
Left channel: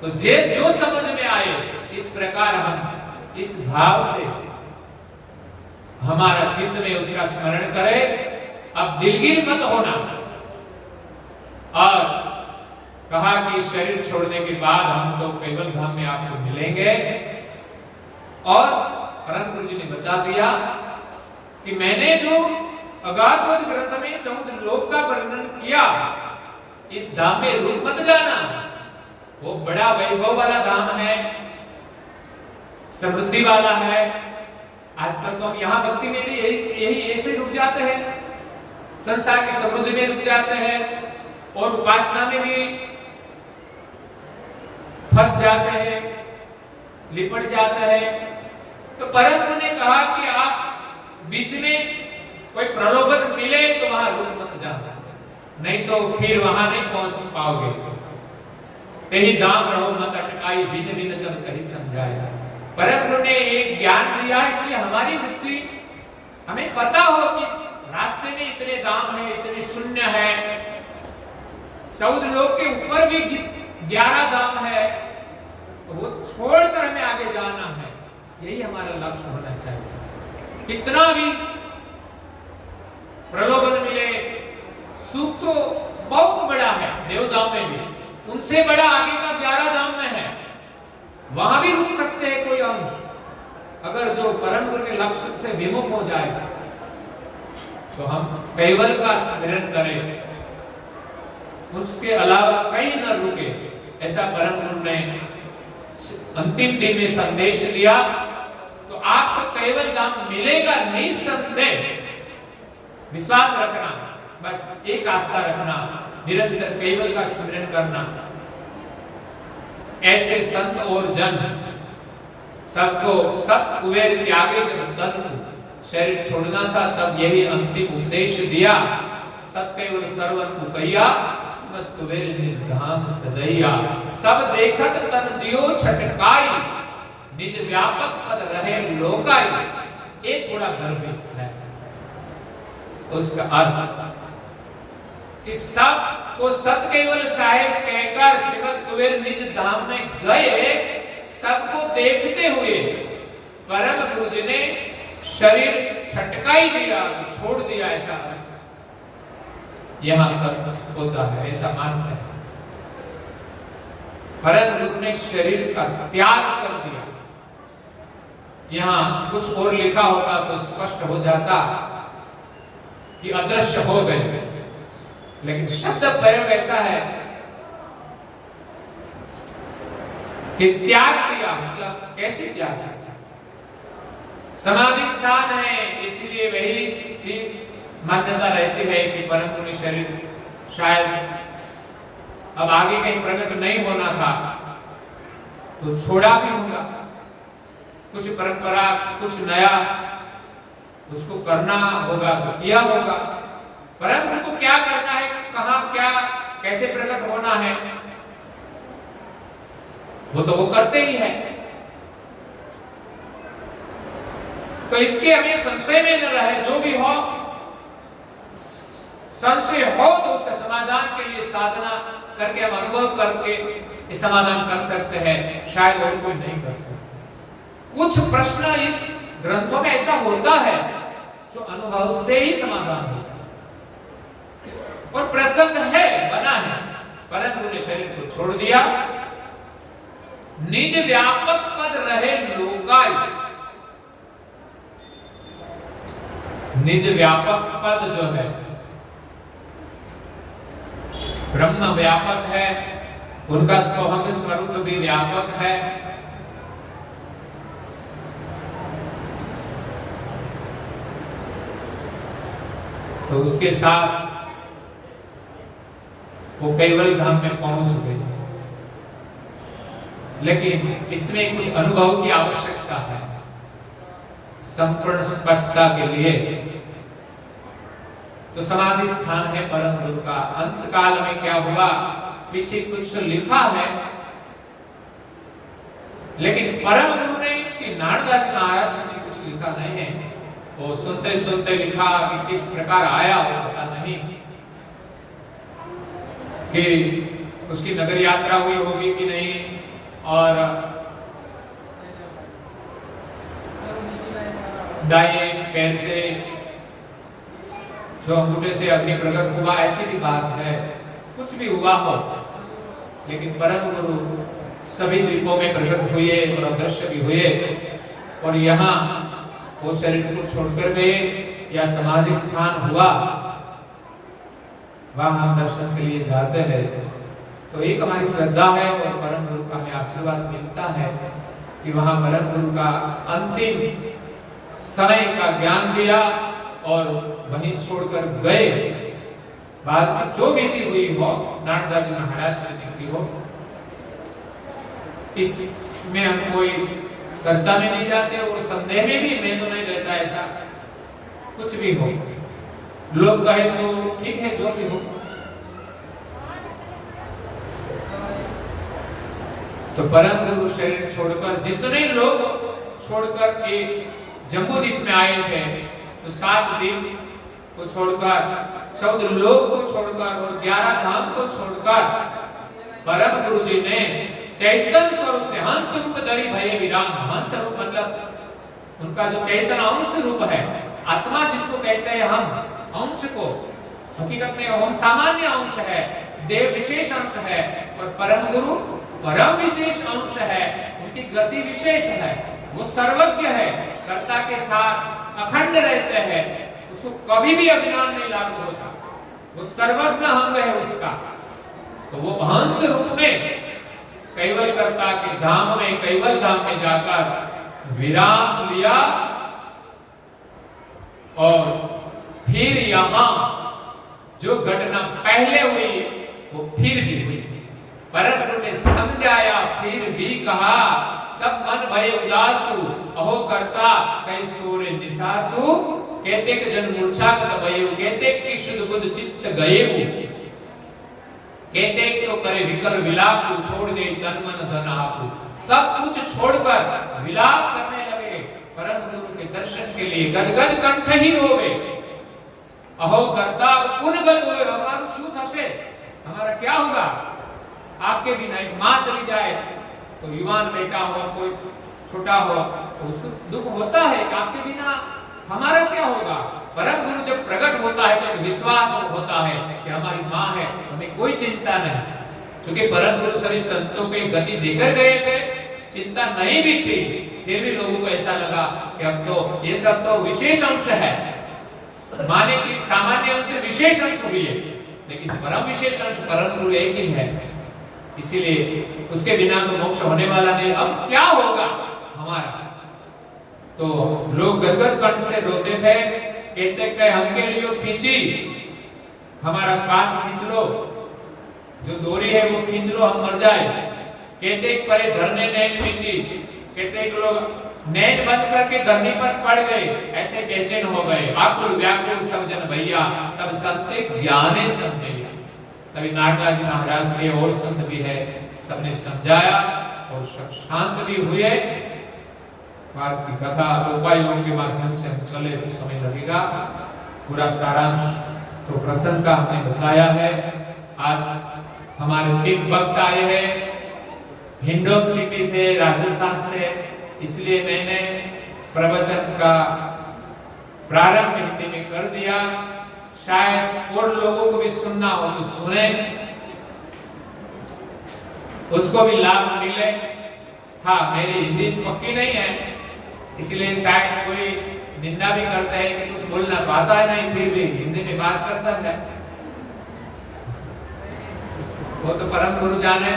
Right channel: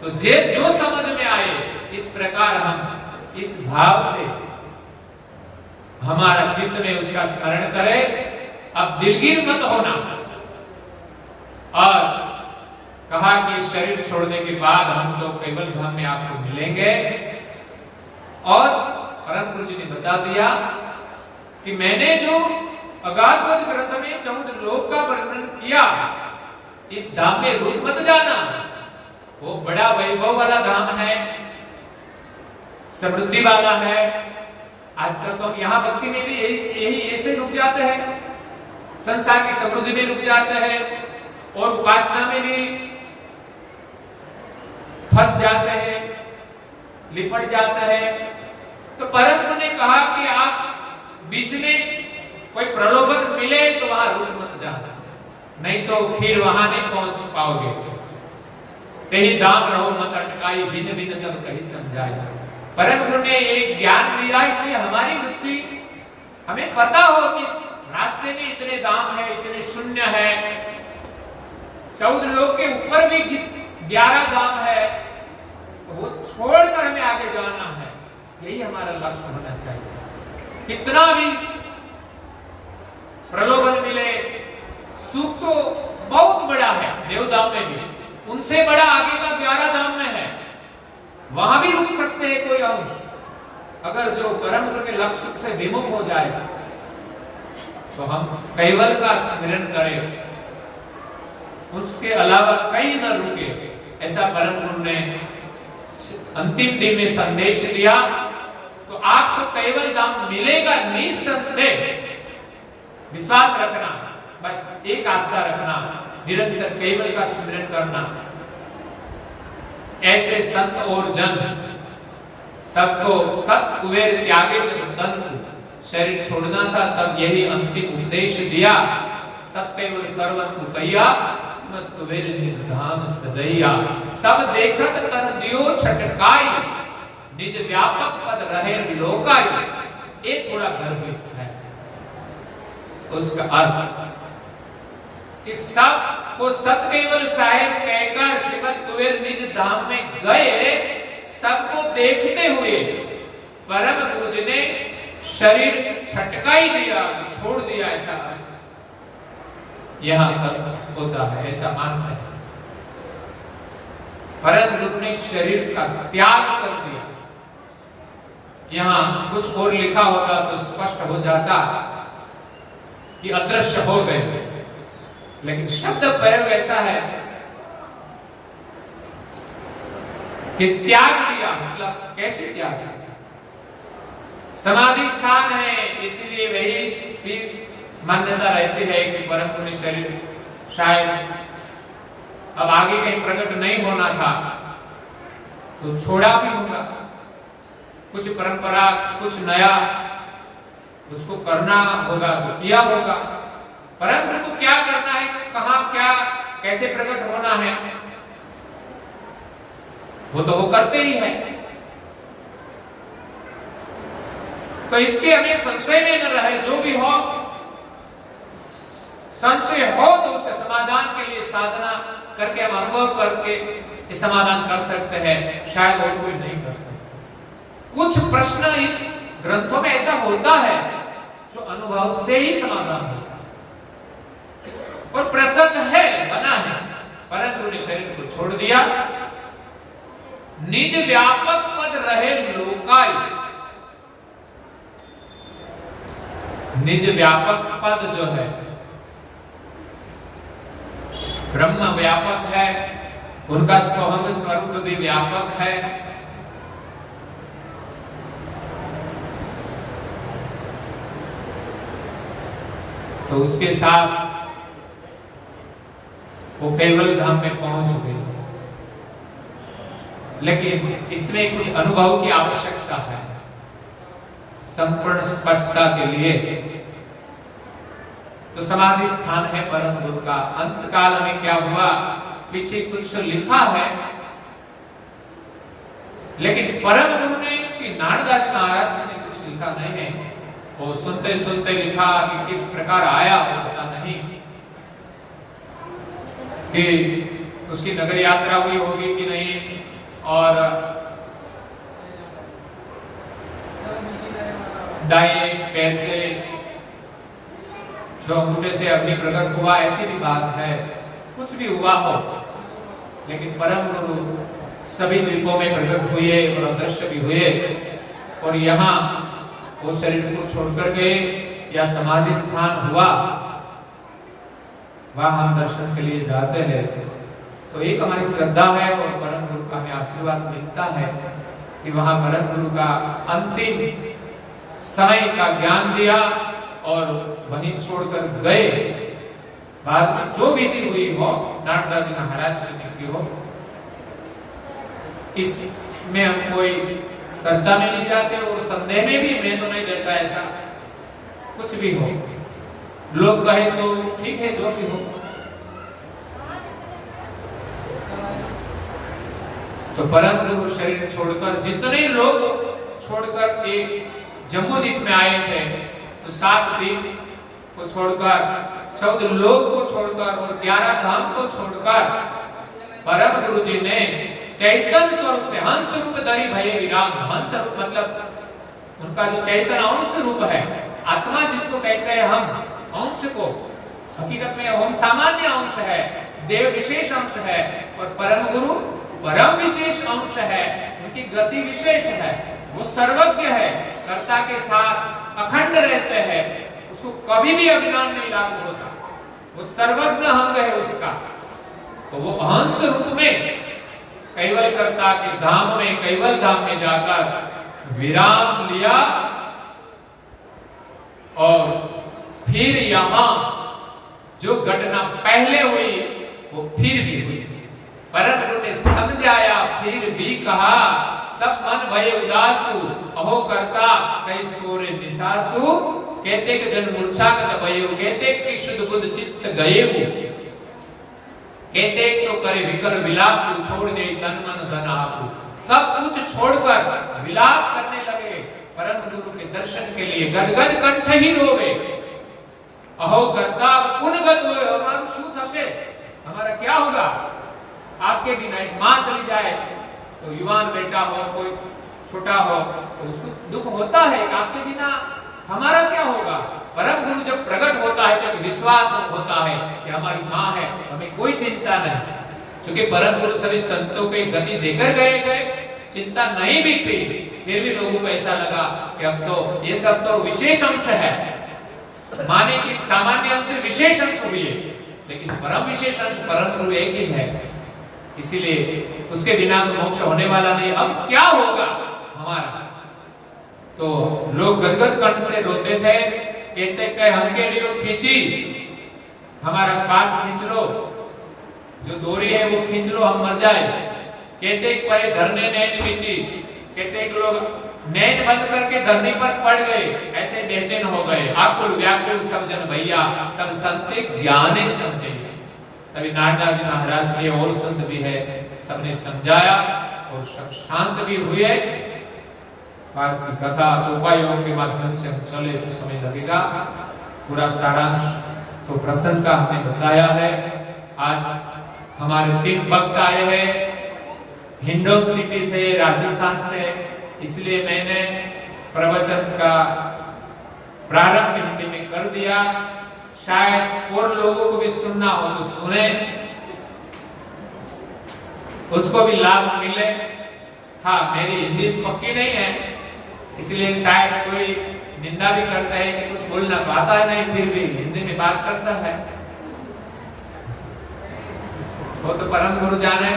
तो जो समझ में आए इस प्रकार हम इस भाव से हमारा चित्त में उसका स्मरण करें। अब दिलगीर मत होना। और कहा कि शरीर छोड़ने के बाद हम तो कैवल धाम में आपको मिलेंगे। और परम गुरु जी ने बता दिया कि मैंने जो अगाधपद ग्रंथ में 14 लोक का वर्णन किया, इस धाम में रुक मत जाना। वो बड़ा वैभव वाला धाम है, समृद्धि वाला है। आजकल तो हम यहाँ भक्ति में भी यही ऐसे रुक जाते हैं, संसार की समृद्धि में रुक जाते हैं और उपासना में भी फंस जाते हैं, लिपट जाते हैं। तो परम गुरु ने कहा कि आप बीच में कोई प्रलोभन मिले तो वहां रुक मत जाना, नहीं तो फिर वहां नहीं पहुंच पाओगे। कहीं दाम रहो मत अटकाई, भिन्न भिन्न तब कहीं समझाए। परम गुरु ने एक ज्ञान दिया, इसलिए हमारी बुद्धि हमें पता हो कि इस रास्ते में इतने दाम है, इतने शून्य है, 14 लोग के ऊपर भी 11 दाम है, तो वो छोड़कर हमें आगे जाना है। यही हमारा लक्ष्य होना चाहिए। कितना भी प्रलोभन मिले, सुख तो बहुत बड़ा है देवदाम में भी, उनसे बड़ा आगे का 11 दाम में है, वहां भी रुक सकते हैं कोई अंश। अगर जो परम गुरु के लक्ष्य से विमुख हो जाएगा तो हम कैवल का स्मरण करें, उसके अलावा कहीं न रुके। ऐसा परम गुरु ने अंतिम दिन में संदेश दिया। तो आपको कैवल धाम मिलेगा निसंदेह, विश्वास रखना, बस एक आस्था रखना, निरंतर कैवल का स्मरण करना। ऐसे संत और जन सबको सत कुबेर त्यागे जब धन को शरीर छोड़ना था, तब यही अंतिम उपदेश दिया। सत केवल सर्वन को कहिया, मत कुबेर निज धाम सदैया। सब देखत तन दियो छटकाई, निज व्यापक पद रहे लोकाई। ये थोड़ा गर्भित है उसका अर्थ कि सब को सत केवल साहेब कहकर श्रीमद कुबेर निज धाम में गए। सबको देखते हुए परम गुरु जी ने शरीर छटकाई दिया, छोड़ दिया, ऐसा यहां पर होता है, ऐसा मानते हैं। परम गुरु ने शरीर का त्याग कर दिया। यहां कुछ और लिखा होता तो स्पष्ट हो जाता कि अदृश्य हो गए, लेकिन शब्द प्रयोग ऐसा है कि त्याग किया। मतलब कैसे त्याग किया? समाधि स्थान है, इसलिए वही भी मान्यता रहती है कि परम गुरु शरीर शायद अब आगे कहीं प्रकट नहीं होना था तो छोड़ा भी होगा। कुछ परंपरा, कुछ नया उसको करना होगा तो किया होगा। परम गुरु को क्या करना है, कहां क्या कैसे प्रकट होना है, वो तो वो करते ही है। तो इसके हमें संशय में न रहे, जो भी हो संशय हो तो उसका समाधान के लिए साधना करके हम अनुभव करके इस समाधान कर सकते हैं, शायद और कोई नहीं कर सकता। कुछ प्रश्न इस ग्रंथों में ऐसा होता है जो अनुभव से ही समाधान होता है और प्रसन्न है, बना है। परंतु ने शरीर को छोड़ दिया, निज व्यापक पद रहे लोकाय। निज व्यापक पद जो है, ब्रह्म व्यापक है, उनका सोहम स्वरूप भी व्यापक है। तो उसके साथ वो कैवल धाम में पहुंच गए। लेकिन इसमें कुछ अनुभव की आवश्यकता है संपूर्ण स्पष्टता के लिए। तो समाधि स्थान है परम गुरु का। अंत काल में क्या हुआ, पीछे कुछ लिखा है, लेकिन परम गुरु ने कि नारदास महाराज ने कुछ लिखा नहीं है। वो सुनते सुनते लिखा कि किस प्रकार आया वो पता नहीं, कि उसकी नगर यात्रा हुई होगी कि नहीं, और दाएं पैर से जो अंगूठे से अग्नि प्रकट हुआ, ऐसी भी बात है। कुछ भी हुआ हो, लेकिन परम गुरु सभी द्वीपों में प्रकट हुए और अदृश्य भी हुए। और यहाँ वो शरीर को छोड़कर गए या समाधि स्थान हुआ, वहां हम दर्शन के लिए जाते हैं। तो एक हमारी श्रद्धा है और परम गुरु का हमें आशीर्वाद मिलता है कि वहां परम गुरु का अंतिम समय का ज्ञान दिया और वहीं छोड़कर गए। बाद में जो विधि हुई हो नारदा जी महाराज से की हो, इसमें हम कोई चर्चा में नहीं जाते और संदेह में भी मैं तो नहीं रहता ऐसा कुछ भी हो। लोग कहे तो ठीक है, जो भी हो। तो परम गुरु शरीर छोड़कर जितने लोग छोड़कर एक जम्बूद्वीप में आए थे, तो 7 द्वीप को छोड़कर, 14 लोक को छोड़कर और 11 धाम को छोड़कर परम गुरु जी ने चैतन्य स्वरूप से हंस रूप धरि भये विराम। हंस रूप मतलब उनका जो चैतन्य अंश रूप है, आत्मा जिसको कहते हैं हम, अंश को हकीकत में हम सामान्य अंश है, देव विशेष अंश है, और परम गुरु परम विशेष अंश है, उनकी गति विशेष है, वो सर्वज्ञ है, कर्ता के साथ अखंड रहते हैं, उसको कभी भी अभिमान नहीं लागू होता, वो सर्वज्ञ अंग है उसका। तो वो हंस रूप में कैवल कर्ता के धाम में, कैवल धाम में जाकर विराम लिया और फिर यहां जो घटना पहले हुई वो फिर भी हुई। परम गुरु ने समझाया, फिर भी कहा, सब मन भय उदासु, अहो करता कई सूर्य निसासु, कहते कि जन मूर्छा कत भयु, कहते कि शुद्ध बुद्ध चित्त गए वो, कहते तो करे विकल विलाप, छोड़ दे तन मन धन आपु। सब कुछ छोड़कर विलाप करने लगे परम गुरु के दर्शन के लिए, गदगद कंठ ही रोवे। अहो करता पुनगत होए, और शू थसे, हमारा क्या होगा आपके बिना। एक माँ चली जाए तो युवान बेटा हो, कोई छोटा हो, तो उसको दुख होता है कि आपके बिना हमारा क्या होगा। परम गुरु जब प्रकट होता है तो विश्वास होता है कि हमारी माँ है, हमें कोई चिंता नहीं। क्योंकि परम गुरु सभी संतों के गति देकर गए थे, चिंता नहीं भी थी, फिर भी लोगों को ऐसा लगा कि अब तो ये सब तो विशेष अंश है, माने कि सामान्य अंश से विशेष अंश हुई है, लेकिन परम विशेष अंश परम गुरु एक ही है, इसीलिए उसके बिना तो मोक्ष होने वाला नहीं। अब क्या होगा हमारा। तो लोग गदगद कंठ से रोते थे, कहते कि हमके लिए खींची, हमारा श्वास खींच लो, जो डोरी है वो खींच लो, हम मर जाए। कहते परे धरने नैन खींची, कहते लोग नैन बंद करके धरनी पर पड़ गए, ऐसे बेचैन हो गए, आकुल व्याकुल सब जन भैया, तब संत ज्ञाने समझे। तभी नारदा जी महाराज से और संत भी है, सबने समझाया और सब शांत भी हुए। बात की कथा चौपाइयों के माध्यम से हम चले तो समय लगेगा, पूरा सारांश तो प्रसंग का हमने बताया है। आज हमारे 3 भक्त आए हैं हिंडोन सिटी से, राजस्थान से, इसलिए मैंने प्रवचन का प्रारंभ हिंदी में कर दिया, शायद और लोगों को भी सुनना हो तो सुने, उसको भी लाभ मिले। हाँ, मेरी हिंदी पक्की नहीं है, इसलिए शायद कोई निंदा भी करता है कि कुछ बोलना तो आता है नहीं, फिर भी हिंदी में बात करता है, वो तो परम गुरु जाने।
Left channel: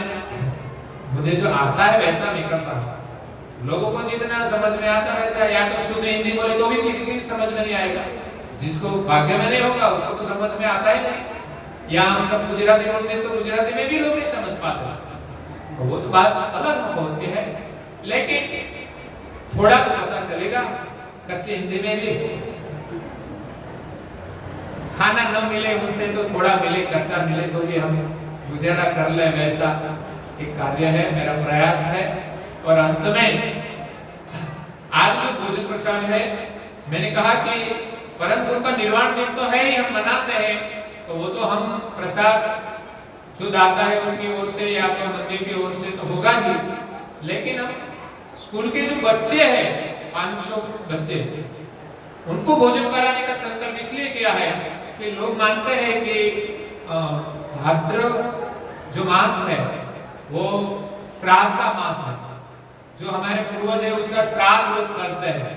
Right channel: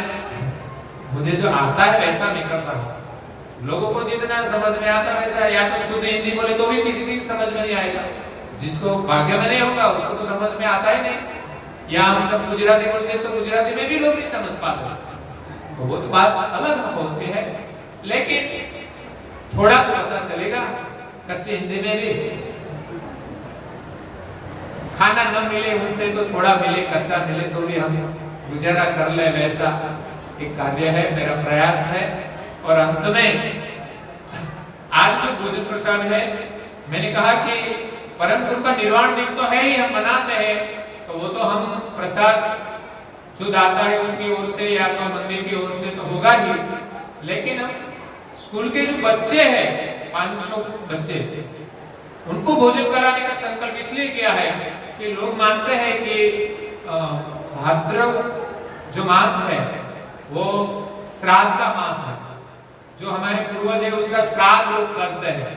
मुझे जो आता है वैसा मैं करता हूँ, लोगों को जितना समझ में आता है वैसा, या तो शुद्ध हिंदी बोले तो भी किसी की समझ में नहीं आएगा, जिसको भाग्य में नहीं होगा उसको तो समझ में आता ही नहीं। या हम सब गुजराती बोलते हैं तो गुजराती में भी लोग नहीं समझ पाते, तो वो तो बात अलग होती है, लेकिन थोड़ा तो पता चलेगा। कच्ची हिंदी में भी खाना न मिले उनसे तो थोड़ा मिले, कच्चा मिले तो भी हम गुजारा कर ले, वैसा एक कार्य है, मेरा प्रयास है। और अंत में आज जो भोजन प्रसाद है, मैंने कहा कि परम गुरु का निर्वाण दिन तो है ही, हम मनाते हैं, तो वो तो हम प्रसाद जो दाता है उसकी ओर से या तो मंदिर की ओर से तो होगा ही, लेकिन हम स्कूल के जो बच्चे हैं 500 बच्चे, उनको भोजन कराने का संकल्प इसलिए किया है कि लोग मानते हैं कि भाद्रव जो मास है वो श्राद्ध का मास है, जो हमारे पूर्वज है उसका श्राद्ध लोग करते हैं।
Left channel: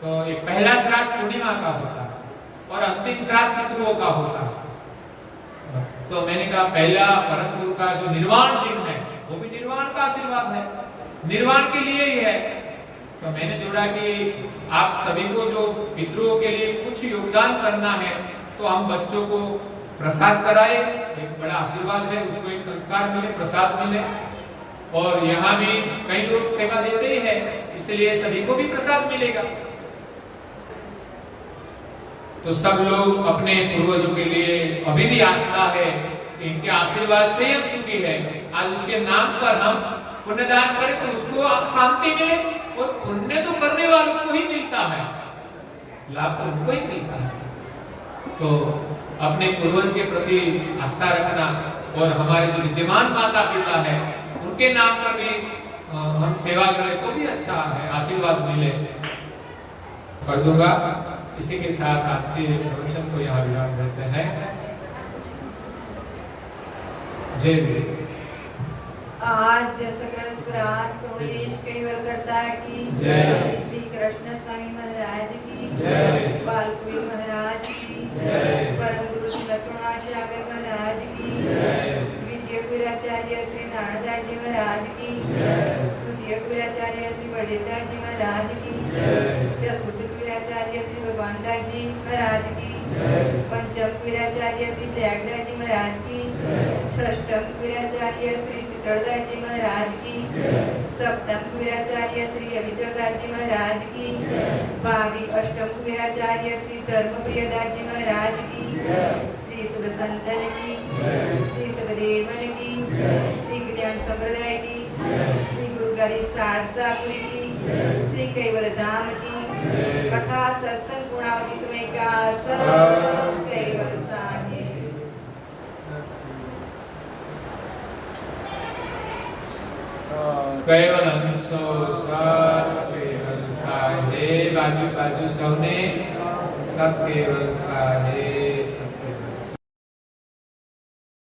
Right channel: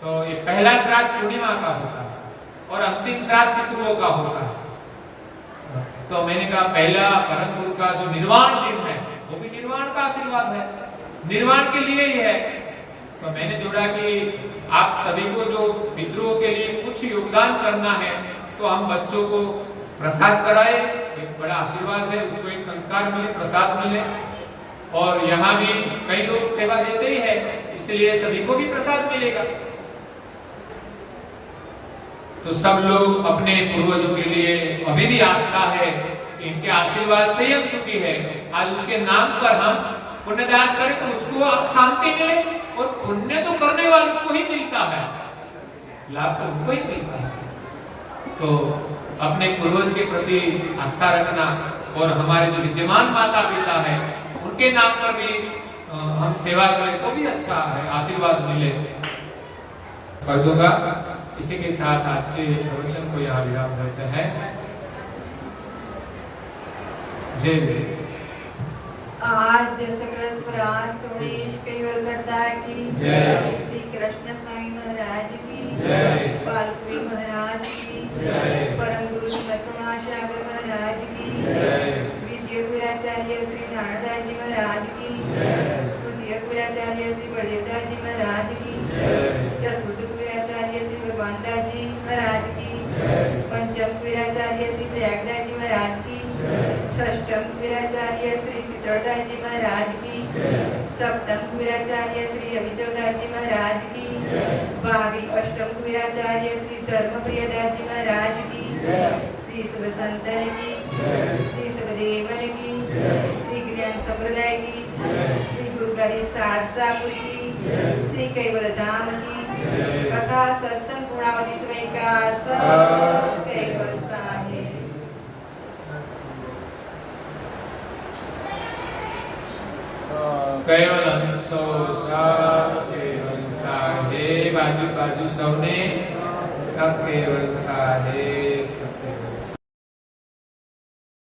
तो ये पहला श्राद्ध पूर्णिमा का होता है और अंतिम श्राद्ध पितरों का होता है। तो मैंने कहा पहला परम गुरु का जो निर्वाण दिन है वो भी निर्वाण का आशीर्वाद है, निर्वाण के लिए ही है। तो मैंने जोड़ा कि आप सभी को जो पितरों के लिए कुछ योगदान करना है तो हम बच्चों को प्रसाद कराए, एक बड़ा आशीर्वाद है, उसको एक संस्कार मिले, प्रसाद मिले। और यहाँ भी कई लोग सेवा देते ही है, इसलिए सभी को भी प्रसाद मिलेगा। तो सब लोग अपने पूर्वजों के लिए अभी भी आस्था है, इनके आशीर्वाद से हम सुखी है। आज उसके नाम पर हम पुण्यदान करें तो उसको शांति मिले, और पुण्य तो करने वालों को ही मिलता है, लाभ तो उनको ही मिलता है। तो अपने पूर्वज के प्रति आस्था रखना, और हमारे जो विद्यमान माता पिता है उनके नाम पर भी हम सेवा करें तो भी अच्छा है, आशीर्वाद मिले। कर दूंगा। इसी के साथ आज के प्रवचन को यहाँ विराम देते हैं। जय गुरु। आद्य सकल स्वराज गणेश कैवल करता की जय। श्री कृष्ण स्वामी महाराज की जय। बालकुबेर महाराज की जय। परम गुरु श्री लक्ष्मणाचार्य महाराज की जय। द्वितीय गुराचार्य श्री दानदास जी महाराज की जय। तृतीय गुराचार्य श्री बड़ेदास जी महाराज की जय। चतुर्थ गुराचार्य श्री भगवान दास जी महाराज की जय। पंचम गुराचार्य श्री प्रयागदास जी महाराज की षष्ठम गुराचार्य श्री शीतलदास जी महाराज की सप्तम गुराचार्य श्री अविचलदास जी महाराज की भावी अष्टम गुराचार्य श्री धर्मप्रियदास जी महाराज की श्री शिवसंतन की श्री शिवदेवन की श्री ज्ञान संप्रदाय की श्री गुरुगारी सारसापुरी की श्री कैवल धाम की कथा सत्संग पूर्णावधि समय का सब कैवल साहेब। कैवल हंसो सब केवल साहेब, बाजू बाजू सौने सब केवल साहेब।